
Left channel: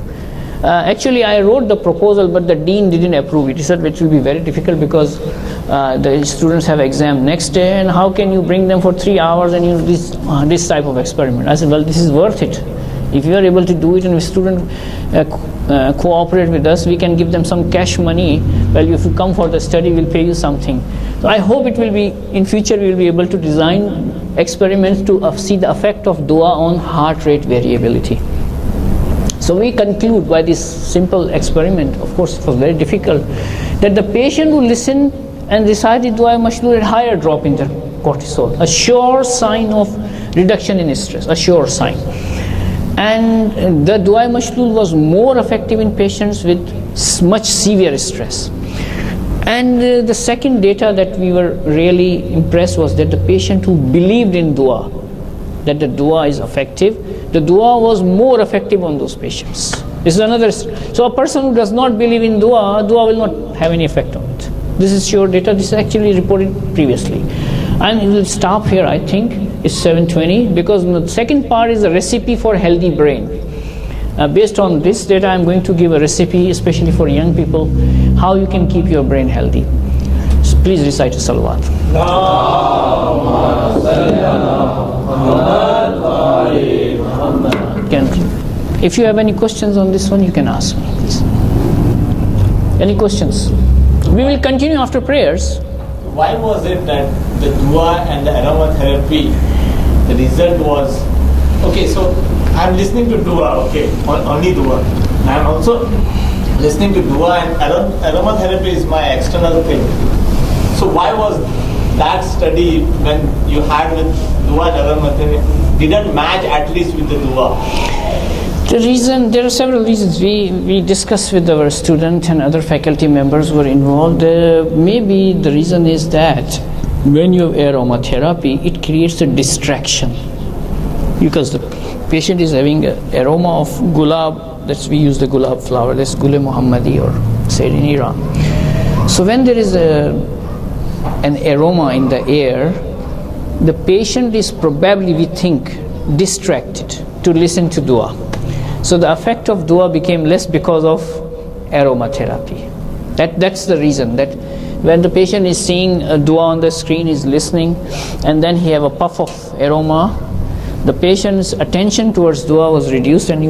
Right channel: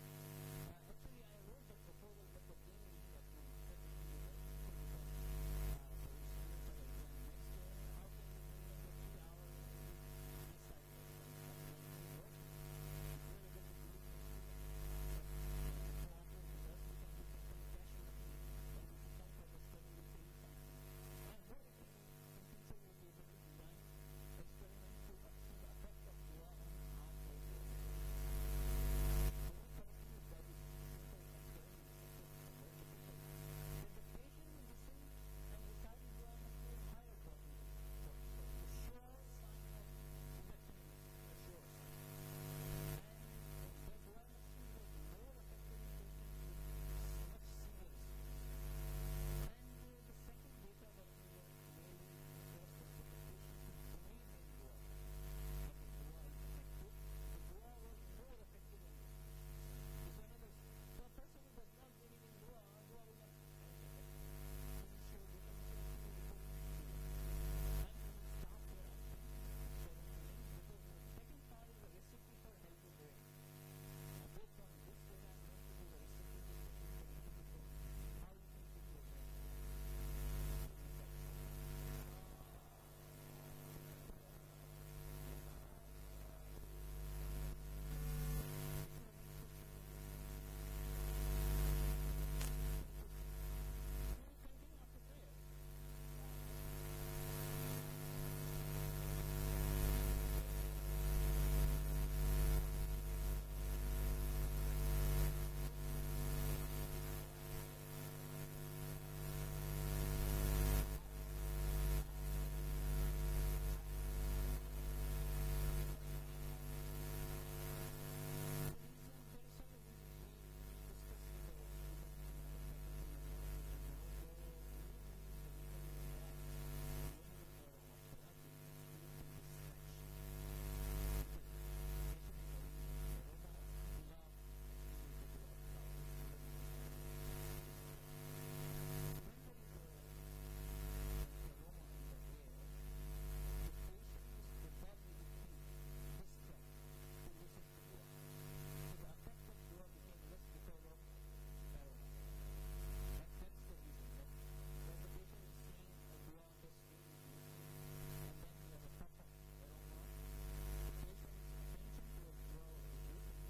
Actually, I wrote the proposal, but the dean didn't approve it. He said it will be very difficult because the students have exam next day, and how can you bring them for 3 hours and this type of experiment? I said, well, this is worth it. If you are able to do it and the student cooperate with us, we can give them some cash money. Well, if you come for the study, we'll pay you something. So I hope it will be, in future, we will be able to design experiments to see the effect of dua on heart rate variability. So we conclude by this simple experiment, of course it was very difficult, that the patient who listened and recited dua mashlul had higher drop in their cortisol, a sure sign of reduction in stress, a sure sign. And the dua mashlul was more effective in patients with much severe stress. And the second data that we were really impressed was that the patient who believed in dua, that the dua is effective, the dua was more effective on those patients. This is another. So a person who does not believe in dua will not have any effect on it. This is sure data. This is actually reported previously. And we will stop here, I think. It's 7:20, because the second part is a recipe for healthy brain. Based on this data, I'm going to give a recipe, especially for young people, how you can keep your brain healthy. So please recite a salawat. If you have any questions on this one, you can ask me, please. Any questions? We will continue after prayers. Why was it that the dua and the aromatherapy, the result was, okay, so I'm listening to dua, okay, only dua. I'm also listening to dua, and aromatherapy is my external thing. So why was that study, when you had with dua and aromatherapy, didn't match at least with the dua? The reason, there are several reasons. We discussed with our student and other faculty members who were involved. Maybe the reason is that when you have aromatherapy, it creates a distraction, because the patient is having an aroma of gulab. We use the gulab flower. That's Gul Muhammadi, or said in Iran. So when there is an aroma in the air, the patient is probably, we think, distracted to listen to dua. So the effect of dua became less because of aromatherapy. That's the reason, that when the patient is seeing a dua on the screen, is listening, and then he have a puff of aroma, the patient's attention towards dua was reduced, and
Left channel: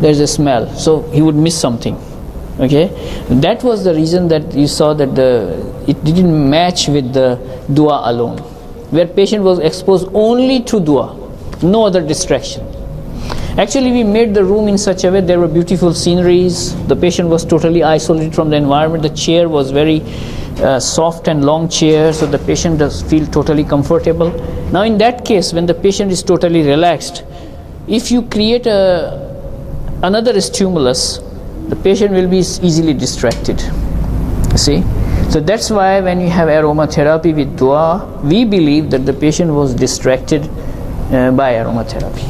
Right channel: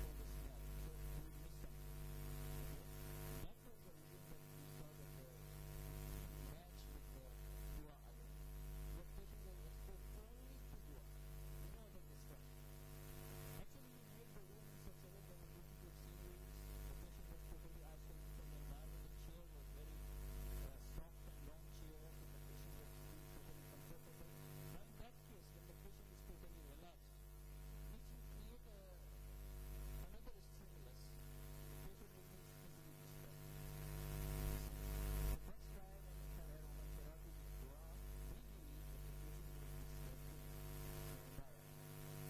there's a smell, so he would miss something. Okay, that was the reason that you saw that it didn't match with the dua alone, where patient was exposed only to dua, no other distraction. Actually, we made the room in such a way, there were beautiful sceneries, the patient was totally isolated from the environment, the chair was very soft and long chair, so the patient does feel totally comfortable. Now in that case, when the patient is totally relaxed, if you create another stimulus, the patient will be easily distracted. See? So that's why when you have aromatherapy with dua, we believe that the patient was distracted by aromatherapy.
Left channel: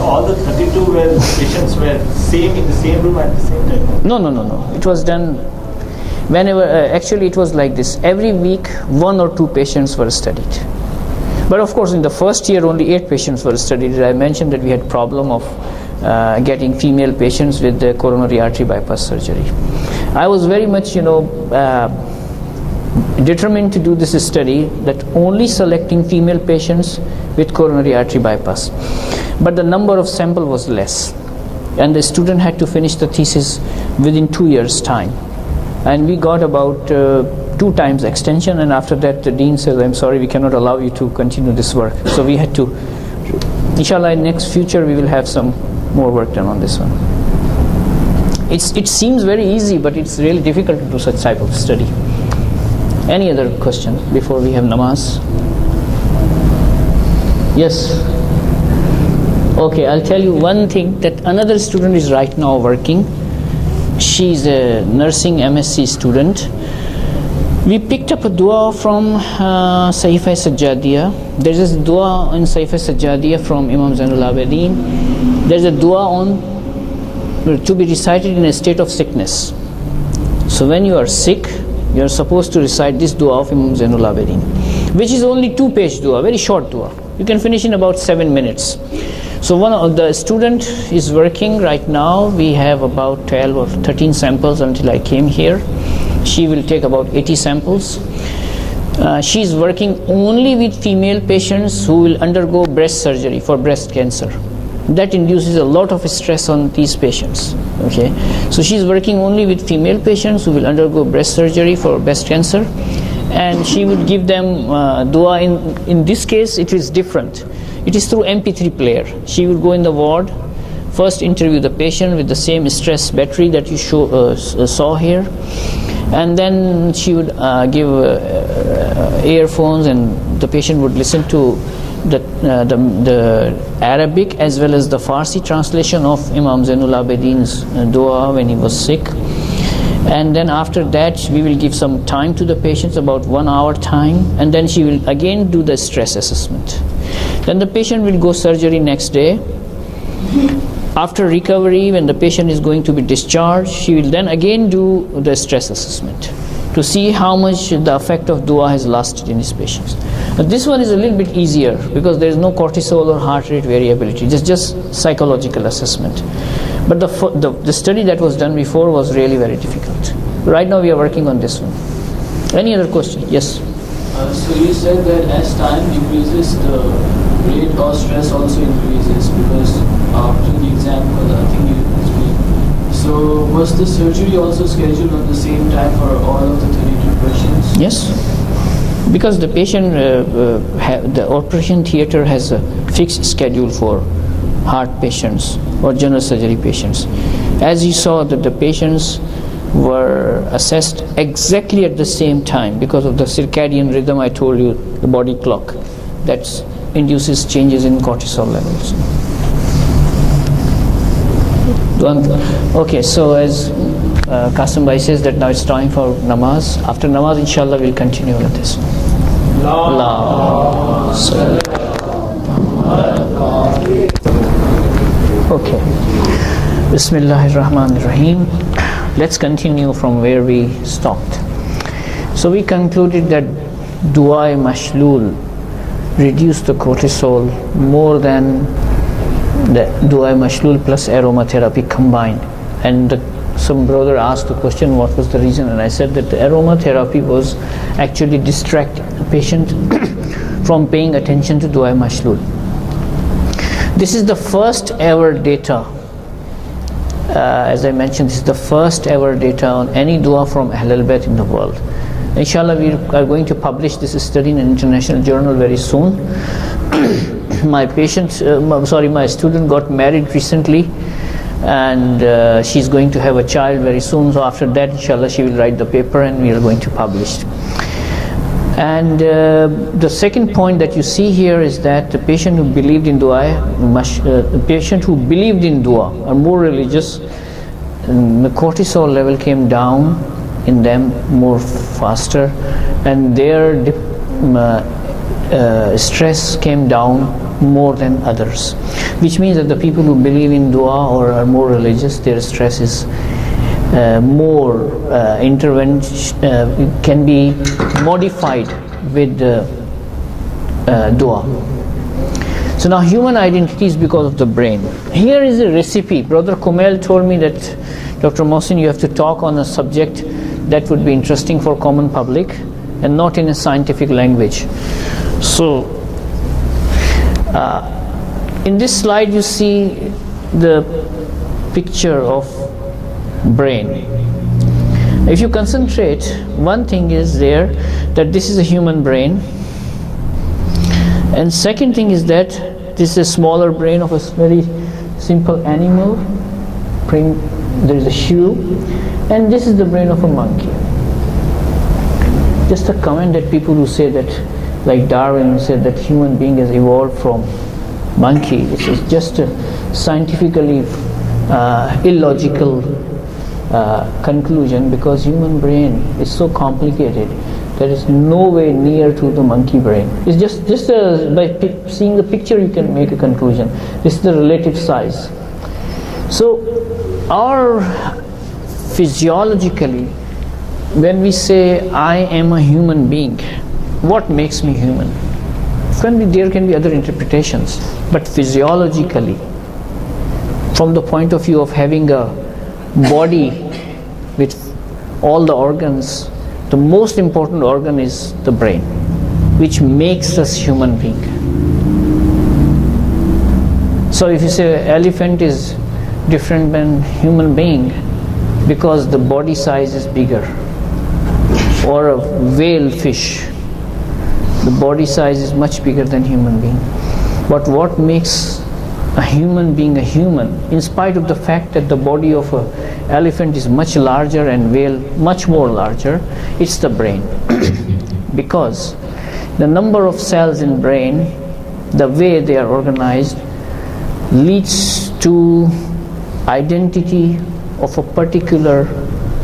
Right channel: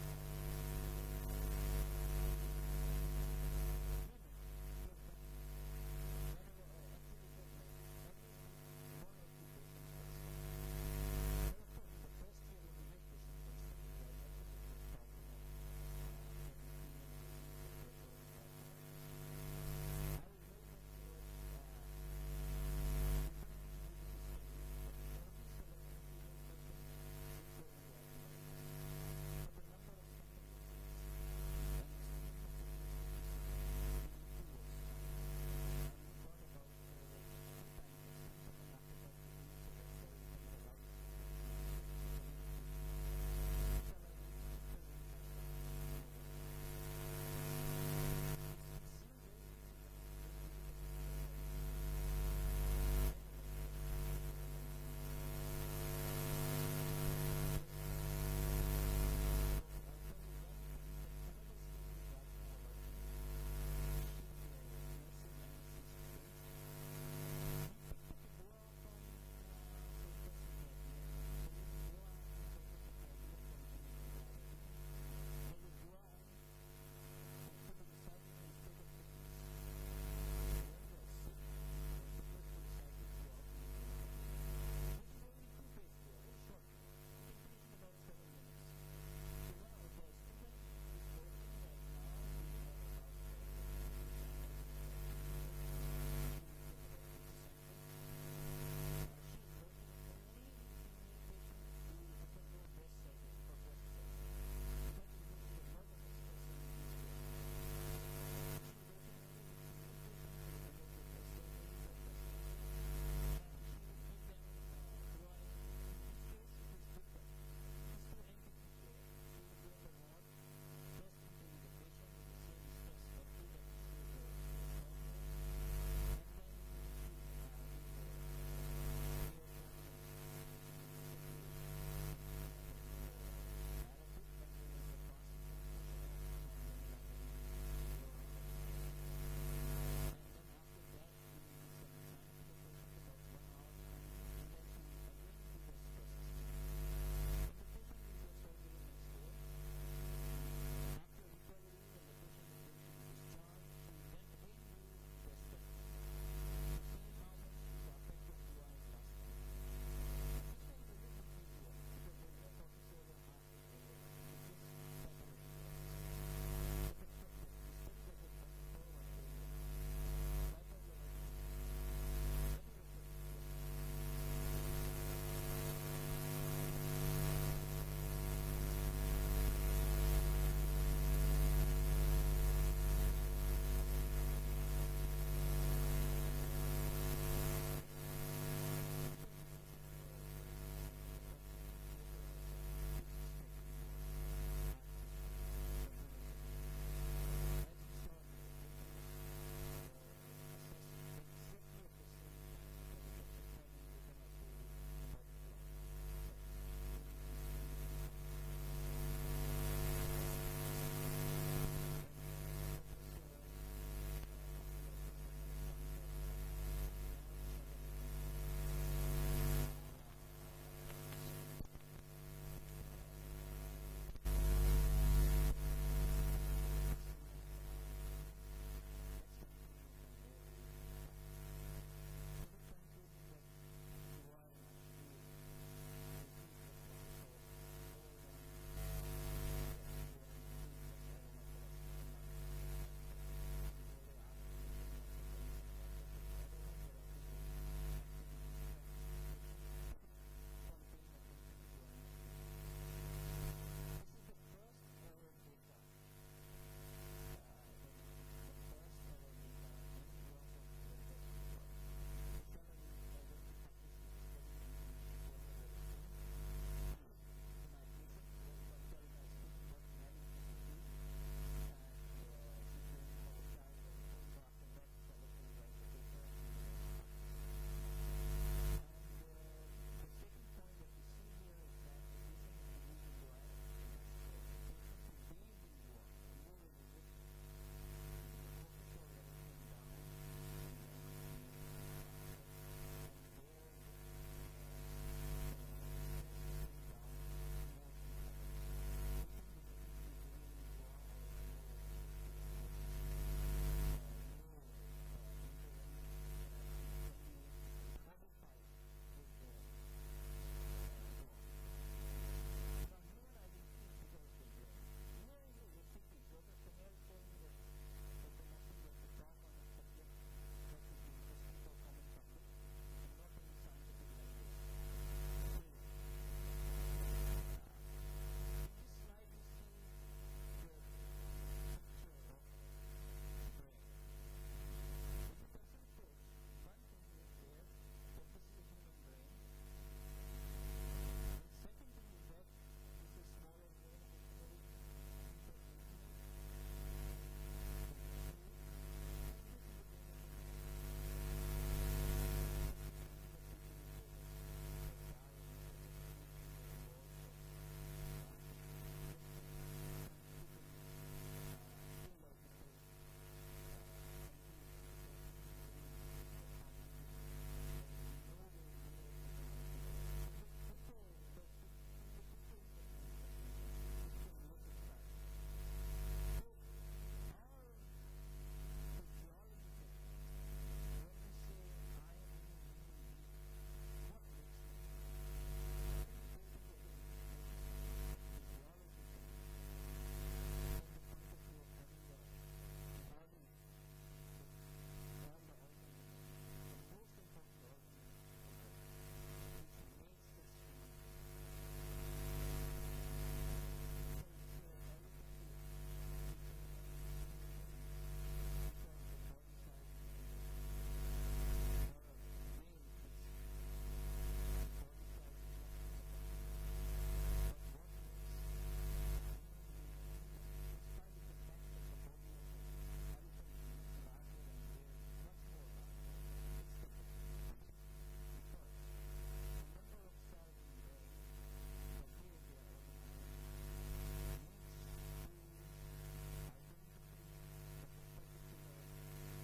All the 32 patients were in the same room at the same time? No. It was done. Whenever actually it was like this, every week 1 or 2 patients were studied. But of course in the first year only 8 patients were studied. I mentioned that we had problem of getting female patients with the coronary artery bypass surgery. I was very much determined to do this study, that only selecting female patients with coronary artery bypass. But the number of sample was less, and the student had to finish the thesis within 2 years' time. And we got about 2 times extension, and after that the dean says, I'm sorry, we cannot allow you to continue this work. So we had to, inshallah, in next future we will have some more work done on this one. It seems very easy, but it's really difficult to do such type of study. Any other question before we have namaz? Yes. Okay, I'll tell you one thing, that another student is right now working. She's a nursing MSc student. We picked up a dua from Sahifa Sajjadiyah. There's this dua in Sahifa Sajjadiyah from Imam Zainul Abidin. There's a dua to be recited in a state of sickness. So when you are sick, you are supposed to recite this dua of Imam Zainul Abidin, which is only 2-page dua, very short dua. You can finish in about 7 minutes. So one of the student is working right now. We have about 12 or 13 samples until I came here. She will take about 80 samples. She is working only with female patients who will undergo breast surgery for breast cancer. That induces a lot of stress on these patients. Okay, so she is working only with female patients who will undergo breast surgery for breast cancer, and she will give them dua. In this case, it is different. It is through MP3 player. She will go in the ward, first interview the patient with the same stress battery that you saw here, and then she would give earphones, and the patient would listen to the Arabic as well as the Farsi translation of Imam Zainul Abidin's dua when he was sick. And then after that we will give some time to the patients, about 1 hour time, and then she will again do the stress assessment. Then the patient will go surgery next day. After recovery, when the patient is going to be discharged, she will then again do the stress assessment to see how much the effect of dua has lasted in these patients. But this one is a little bit easier because there is no cortisol or heart rate variability, just psychological assessment. But the study that was done before was really very difficult. Right now we are working on this one. Any other question? Yes. So you said that as time increases, the rate of stress also increases because after the exam, I think you explained. So was the surgery also scheduled on the same time for all of the 32 patients? Yes. Because the patient, the operation theater has a fixed schedule for heart patients or general surgery patients. As you saw, that the patients were assessed exactly at the same time because of the circadian rhythm I told you, the body clock, that induces changes in cortisol levels. Okay, so as Qasim Bhai says that now it's time for namaz. After namaz, inshallah, we'll continue with this. Okay. Bismillahirrahmanirrahim. Let's continue from where we stopped. So we concluded that Dua-e Mashlul reduced the cortisol more than the Dua-e Mashlul plus aromatherapy combined. And some brother asked the question, what was the reason? And I said that the aromatherapy was actually distracting the patient from paying attention to Dua-e Mashlul. This is the first ever data. As I mentioned, this is the first ever data on any dua from Ahlul Bayt in the world. Inshallah, we are going to publish this study in an international journal very soon. My student got married recently, and she's going to have a child very soon. So after that, inshallah, she will write the paper and we are going to publish. And the second point that you see here is that the patient who believed in dua, the patient who believed in dua are more religious, and the cortisol level came down in them more faster, and their stress came down more than others, which means that the people who believe in dua or are more religious, their stress is more intervention, can be modified with dua. So now human identity is because of the brain. Here is a recipe. Brother Kumail told me that, Dr. Mohsin, you have to talk on a subject that would be interesting for common public and not in a scientific language. So in this slide you see the picture of brain. If you concentrate, one thing is there, that this is a human brain, and second thing is that this is a smaller brain of a very simple animal. There is a shoe, and this is the brain of a monkey. Just a comment that people who say that, like Darwin said that human being has evolved from monkey, this is just a scientifically illogical conclusion, because human brain is so complicated. There is no way near to the monkey brain. It's just by seeing the picture you can make a conclusion. This is the relative size. So our physiologically, when we say I am a human being, what makes me human? There can be other interpretations, but physiologically, from the point of view of having a body with all the organs, the most important organ is the brain, which makes us human being. So if you say elephant is different than human being because the body size is bigger, or a whale fish, the body size is much bigger than human being. But what makes a human being a human, in spite of the fact that the body of an elephant is much larger and whale much more larger, it's the brain. Because the number of cells in brain, the way they are organized, leads to identity of a particular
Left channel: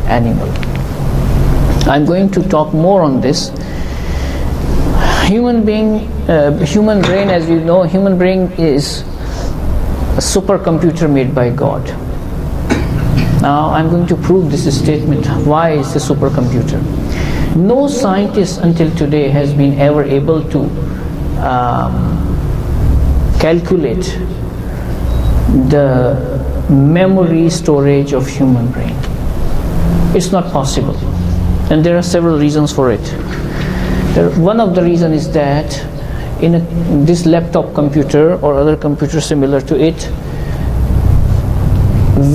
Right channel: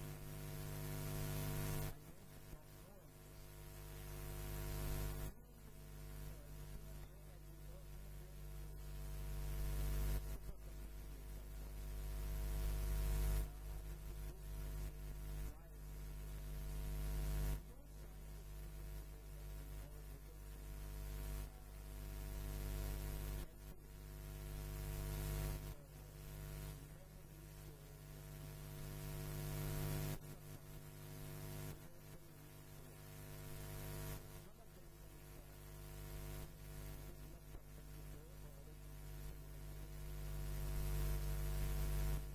animal. I'm going to talk more on this. Human brain, as you know, human brain is a supercomputer made by God. Now I'm going to prove this statement. Why is a supercomputer? No scientist until today has been ever able to calculate the memory storage of human brain. It's not possible, and there are several reasons for it. One of the reasons is that in this laptop computer or other computer similar to it,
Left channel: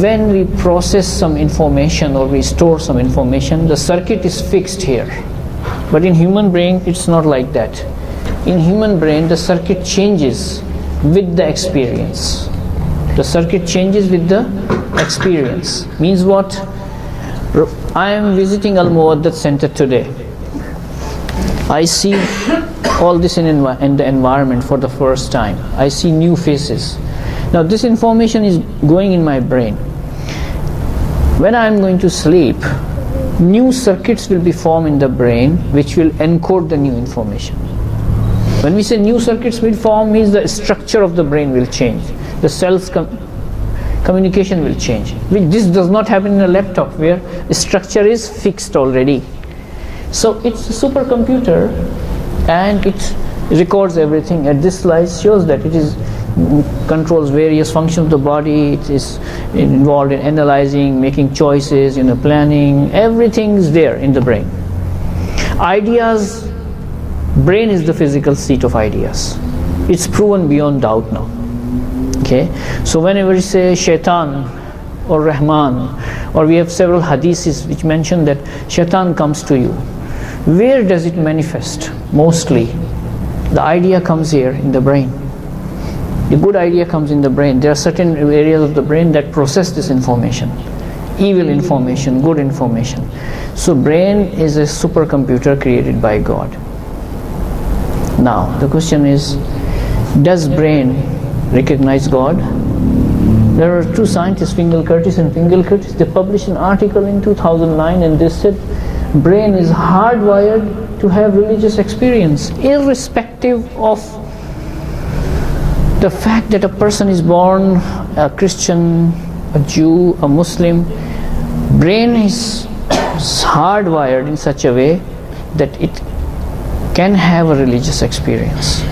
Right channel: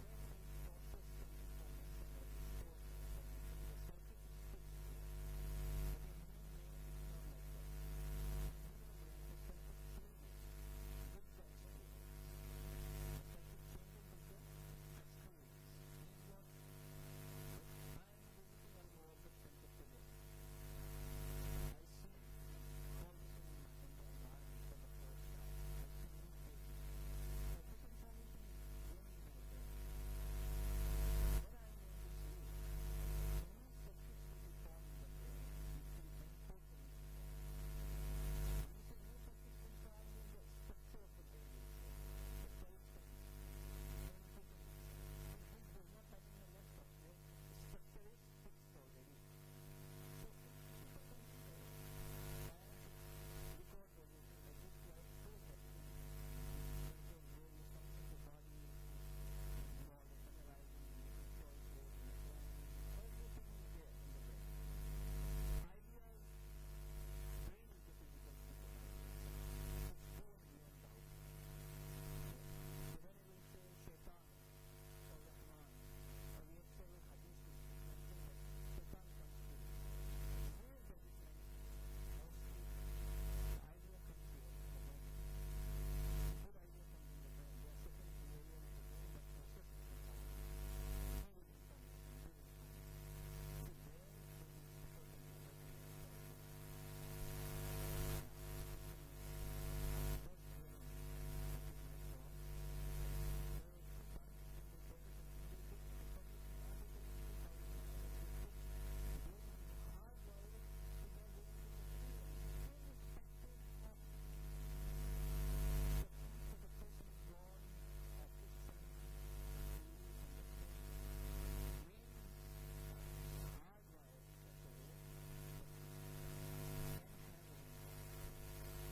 when we process some information or we store some information, the circuit is fixed here. But in human brain, it's not like that. In human brain, the circuit changes with the experience. The circuit changes with the experience. Means what? I am visiting Al Muwaddat Center today. I see all this in the environment for the first time. I see new faces. Now this information is going in my brain. When I am going to sleep, new circuits will be formed in the brain which will encode the new information. When we say new circuits will form, means the structure of the brain will change. The cells communication will change. This does not happen in a laptop where the structure is fixed already. So it's a supercomputer and it records everything. And this slide shows that it controls various functions of the body. It is involved in analyzing, making choices, planning. Everything is there in the brain. Ideas, brain is the physical seat of ideas. It's proven beyond doubt now. Okay, so whenever you say Shaitan or Rahman, or we have several hadiths which mention that Shaitan comes to you, where does it manifest? Mostly the idea comes here in the brain. The good idea comes in the brain. There are certain areas of the brain that process this information, evil information, good information. So brain is a supercomputer created by God. Now the question is, does brain recognize God? There are two scientists, Fingal Curtis and Fingal Curtis. They published an article in 2009 and they said brain is hardwired to have religious experience, irrespective of the fact that a person is born a Christian, a Jew, a Muslim. Brain is hardwired in such a way that it can have a religious experience.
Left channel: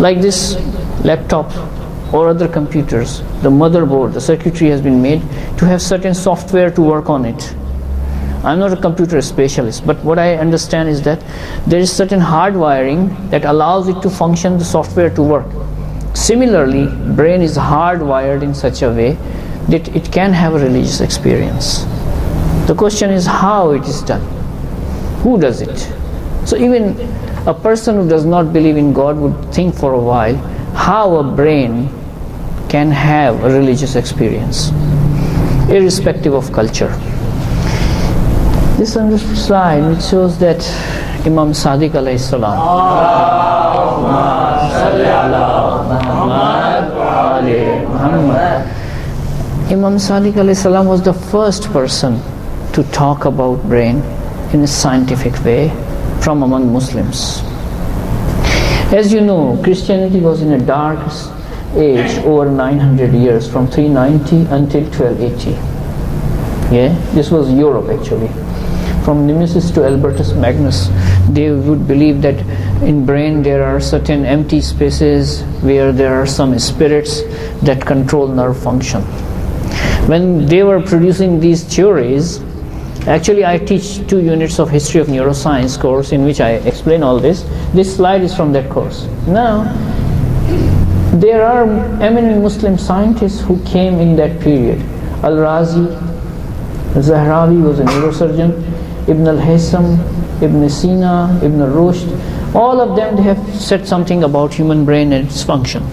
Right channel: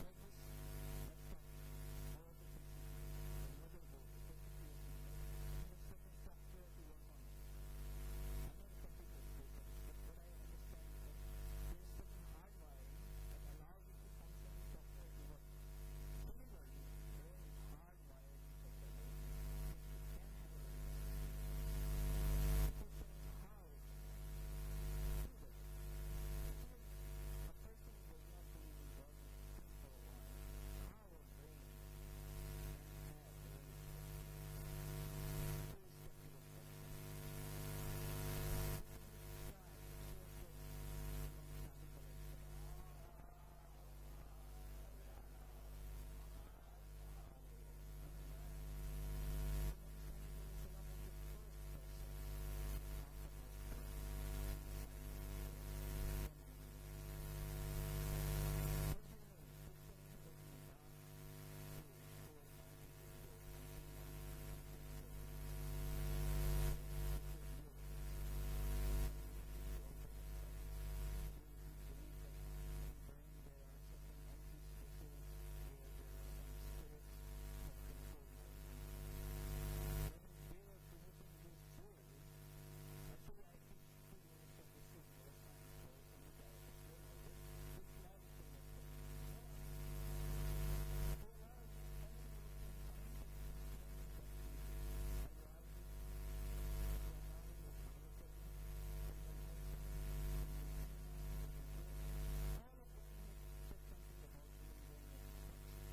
Like this laptop or other computers, the motherboard, the circuitry has been made to have certain software to work on it. I'm not a computer specialist, but what I understand is that there is certain hardwiring that allows it to function, the software to work. Similarly, brain is hardwired in such a way that it can have a religious experience. The question is how it is done. Who does it? So even a person who does not believe in God would think for a while how a brain can have a religious experience, irrespective of culture. This is a slide which shows that Imam Sadiq alayhi salam, Imam Sadiq alayhi salam was the first person to talk about brain in a scientific way from among Muslims. As you know, Christianity was in a dark age over 900 years, from 390 until 1280. Yeah, this was Europe actually. From Nemesis to Albertus Magnus, they would believe that in brain there are certain empty spaces where there are some spirits that control nerve function. When they were producing these theories, actually I teach 2 units of history of neuroscience course in which I explain all this. This slide is from that course. Now, there are eminent Muslim scientists who came in that period. Al-Razi, Zahrawi was a neurosurgeon, Ibn al-Haytham, Ibn Sina, Ibn Rushd, all of them, they have said something about human brain and its function.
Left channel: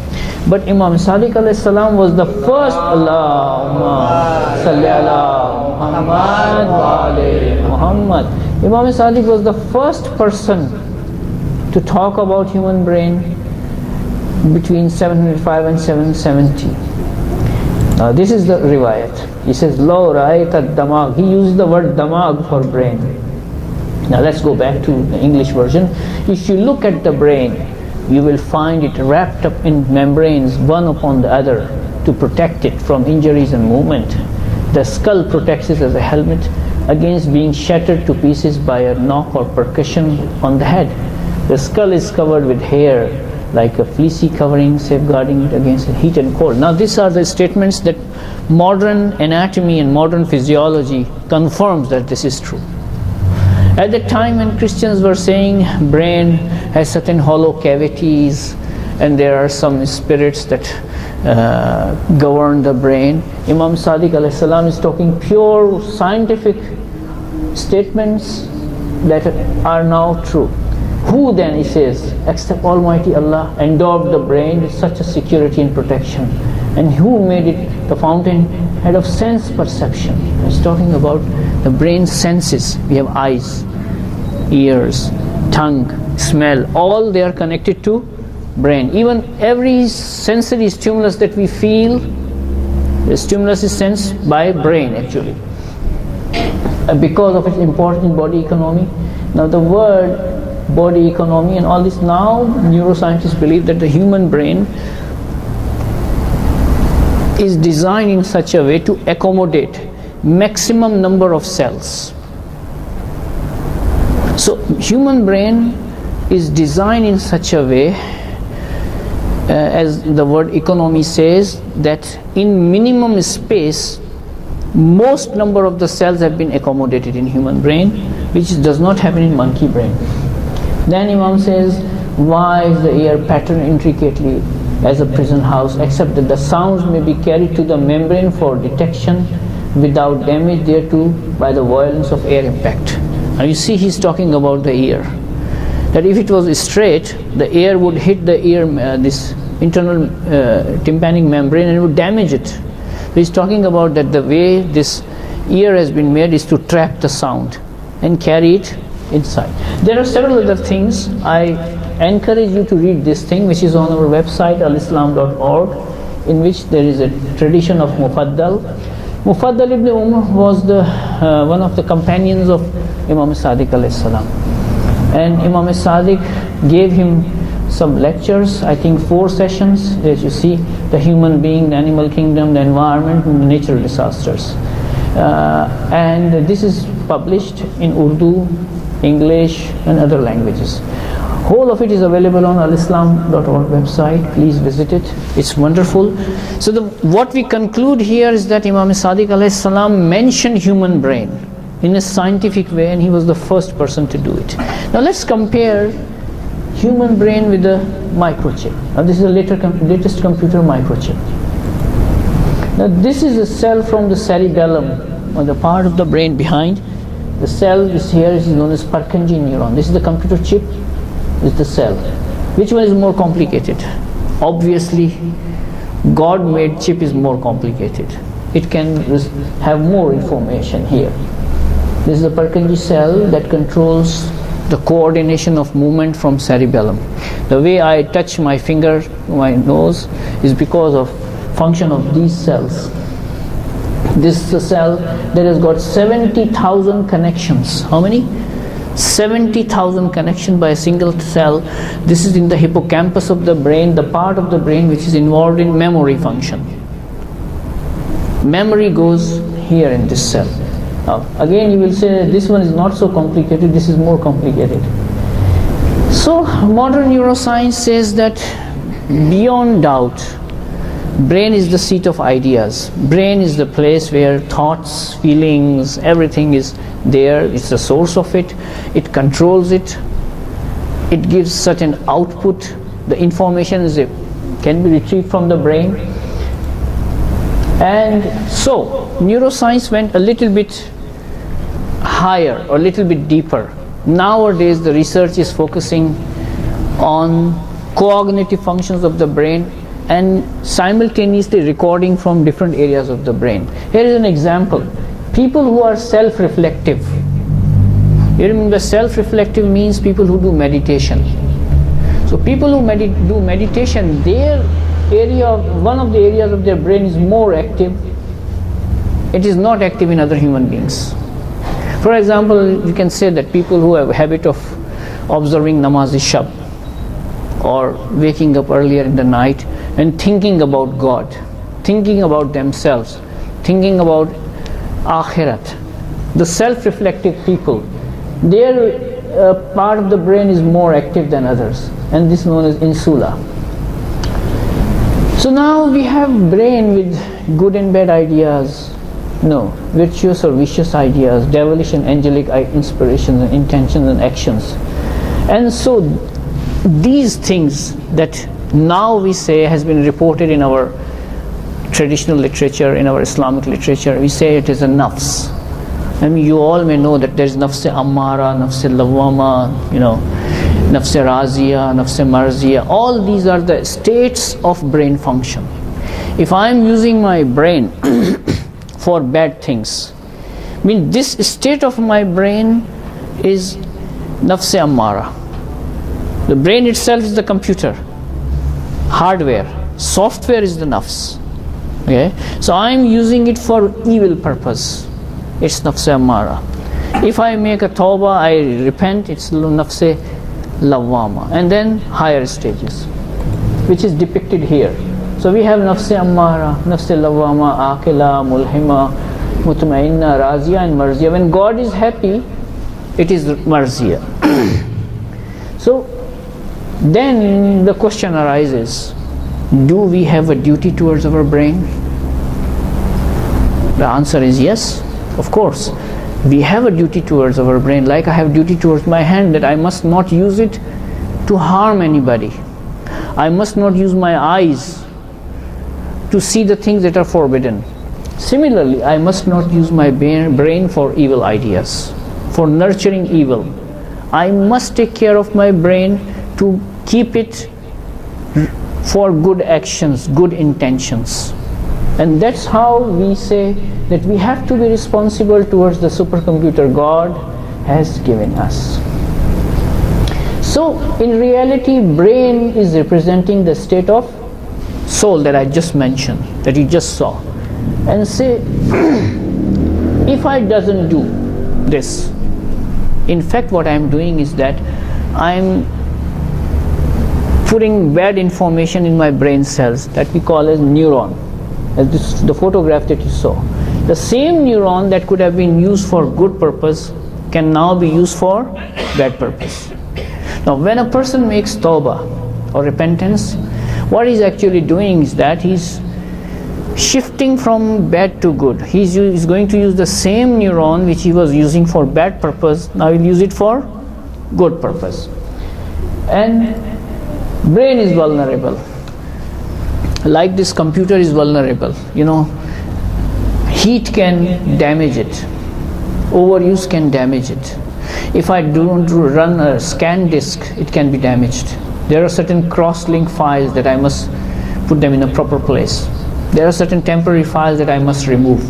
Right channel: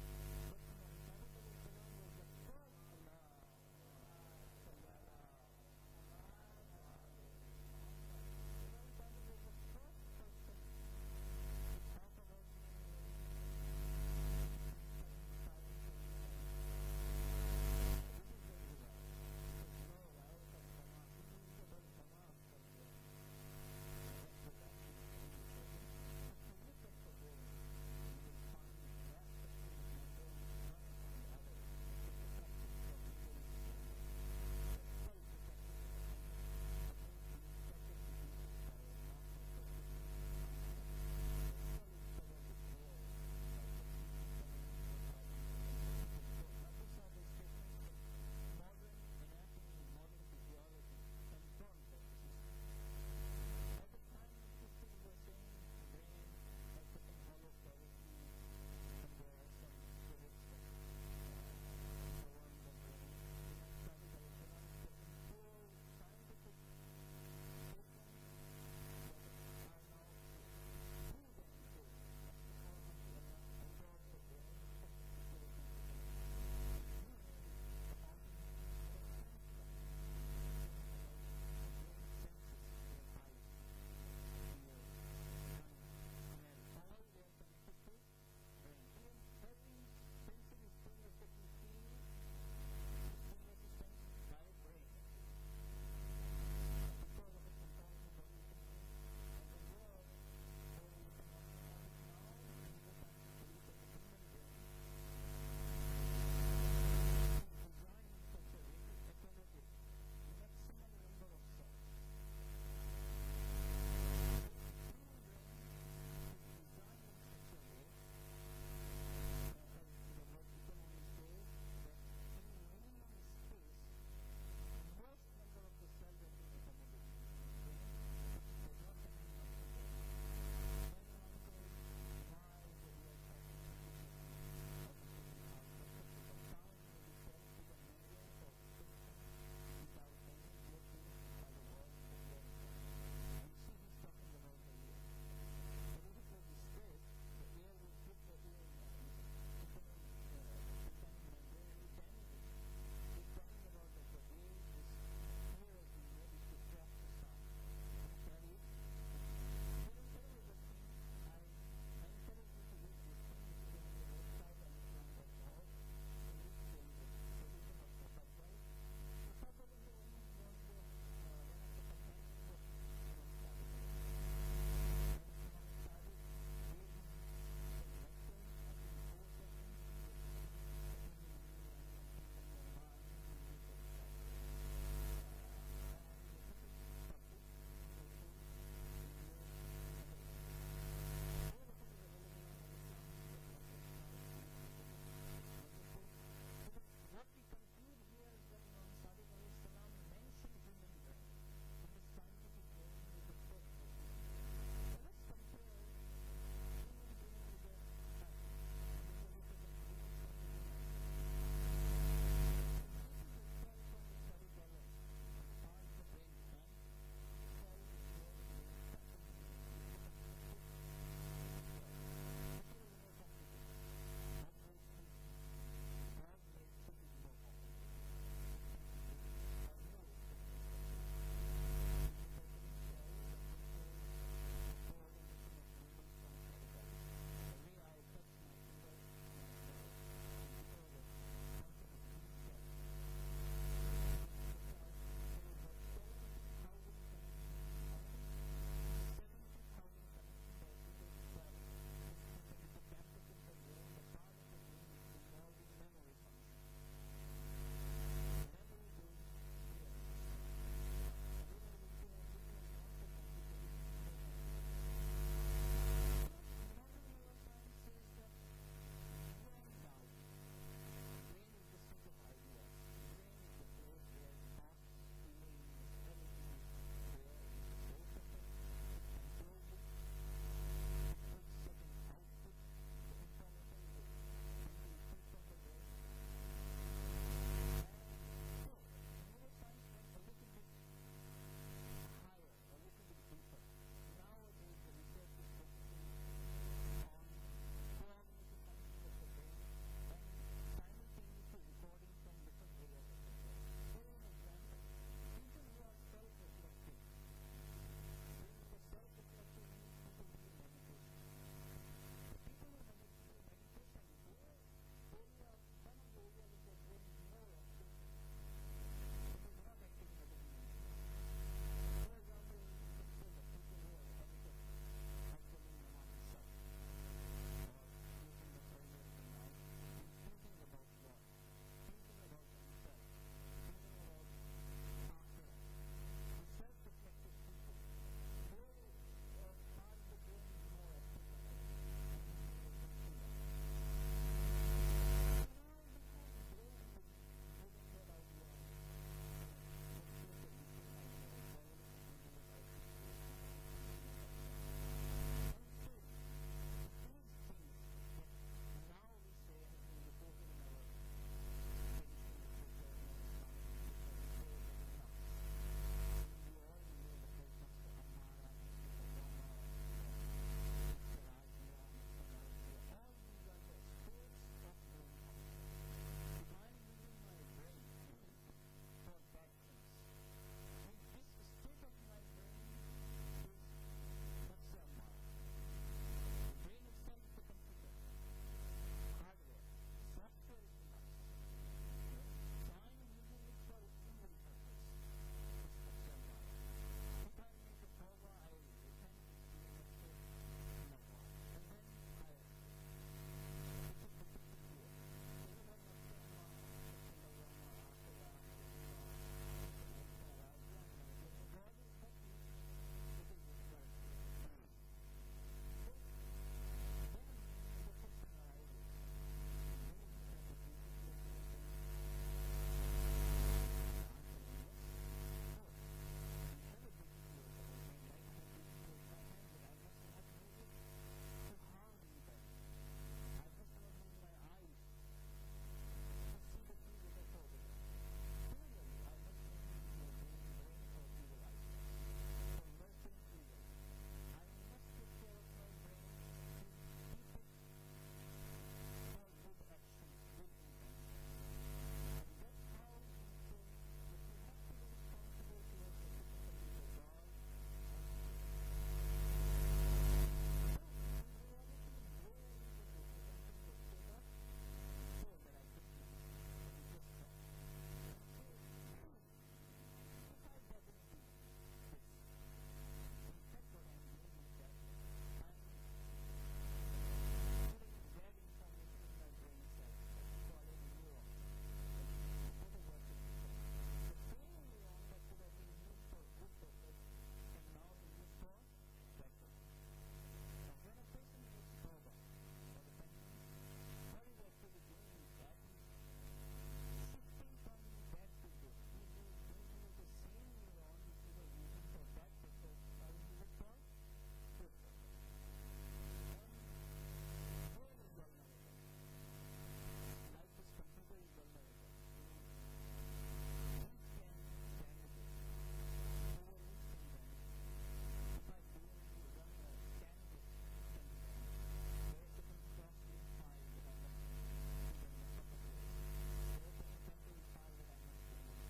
But Imam Sadiq alayhi salam was the first, Allahumma salli ala Muhammad wa ali Muhammad. Imam Sadiq was the first person to talk about human brain between 705 and 770. Now this is the riwayat. He says, Lo ra'ayta damag. He used the word damag for brain. Now let's go back to the English version. If you look at the brain, you will find it wrapped up in membranes, one upon the other, to protect it from injuries and movement. The skull protects it as a helmet against being shattered to pieces by a knock or percussion on the head. The skull is covered with hair, like a fleecy covering, safeguarding it against heat and cold. Now these are the statements that modern anatomy and modern physiology confirms that this is true. At the time when Christians were saying brain has certain hollow cavities and there are some spirits that govern the brain, Imam Sadiq alayhi salam is talking pure scientific statements that are now true. Who then, he says, except Almighty Allah, endowed the brain with such a security and protection? And who made it the fountainhead of sense perception? He's talking about the brain senses. We have eyes, ears, tongue, smell, all they are connected to brain. Even every sensory stimulus that we feel, the stimulus is sensed by brain actually, because of its importance in body economy. Now the word body economy and all this, now neuroscientists believe that the human brain is designed in such a way to accommodate maximum number of cells. So human brain is designed in such a way, as the word economy says, that in minimum space most number of the cells have been accommodated in human brain, which does not happen in monkey brain. Then Imam says, why is the ear patterned intricately as a prison house, except that the sounds may be carried to the membrane for detection without damage thereto by the violence of air impact. Now you see he's talking about the ear, that if it was straight, the air would hit the ear, this internal tympanic membrane, and it would damage it. So he's talking about that the way this ear has been made is to trap the sound and carry it inside. There are several other things. I encourage you to read this thing, which is on our website alislam.org, in which there is a tradition of Mufaddal. Mufaddal ibn Umar was the one of the companions of Imam Sadiq alayhi salam, and Imam Sadiq gave him some lectures, I think 4 sessions, as you see, the human being, the animal kingdom, the environment, and the natural disasters. And this is published in Urdu, English, and other languages. Whole of it is available on alislam.org website. Please visit it. It's wonderful. So what we conclude here is that Imam Sadiq alayhi salam mentioned human brain in a scientific way, and he was the first person to do it. Now let's compare human brain with the microchip. Now this is the latest computer microchip. Now this is a cell from the cerebellum, or the part of the brain behind. The cell is here, is known as Purkinje neuron. This is the computer chip, this is the cell. Which one is more complicated? Obviously, God-made chip is more complicated. It can have more information here. This is the Purkinje cell that controls the coordination of movement from cerebellum. The way I touch my finger, my nose, is because of function of these cells. This is a cell that has got 70,000 connections. How many? 70,000 connections by a single cell. This is in the hippocampus of the brain, the part of the brain which is involved in memory function. Memory goes here in this cell. Now, again you will say this one is not so complicated, this is more complicated. So modern neuroscience says that beyond doubt, brain is the seat of ideas. Brain is the place where thoughts, feelings, everything is there. It's the source of it. It controls it. It gives certain output. The information can be retrieved from the brain. And so neuroscience went a little bit higher, or a little bit deeper. Nowadays the research is focusing on cognitive functions of the brain and simultaneously recording from different areas of the brain. Here is an example. People who are self-reflective. You remember, self-reflective means people who do meditation. So people who do meditation, one of the areas of their brain is more active. It is not active in other human beings. For example, you can say that people who have a habit of observing namaz-e-shab, or waking up earlier in the night and thinking about God, thinking about themselves, thinking about akhirat. The self-reflective people, their part of the brain is more active than others, and this is known as insula. So now we have brain with good and bad ideas, virtuous or vicious ideas, devilish and angelic inspirations and intentions and actions. And so these things that now we say has been reported in our traditional literature, in our Islamic literature, we say it is a nafs. I mean, you all may know that there is nafs ammara, nafs lawwama, nafs razia, nafs marziya. All these are the states of brain function. If I am using my brain for bad things, this state of my brain is nafs ammara. The brain itself is the computer, hardware. Software is the nafs. Okay? So I am using it for evil purpose. It's nafs ammara. If I make a tawbah, I repent, it's nafs lawwama. And then higher stages, which is depicted here. So we have nafs ammara, nafs lawwama, akila, mulhima, mutmainna, razia, and marziya. When God is happy, it is marziya. So then the question arises, do we have a duty towards our brain? The answer is yes, of course. We have a duty towards our brain, like I have duty towards my hand, that I must not use it to harm anybody. I must not use my eyes to see the things that are forbidden. Similarly, I must not use my brain for evil ideas, for nurturing evil. I must take care of my brain to keep it for good actions, good intentions. And that's how we say that we have to be responsible towards the supercomputer God has given us. So in reality, brain is representing the state of soul that I just mentioned, that you just saw. And say, if I doesn't do this, in fact what I'm doing is that I'm putting bad information in my brain cells that we call as neuron, as the photograph that you saw. The same neuron that could have been used for good purpose can now be used for bad purpose. Now, when a person makes tawbah or repentance, what he's actually doing is that he's shifting from bad to good. He's going to use the same neuron which he was using for bad purpose, now he'll use it for good purpose. And brain is vulnerable. Like this computer is vulnerable. Heat can damage it. Overuse can damage it. If I don't run a scan disk, it can be damaged. There are certain cross-link files that I must put them in a proper place. There are certain temporary files that I must remove.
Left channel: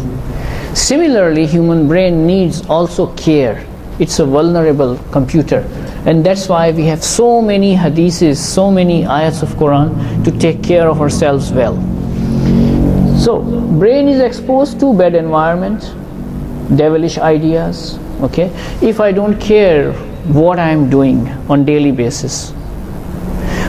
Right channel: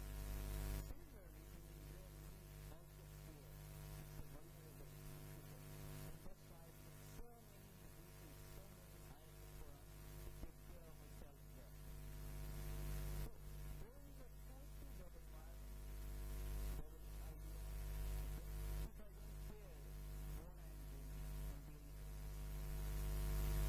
Similarly, human brain needs also care. It's a vulnerable computer. And that's why we have so many hadiths, so many ayats of Quran to take care of ourselves well. So, brain is exposed to bad environment, devilish ideas, okay? If I don't care what I am doing on daily basis,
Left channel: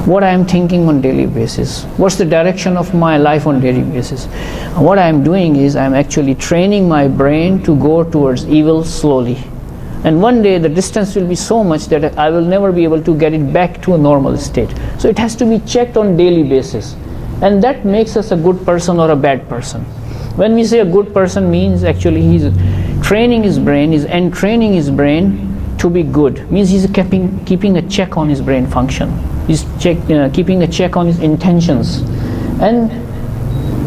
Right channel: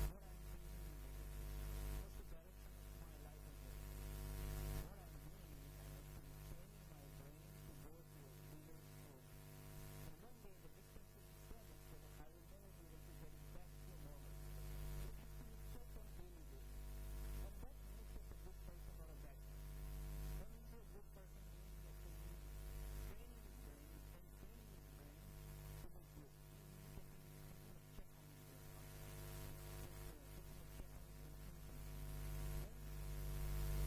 what I am thinking on daily basis, what's the direction of my life on daily basis, what I am doing is I am actually training my brain to go towards evil slowly. And one day the distance will be so much that I will never be able to get it back to a normal state. So it has to be checked on daily basis. And that makes us a good person or a bad person. When we say a good person means actually he's training his brain, he's entraining his brain to be good. Means he's keeping a check on his brain function. He's keeping a check on his intentions. And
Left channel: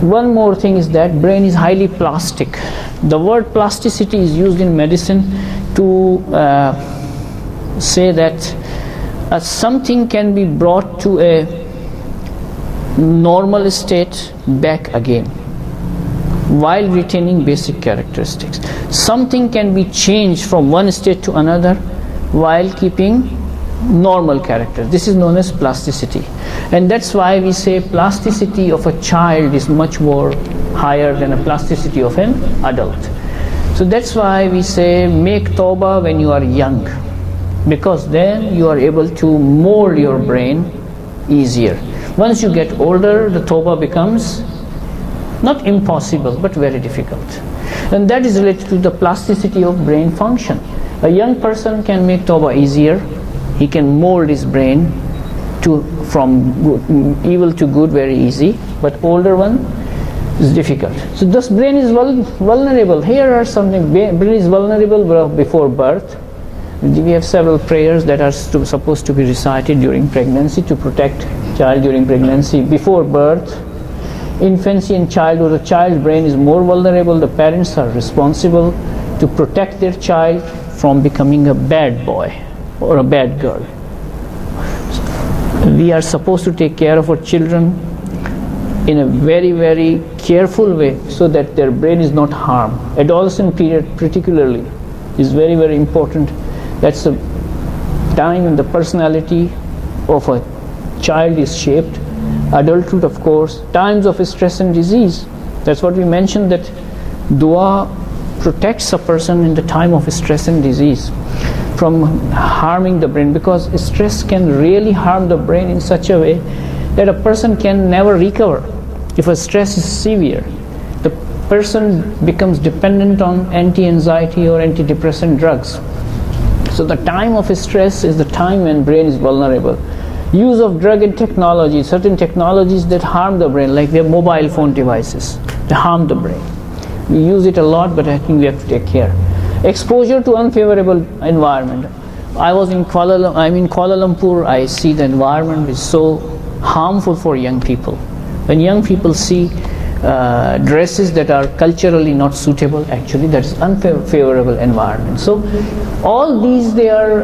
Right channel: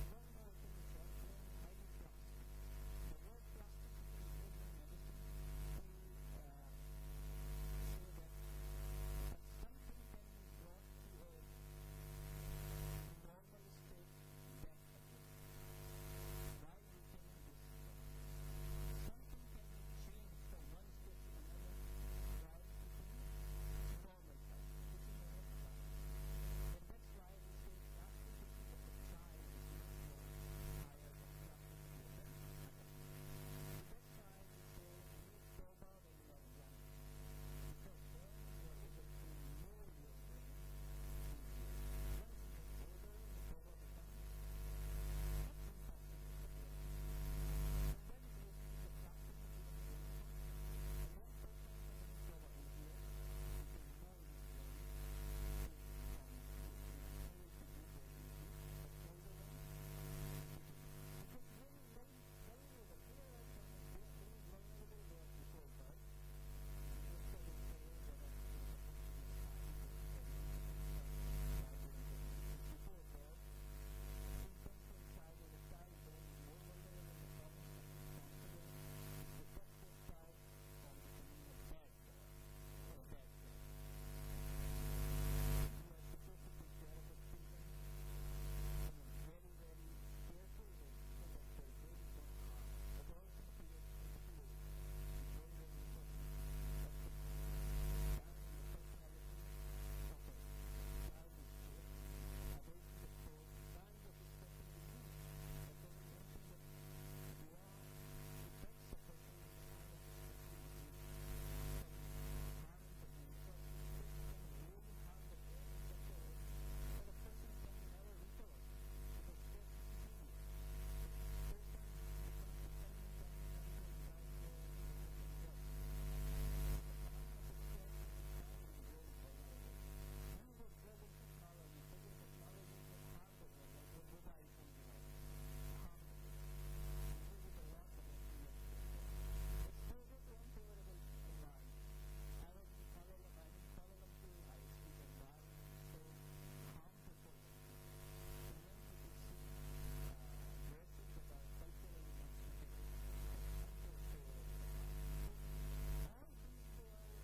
one more thing is that brain is highly plastic. The word plasticity is used in medicine to say that something can be brought to a normal state back again while retaining basic characteristics. Something can be changed from one state to another while keeping normal characters. This is known as plasticity. And that's why we say plasticity of a child is much more higher than a plasticity of an adult. So that's why we say make tawbah when you are young, because then you are able to mold your brain easier. Once you get older, the tawbah becomes not impossible, but very difficult. And that is related to the plasticity of brain function. A young person can make tawbah easier. He can mold his brain from evil to good very easy, but older one is difficult. So this brain is vulnerable. Here are something. Brain is vulnerable before birth. We have several prayers that are supposed to be recited during pregnancy to protect child during pregnancy. Before birth, infancy and childhood, the child's brain is more vulnerable. The parents are responsible to protect their child from becoming a bad boy or a bad girl. We are supposed to take care of our children in a very, very careful way so that their brain is not harmed. Adolescent period particularly is very, very important. That's the time when the personality of a child is shaped. Adulthood, of course, times of stress and disease. That's what we mentioned, that dua protects a person in the time of stress and disease from harming the brain, because stress can really harm the brain in such a way that a person can never recover. If a stress is severe, the person becomes dependent on anti-anxiety or antidepressant drugs. So the time of stress is the time when brain is vulnerable. Use of drug and technology, certain technologies that harm the brain, like their mobile phone devices, they harm the brain. We use it a lot, but I think we have to take care. Exposure to unfavorable environment. I'm in Kuala Lumpur, I see the environment is so harmful for young people. When young people see dresses that are culturally not suitable, actually that is unfavorable environment. So all these, they are,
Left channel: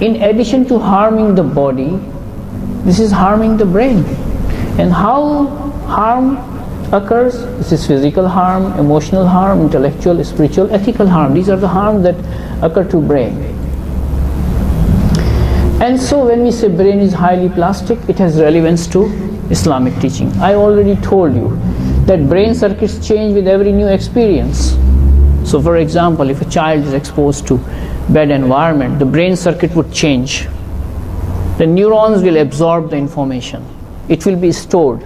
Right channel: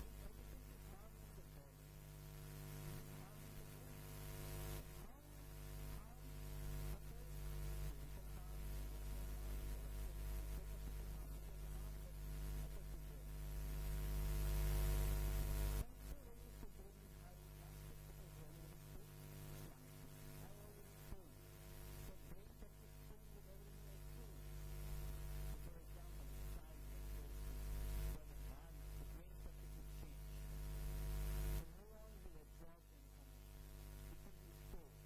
in addition to harming the body, this is harming the brain. And how harm occurs? This is physical harm, emotional harm, intellectual, spiritual, ethical harm. These are the harms that occur to brain. And so when we say brain is highly plastic, it has relevance to Islamic teaching. I already told you that brain circuits change with every new experience. So for example, if a child is exposed to bad environment, the brain circuit would change. The neurons will absorb the information. It will be stored.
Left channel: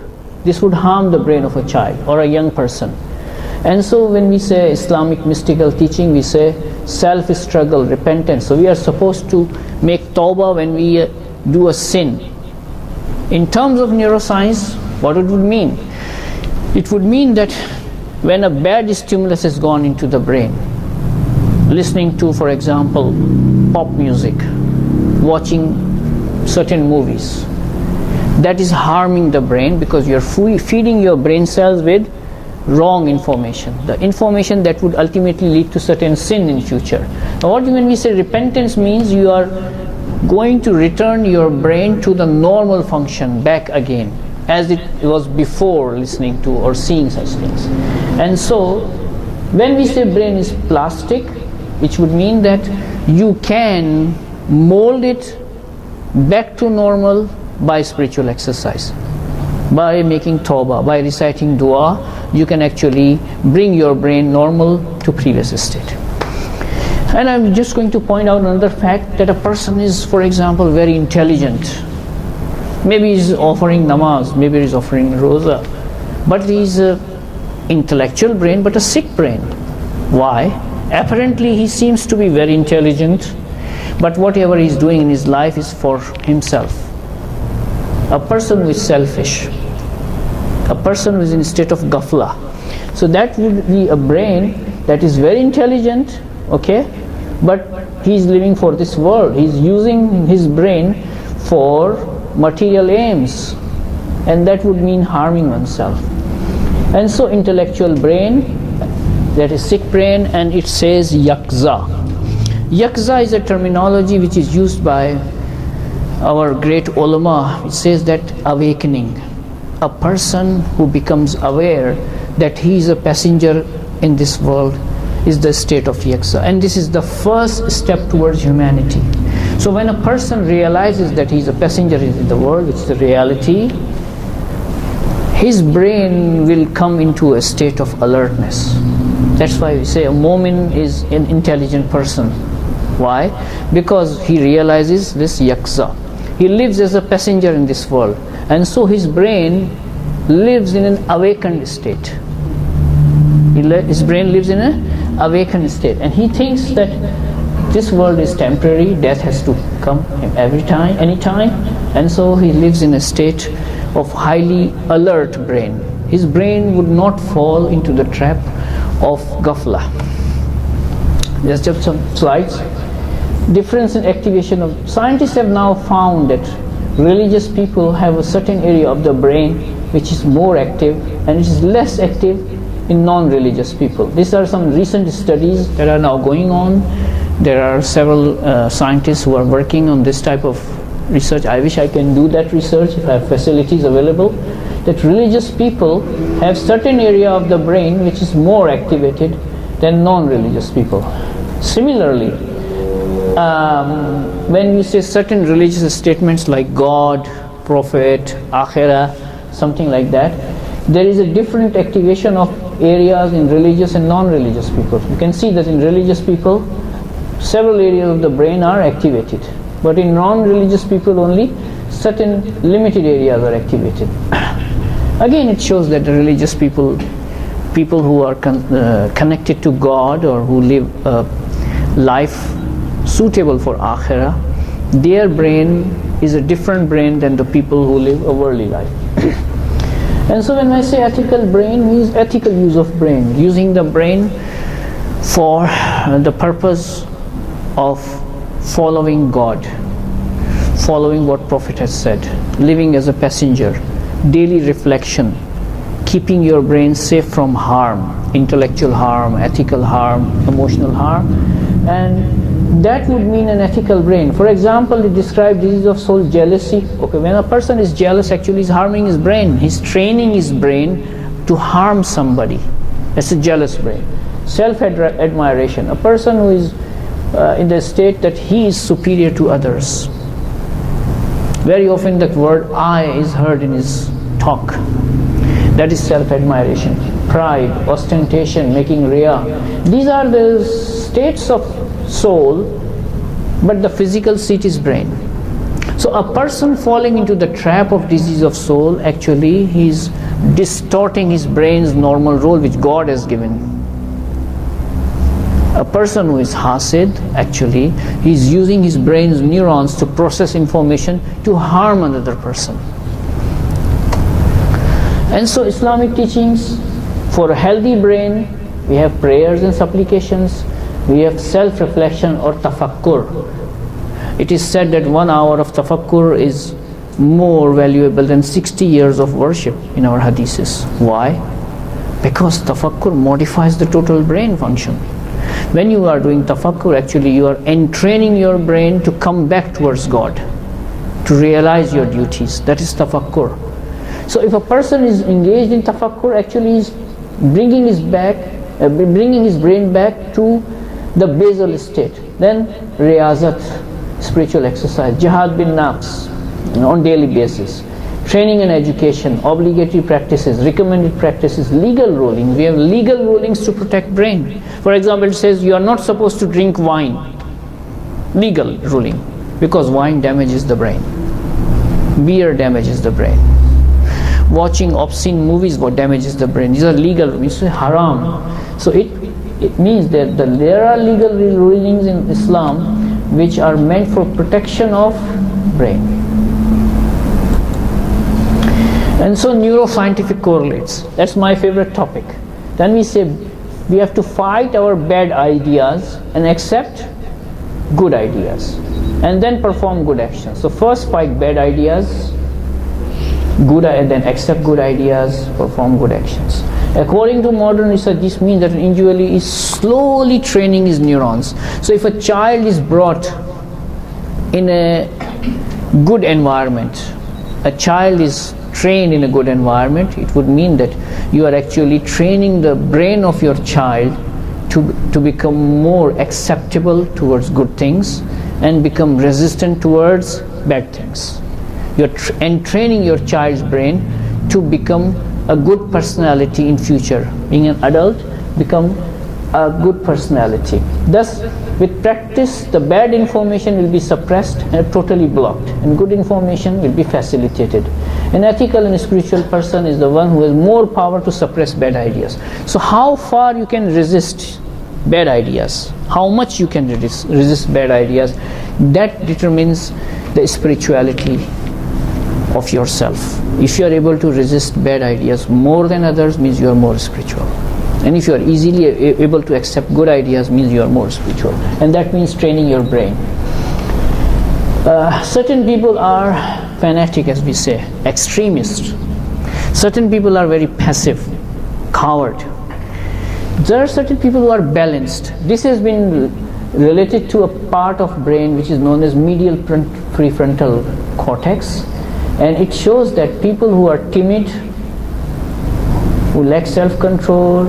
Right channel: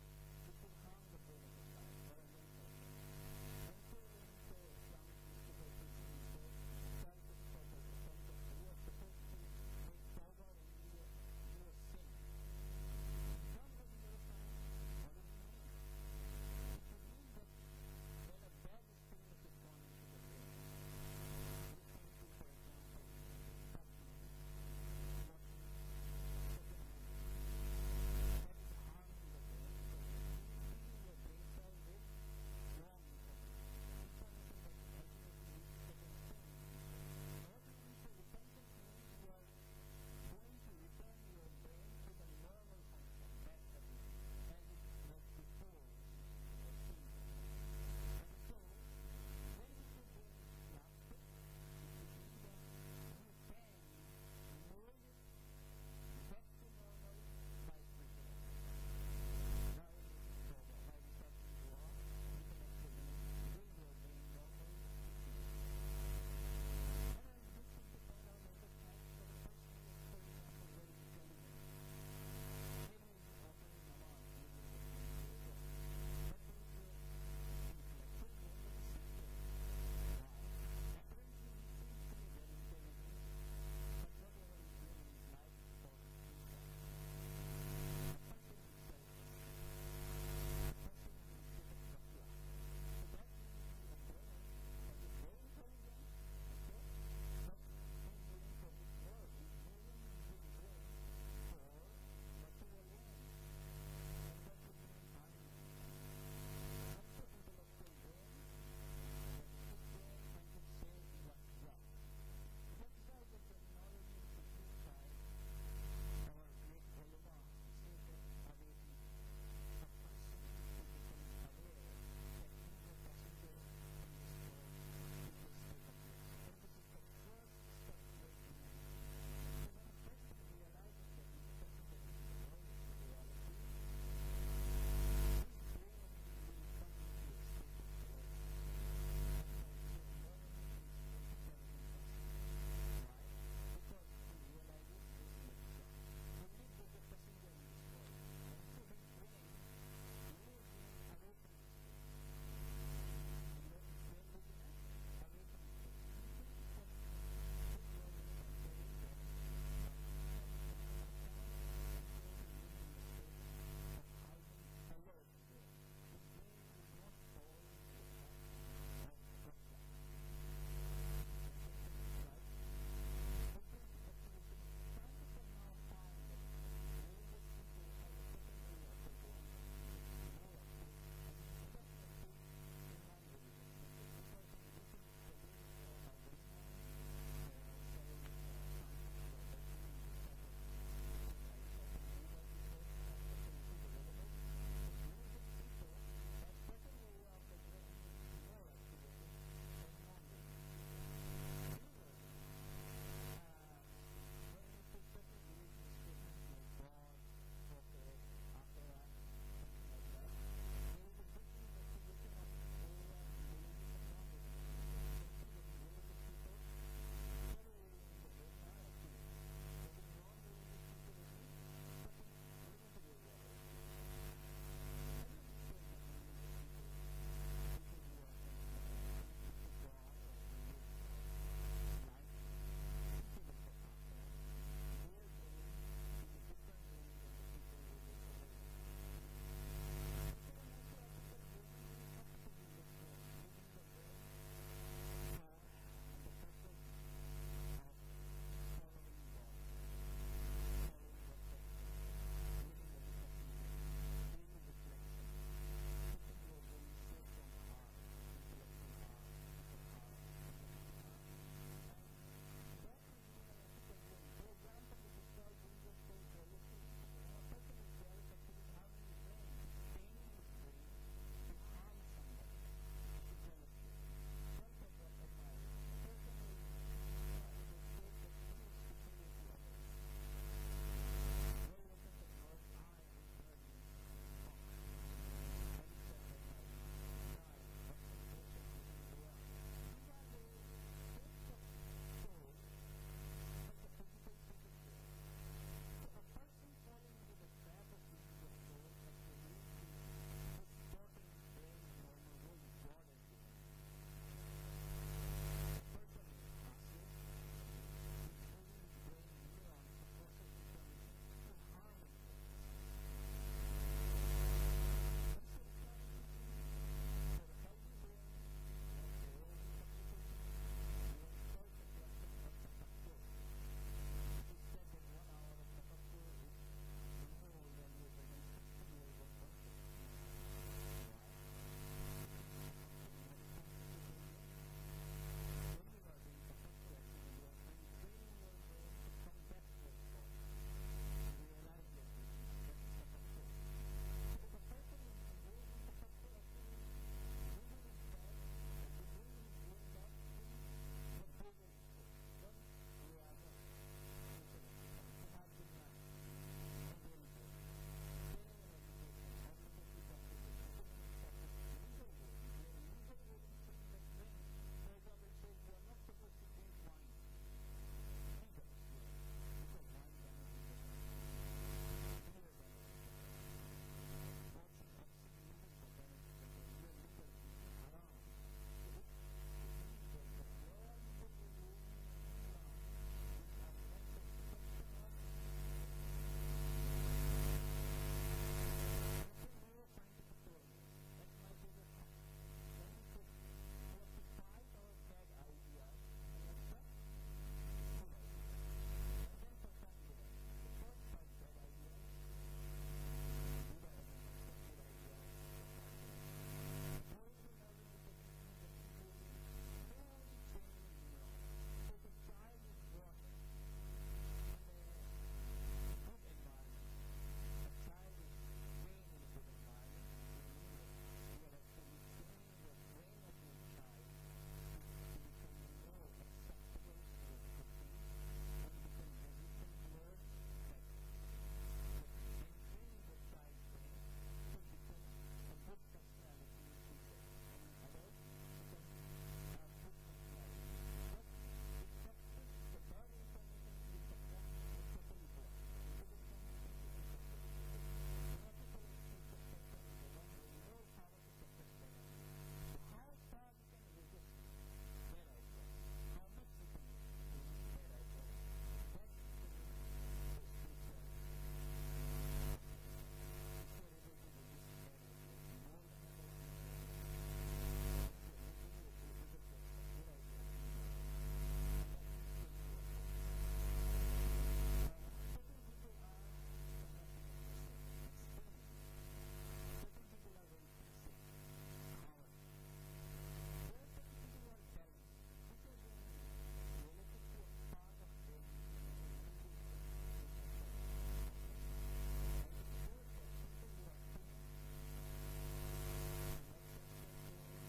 This would harm the brain of a child or a young person. And so when we say Islamic mystical teaching, we say self-struggle, repentance. So we are supposed to make tawbah when we do a sin. In terms of neuroscience, what it would mean? It would mean that when a bad stimulus has gone into the brain, listening to, for example, pop music, watching certain movies, that is harming the brain because you're feeding your brain cells with wrong information, the information that would ultimately lead to certain sin in future. Now, when we say repentance means you are going to return your brain to the normal function back again as it was before listening to or seeing such things. And so when we say brain is plastic, which would mean that you can mold it back to normal by spiritual exercise, by making tawbah, by reciting dua, you can actually bring your brain normal to previous state. And I'm just going to point out another fact, that a person is, for example, very intelligent. Maybe he's offering namaz, maybe he's offering roza, but he's an intellectual brain but a sick brain. Why? Apparently he seems to be very intelligent, but whatever he's doing in his life is for himself. A person who is selfish, a person who is in a state of ghafla. So that would be a brain that is very intelligent, okay, but he's living for this world. He's using his brain for material aims, and that would mean harming oneself. And so intellectual brain, that is sick brain, and it says yakza. Yakza is a terminology which is used by our great ulama. It says that awakening, a person who becomes aware that he is a passenger in this world, is the state of yakza, and this is the first step towards humanity. So when a person realizes that he is a passenger in the world, which is the reality, his brain will come into a state of alertness. That's why we say a mu'min is an intelligent person. Why? Because he realizes this yakza. He lives as a passenger in this world, and so his brain lives in an awakened state. His brain lives in an awakened state, and he thinks that this world is temporary, death has to come every time, anytime, and so he lives in a state of highly alert brain. His brain would not fall into the trap of ghafla. Just some slides. Difference in activation of, scientists have now found that religious people have a certain area of the brain which is more active and which is less active in non-religious people. These are some recent studies that are now going on. There are several scientists who are working on this type of research. I wish I can do that research if I have facilities available. That religious people have certain area of the brain which is more activated than non-religious people. Similarly, when you say certain religious statements like God, Prophet, Akhirah, something like that, there is a different activation of areas in religious and non-religious people. You can see that in religious people, several areas of the brain are activated, but in non-religious people only certain limited areas are activated. Again, it shows that the religious people who are connected to God or who live a life suitable for Akhirah, their brain is a different brain than the people who live a worldly life. And so when I say ethical brain, means ethical use of brain, using the brain for the purpose of following God, following what Prophet has said, living as a passenger, daily reflection, keeping your brain safe from harm, intellectual harm, ethical harm, emotional harm, and that would mean an ethical brain. For example, it describes disease of soul, jealousy. Okay, when a person is jealous, actually he's harming his brain. He's training his brain to harm somebody. That's a jealous brain. Self-admiration. A person who is in the state that he is superior to others. Very often that word I is heard in his talk. That is self-admiration. Pride, ostentation, making riya. These are the states of soul, but the physical seat is brain. So a person falling into the trap of disease of soul, actually he's distorting his brain's normal role which God has given. A person who is hasid, actually, he is using his brain's neurons to process information to harm another person. And so Islamic teachings, for a healthy brain, we have prayers and supplications, we have self-reflection or tafakkur. It is said that 1 hour of tafakkur is more valuable than 60 years of worship in our hadiths. Why? Because tafakkur modifies the total brain function. When you are doing tafakkur, actually you are entraining your brain to come back towards God, to realize your duties. That is tafakkur. So if a person is engaged in tafakkur, actually he is bringing his brain back to the basal state. Then riyazat, spiritual exercise, jihad bin nafs, on daily basis, training and education, obligatory practices, recommended practices, legal rulings. We have legal rulings to protect brain. For example, it says you are not supposed to drink wine. Legal ruling, because wine damages the brain. Beer damages the brain. Watching obscene movies what damages the brain. These are legal rulings, haram. So it means that there are legal rulings in Islam which are meant for protection of brain. And so neuroscientific correlates. That's my favorite topic. Then we say we have to fight our bad ideas and accept good ideas, and then perform good actions. So first fight bad ideas, and then accept good ideas, perform good actions. According to modern research, this means that an individual is slowly training his neurons. So if a child is brought in a good environment, a child is trained in a good environment, it would mean that you are actually training the brain of your child to become more acceptable towards good things and become resistant towards bad things. You're training your child's brain to become a good personality in future. Being an adult, become a good personality. Thus, with practice, the bad information will be suppressed and totally blocked, and good information will be facilitated. An ethical and spiritual person is the one who has more power to suppress bad ideas. So how far you can resist bad ideas, how much you can resist bad ideas, that determines the spirituality of yourself. If you are able to resist bad ideas more than others, means you are more spiritual. And if you are easily able to accept good ideas, means you are more spiritual. And that means training your brain. Certain people are fanatic, as we say, extremists. Certain people are very passive, coward. There are certain people who are balanced. This has been related to a part of brain which is known as medial prefrontal cortex, and it shows that people who are timid, who lack self-control,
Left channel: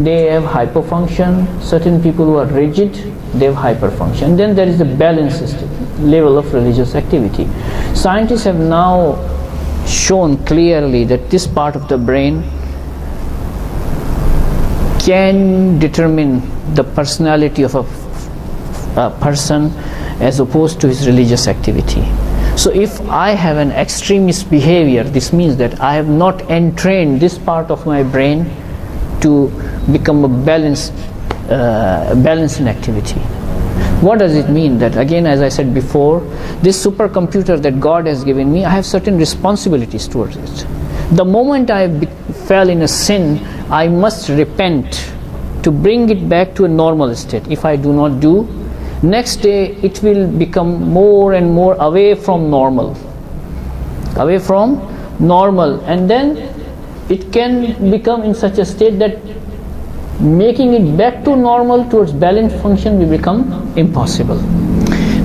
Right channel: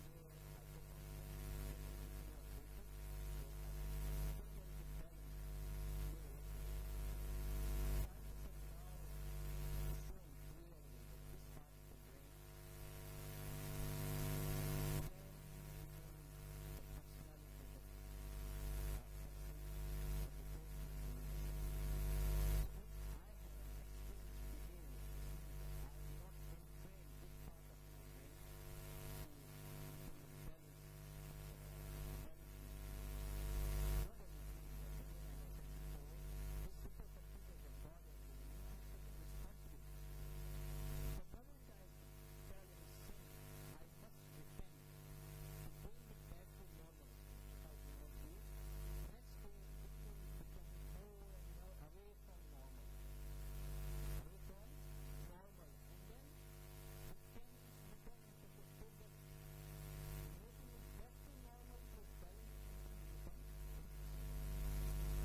they have hypofunction. Certain people who are rigid, they have hyperfunction. Then there is the balanced level of religious activity. Scientists have now shown clearly that this part of the brain can determine the personality of a person as opposed to his religious activity. So if I have an extremist behavior, this means that I have not entrained this part of my brain to become a balanced in activity. What does it mean? That again, as I said before, this supercomputer that God has given me, I have certain responsibilities towards it. The moment I fell in a sin, I must repent to bring it back to a normal state. If I do not do, next day it will become more and more away from normal, and then it can become in such a state that making it back to normal towards balanced function will become impossible.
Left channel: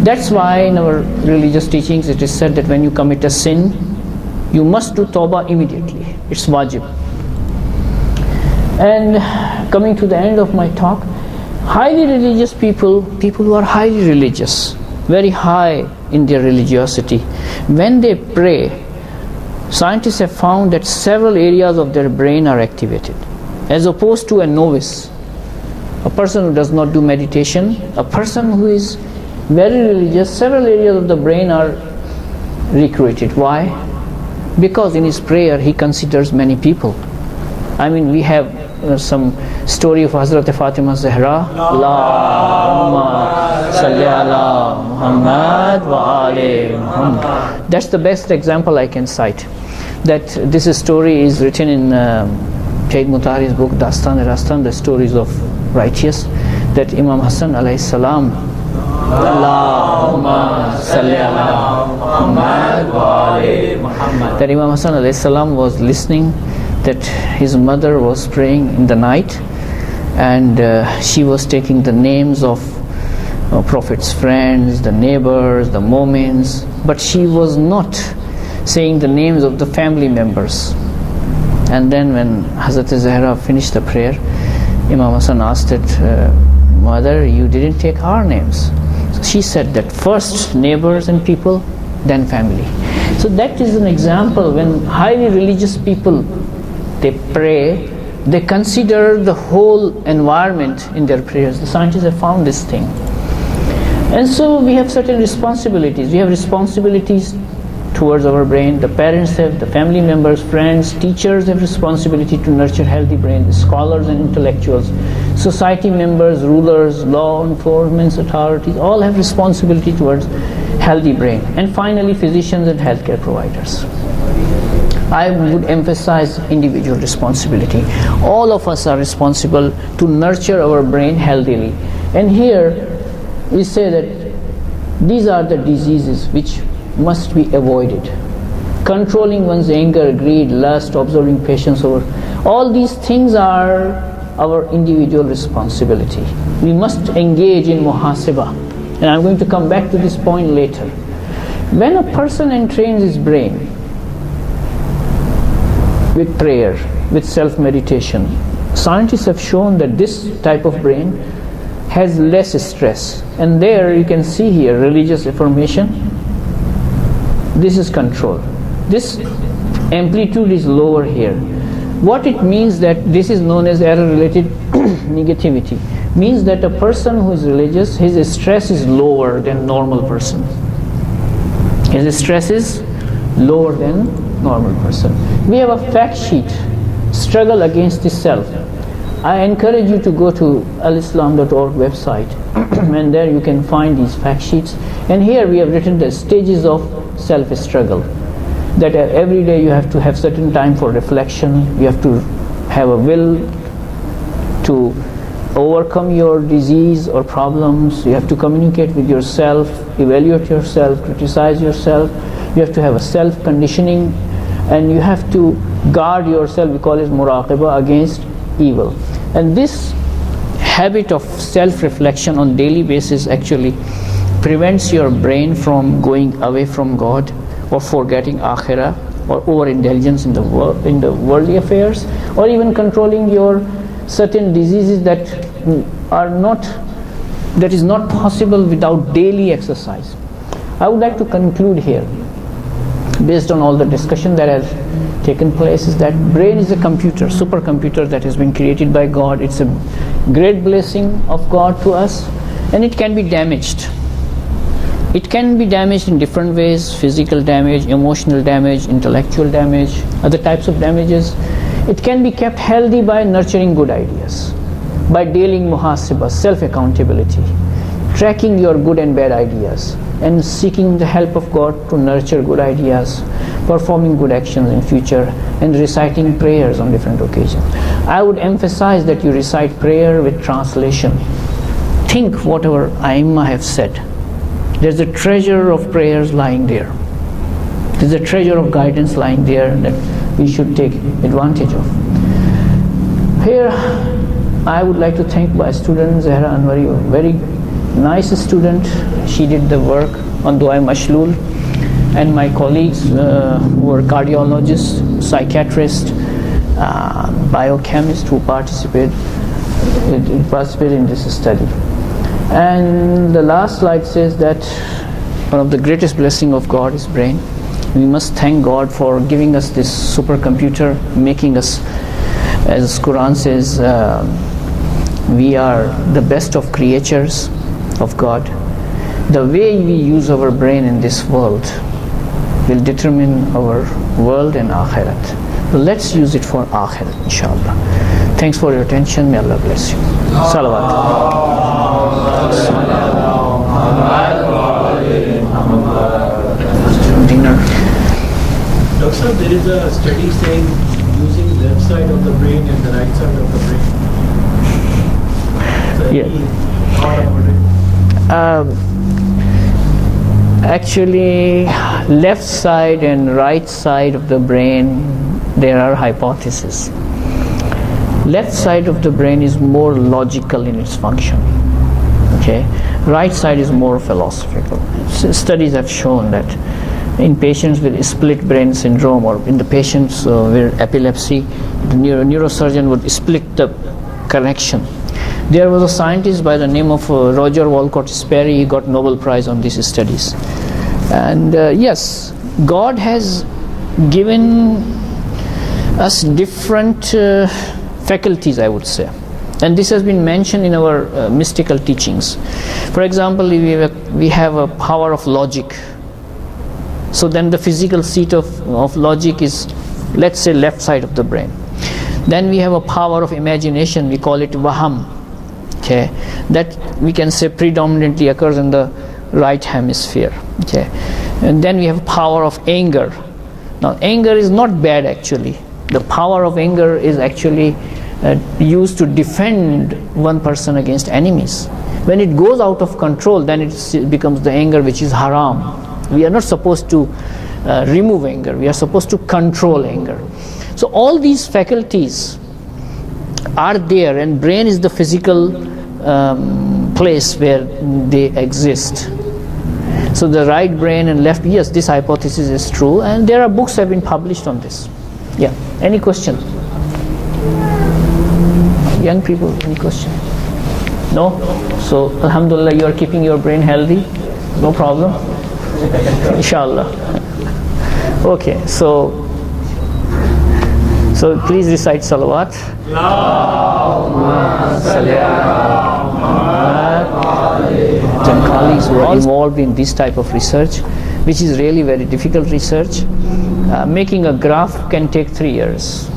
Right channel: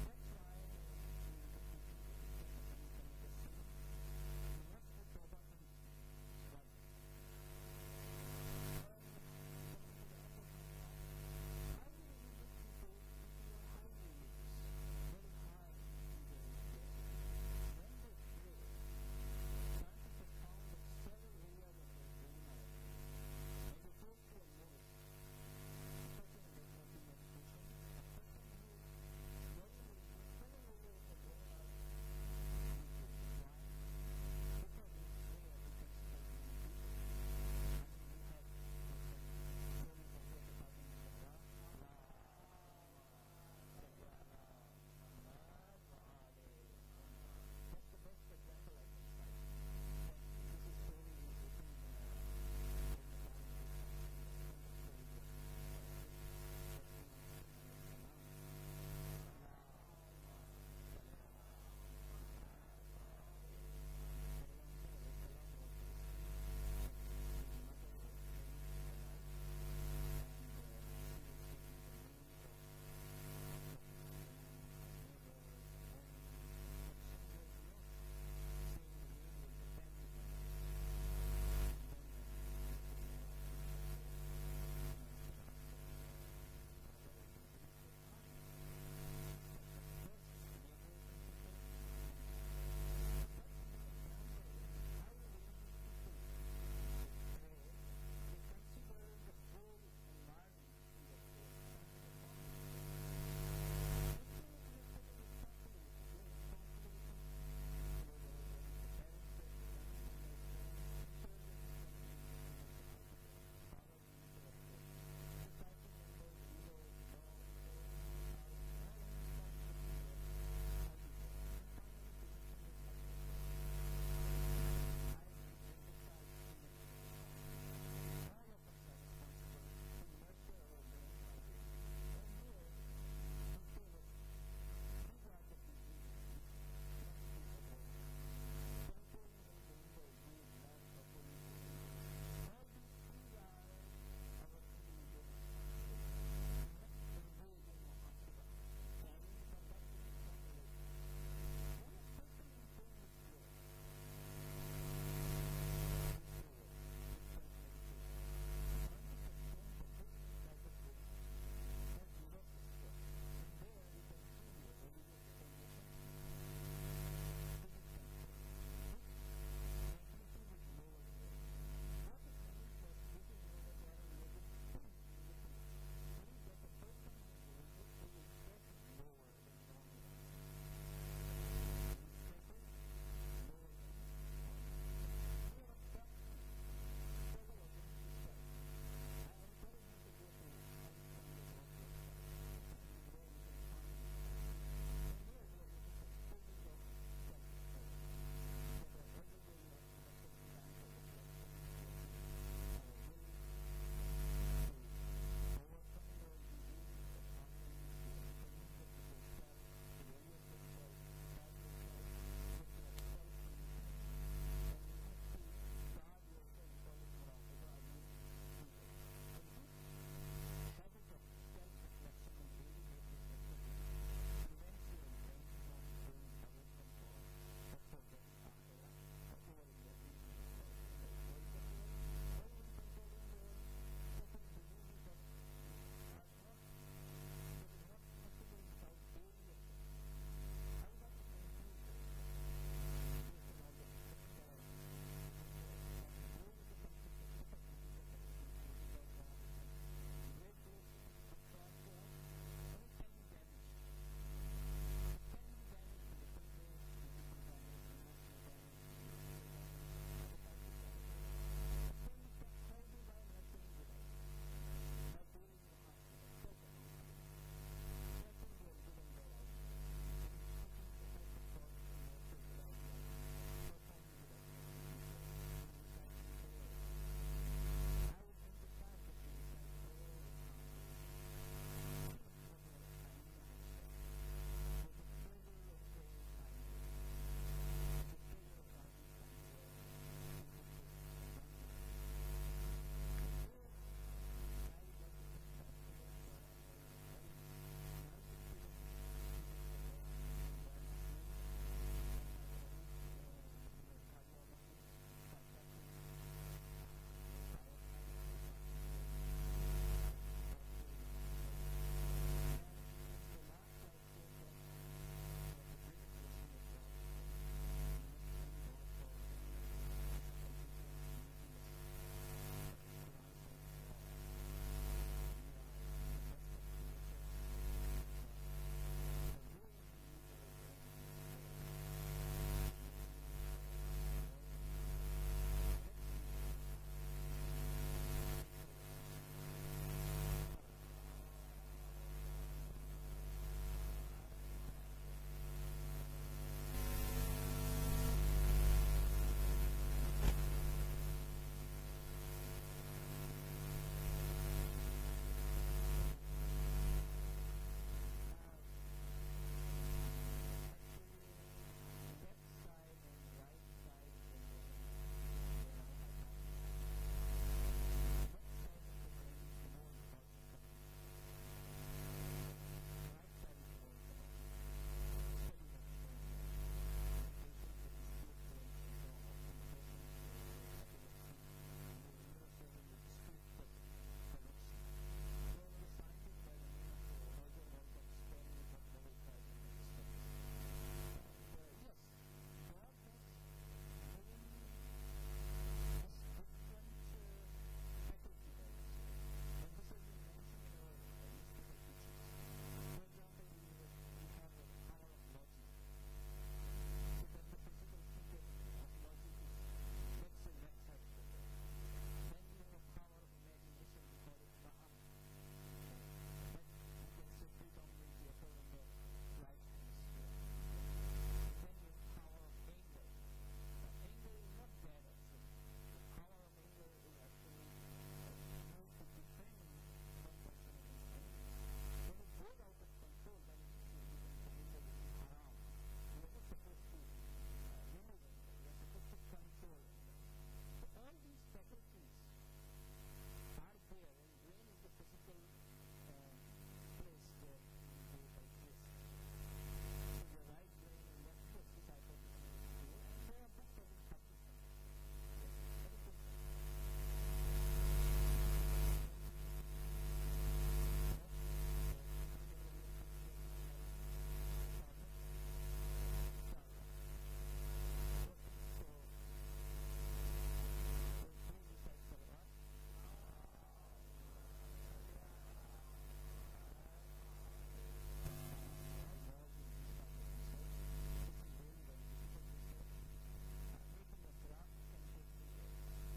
That's why in our religious teachings it is said that when you commit a sin, you must do tawbah immediately. It's wajib. And coming to the end of my talk, highly religious people who are highly religious, very high in their religiosity, when they pray, scientists have found that several areas of their brain are activated, as opposed to a novice, a person who does not do meditation. A person who is very religious, several areas of the brain are recreated. Why? Because in his prayer he considers many people. I mean, we have some story of Hazrat Fatima Zahra. Allahumma salli ala Muhammad wa ali Muhammad. That's the best example I can cite. That this story is written in Sayyid Mutahari's book Dastan-e-Rastan, the stories of righteous, that Imam Hassan alayhi salam, Allahumma salli ala Muhammad wa ali Muhammad, that Imam Hassan alayhi salam was listening that his mother was praying in the night, and she was taking the names of Prophet's friends, the neighbors, the moments, but she was not saying the names of the family members. And then when Hazrat Zahra finished the prayer, Imam Hassan asked it, mother, you didn't take our names. So she said that first neighbors and people, then family. So that is an example when highly religious people, they pray, they consider the whole environment in their prayers. The scientists have found this thing. And so we have certain responsibilities. We have responsibilities towards our brain. The parents have, the family members, friends, teachers have responsibility to nurture healthy brain, scholars and intellectuals, society members, rulers, law enforcement authorities, all have responsibility towards healthy brain. And finally, physicians and healthcare providers. I would emphasize individual responsibility. All of us are responsible to nurture our brain healthily. And here we say that these are the diseases which must be avoided. Controlling one's anger, greed, lust, observing patience over, all these things are our individual responsibility. We must engage in muhasabah. And I'm going to come back to this point later. When a person entrains his brain with prayer, with self-meditation, scientists have shown that this type of brain has less stress. And there you can see here religious affirmation. This is control. This amplitude is lower here. What it means that this is known as error-related negativity. Means that a person who is religious, his stress is lower than normal person. His stress is lower than normal person. We have a fact sheet, struggle against the self. I encourage you to go to alislam.org website and there you can find these fact sheets. And here we have written the stages of self-struggle. That every day you have to have certain time for reflection, you have to have a will to overcome your disease or problems, you have to communicate with yourself, evaluate yourself, criticize yourself, you have to have a self-conditioning, and you have to guard yourself, we call it muraqabah, against evil. And this habit of self-reflection on daily basis actually prevents your brain from going away from God or forgetting akhirah or overindulgence in the worldly affairs, or even controlling your certain diseases that is not possible without daily exercise. I would like to conclude here, based on all the discussion that has taken place, is that brain is a computer, supercomputer that has been created by God. It's a great blessing of God to us, and it can be damaged. It can be damaged in different ways: physical damage, emotional damage, intellectual damage, other types of damages. It can be kept healthy by nurturing good ideas, by dealing muhasabah, self-accountability, tracking your good and bad ideas, and seeking the help of God to nurture good ideas, performing good actions in future, and reciting prayers on different occasions. I would emphasize that you recite prayer with translation. Think whatever Aimma have said. There's a treasure of prayers lying there. There's a treasure of guidance lying there that we should take advantage of. Here, I would like to thank my student Zahra Anwari, a very nice student. She did the work on Du'a Mashlul, and my colleagues who were cardiologists, psychiatrists, biochemists who participated in this study. And the last slide says that one of the greatest blessings of God is brain. We must thank God for giving us this supercomputer, making us, as Quran says, we are the best of creatures of God. The way we use our brain in this world will determine our world and akhirat. So let's use it for akhirat, inshallah. Thanks for your attention. May Allah bless you. Salawat. Dinner. Dr. Sir, there is a study saying using left side of the brain and the right side of the brain. So Yeah. any thought about it? Actually, left side and right side of the brain, there are hypotheses. Left side of the brain is more logical in its function. Okay, right side is more philosophical. Studies have shown that in patients with split brain syndrome, or in the patients with epilepsy, the neurosurgeon would split the connection. There was a scientist by the name of Roger Walcott Sperry. He got Nobel Prize on these studies. And yes, God has given us different faculties, I would say. And this has been mentioned in our mystical teachings. For example, we have a power of logic. So then the physical seat of logic is, let's say, left side of the brain. Then we have a power of imagination. We call it vaham. Okay, that we can say predominantly occurs in the right hemisphere. Okay, and then we have power of anger. Now, anger is not bad actually. The power of anger is actually used to defend one person against enemies. When it goes out of control, then it becomes the anger which is haram. We are not supposed to remove anger. We are supposed to control anger. So all these faculties are there, and brain is the physical place where they exist. So the right brain and left, yes, this hypothesis is true, and there are books have been published on this. Yeah. Any question? Young people, any question? No? So alhamdulillah, you are keeping your brain healthy. No problem. Inshallah. Okay. So please recite salawat. And colleagues who are involved in this type of research, which is really very difficult research. Making a graph can take 3 years.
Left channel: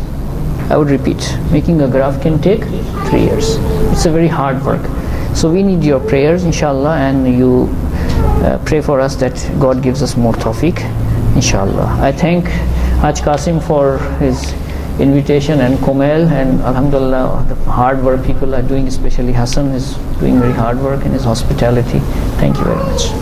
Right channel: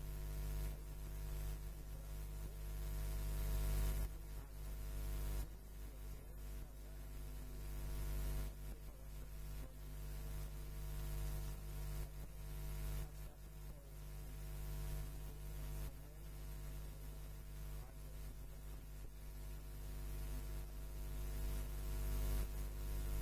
I would repeat, making a graph can take 3 years. It's a very hard work. So we need your prayers, inshallah, and you pray for us that God gives us more tawfiq, inshallah. I thank Haj Qasim for his invitation, and Komel, and alhamdulillah, the hard work people are doing, especially Hassan is doing very hard work in his hospitality. Thank you very much.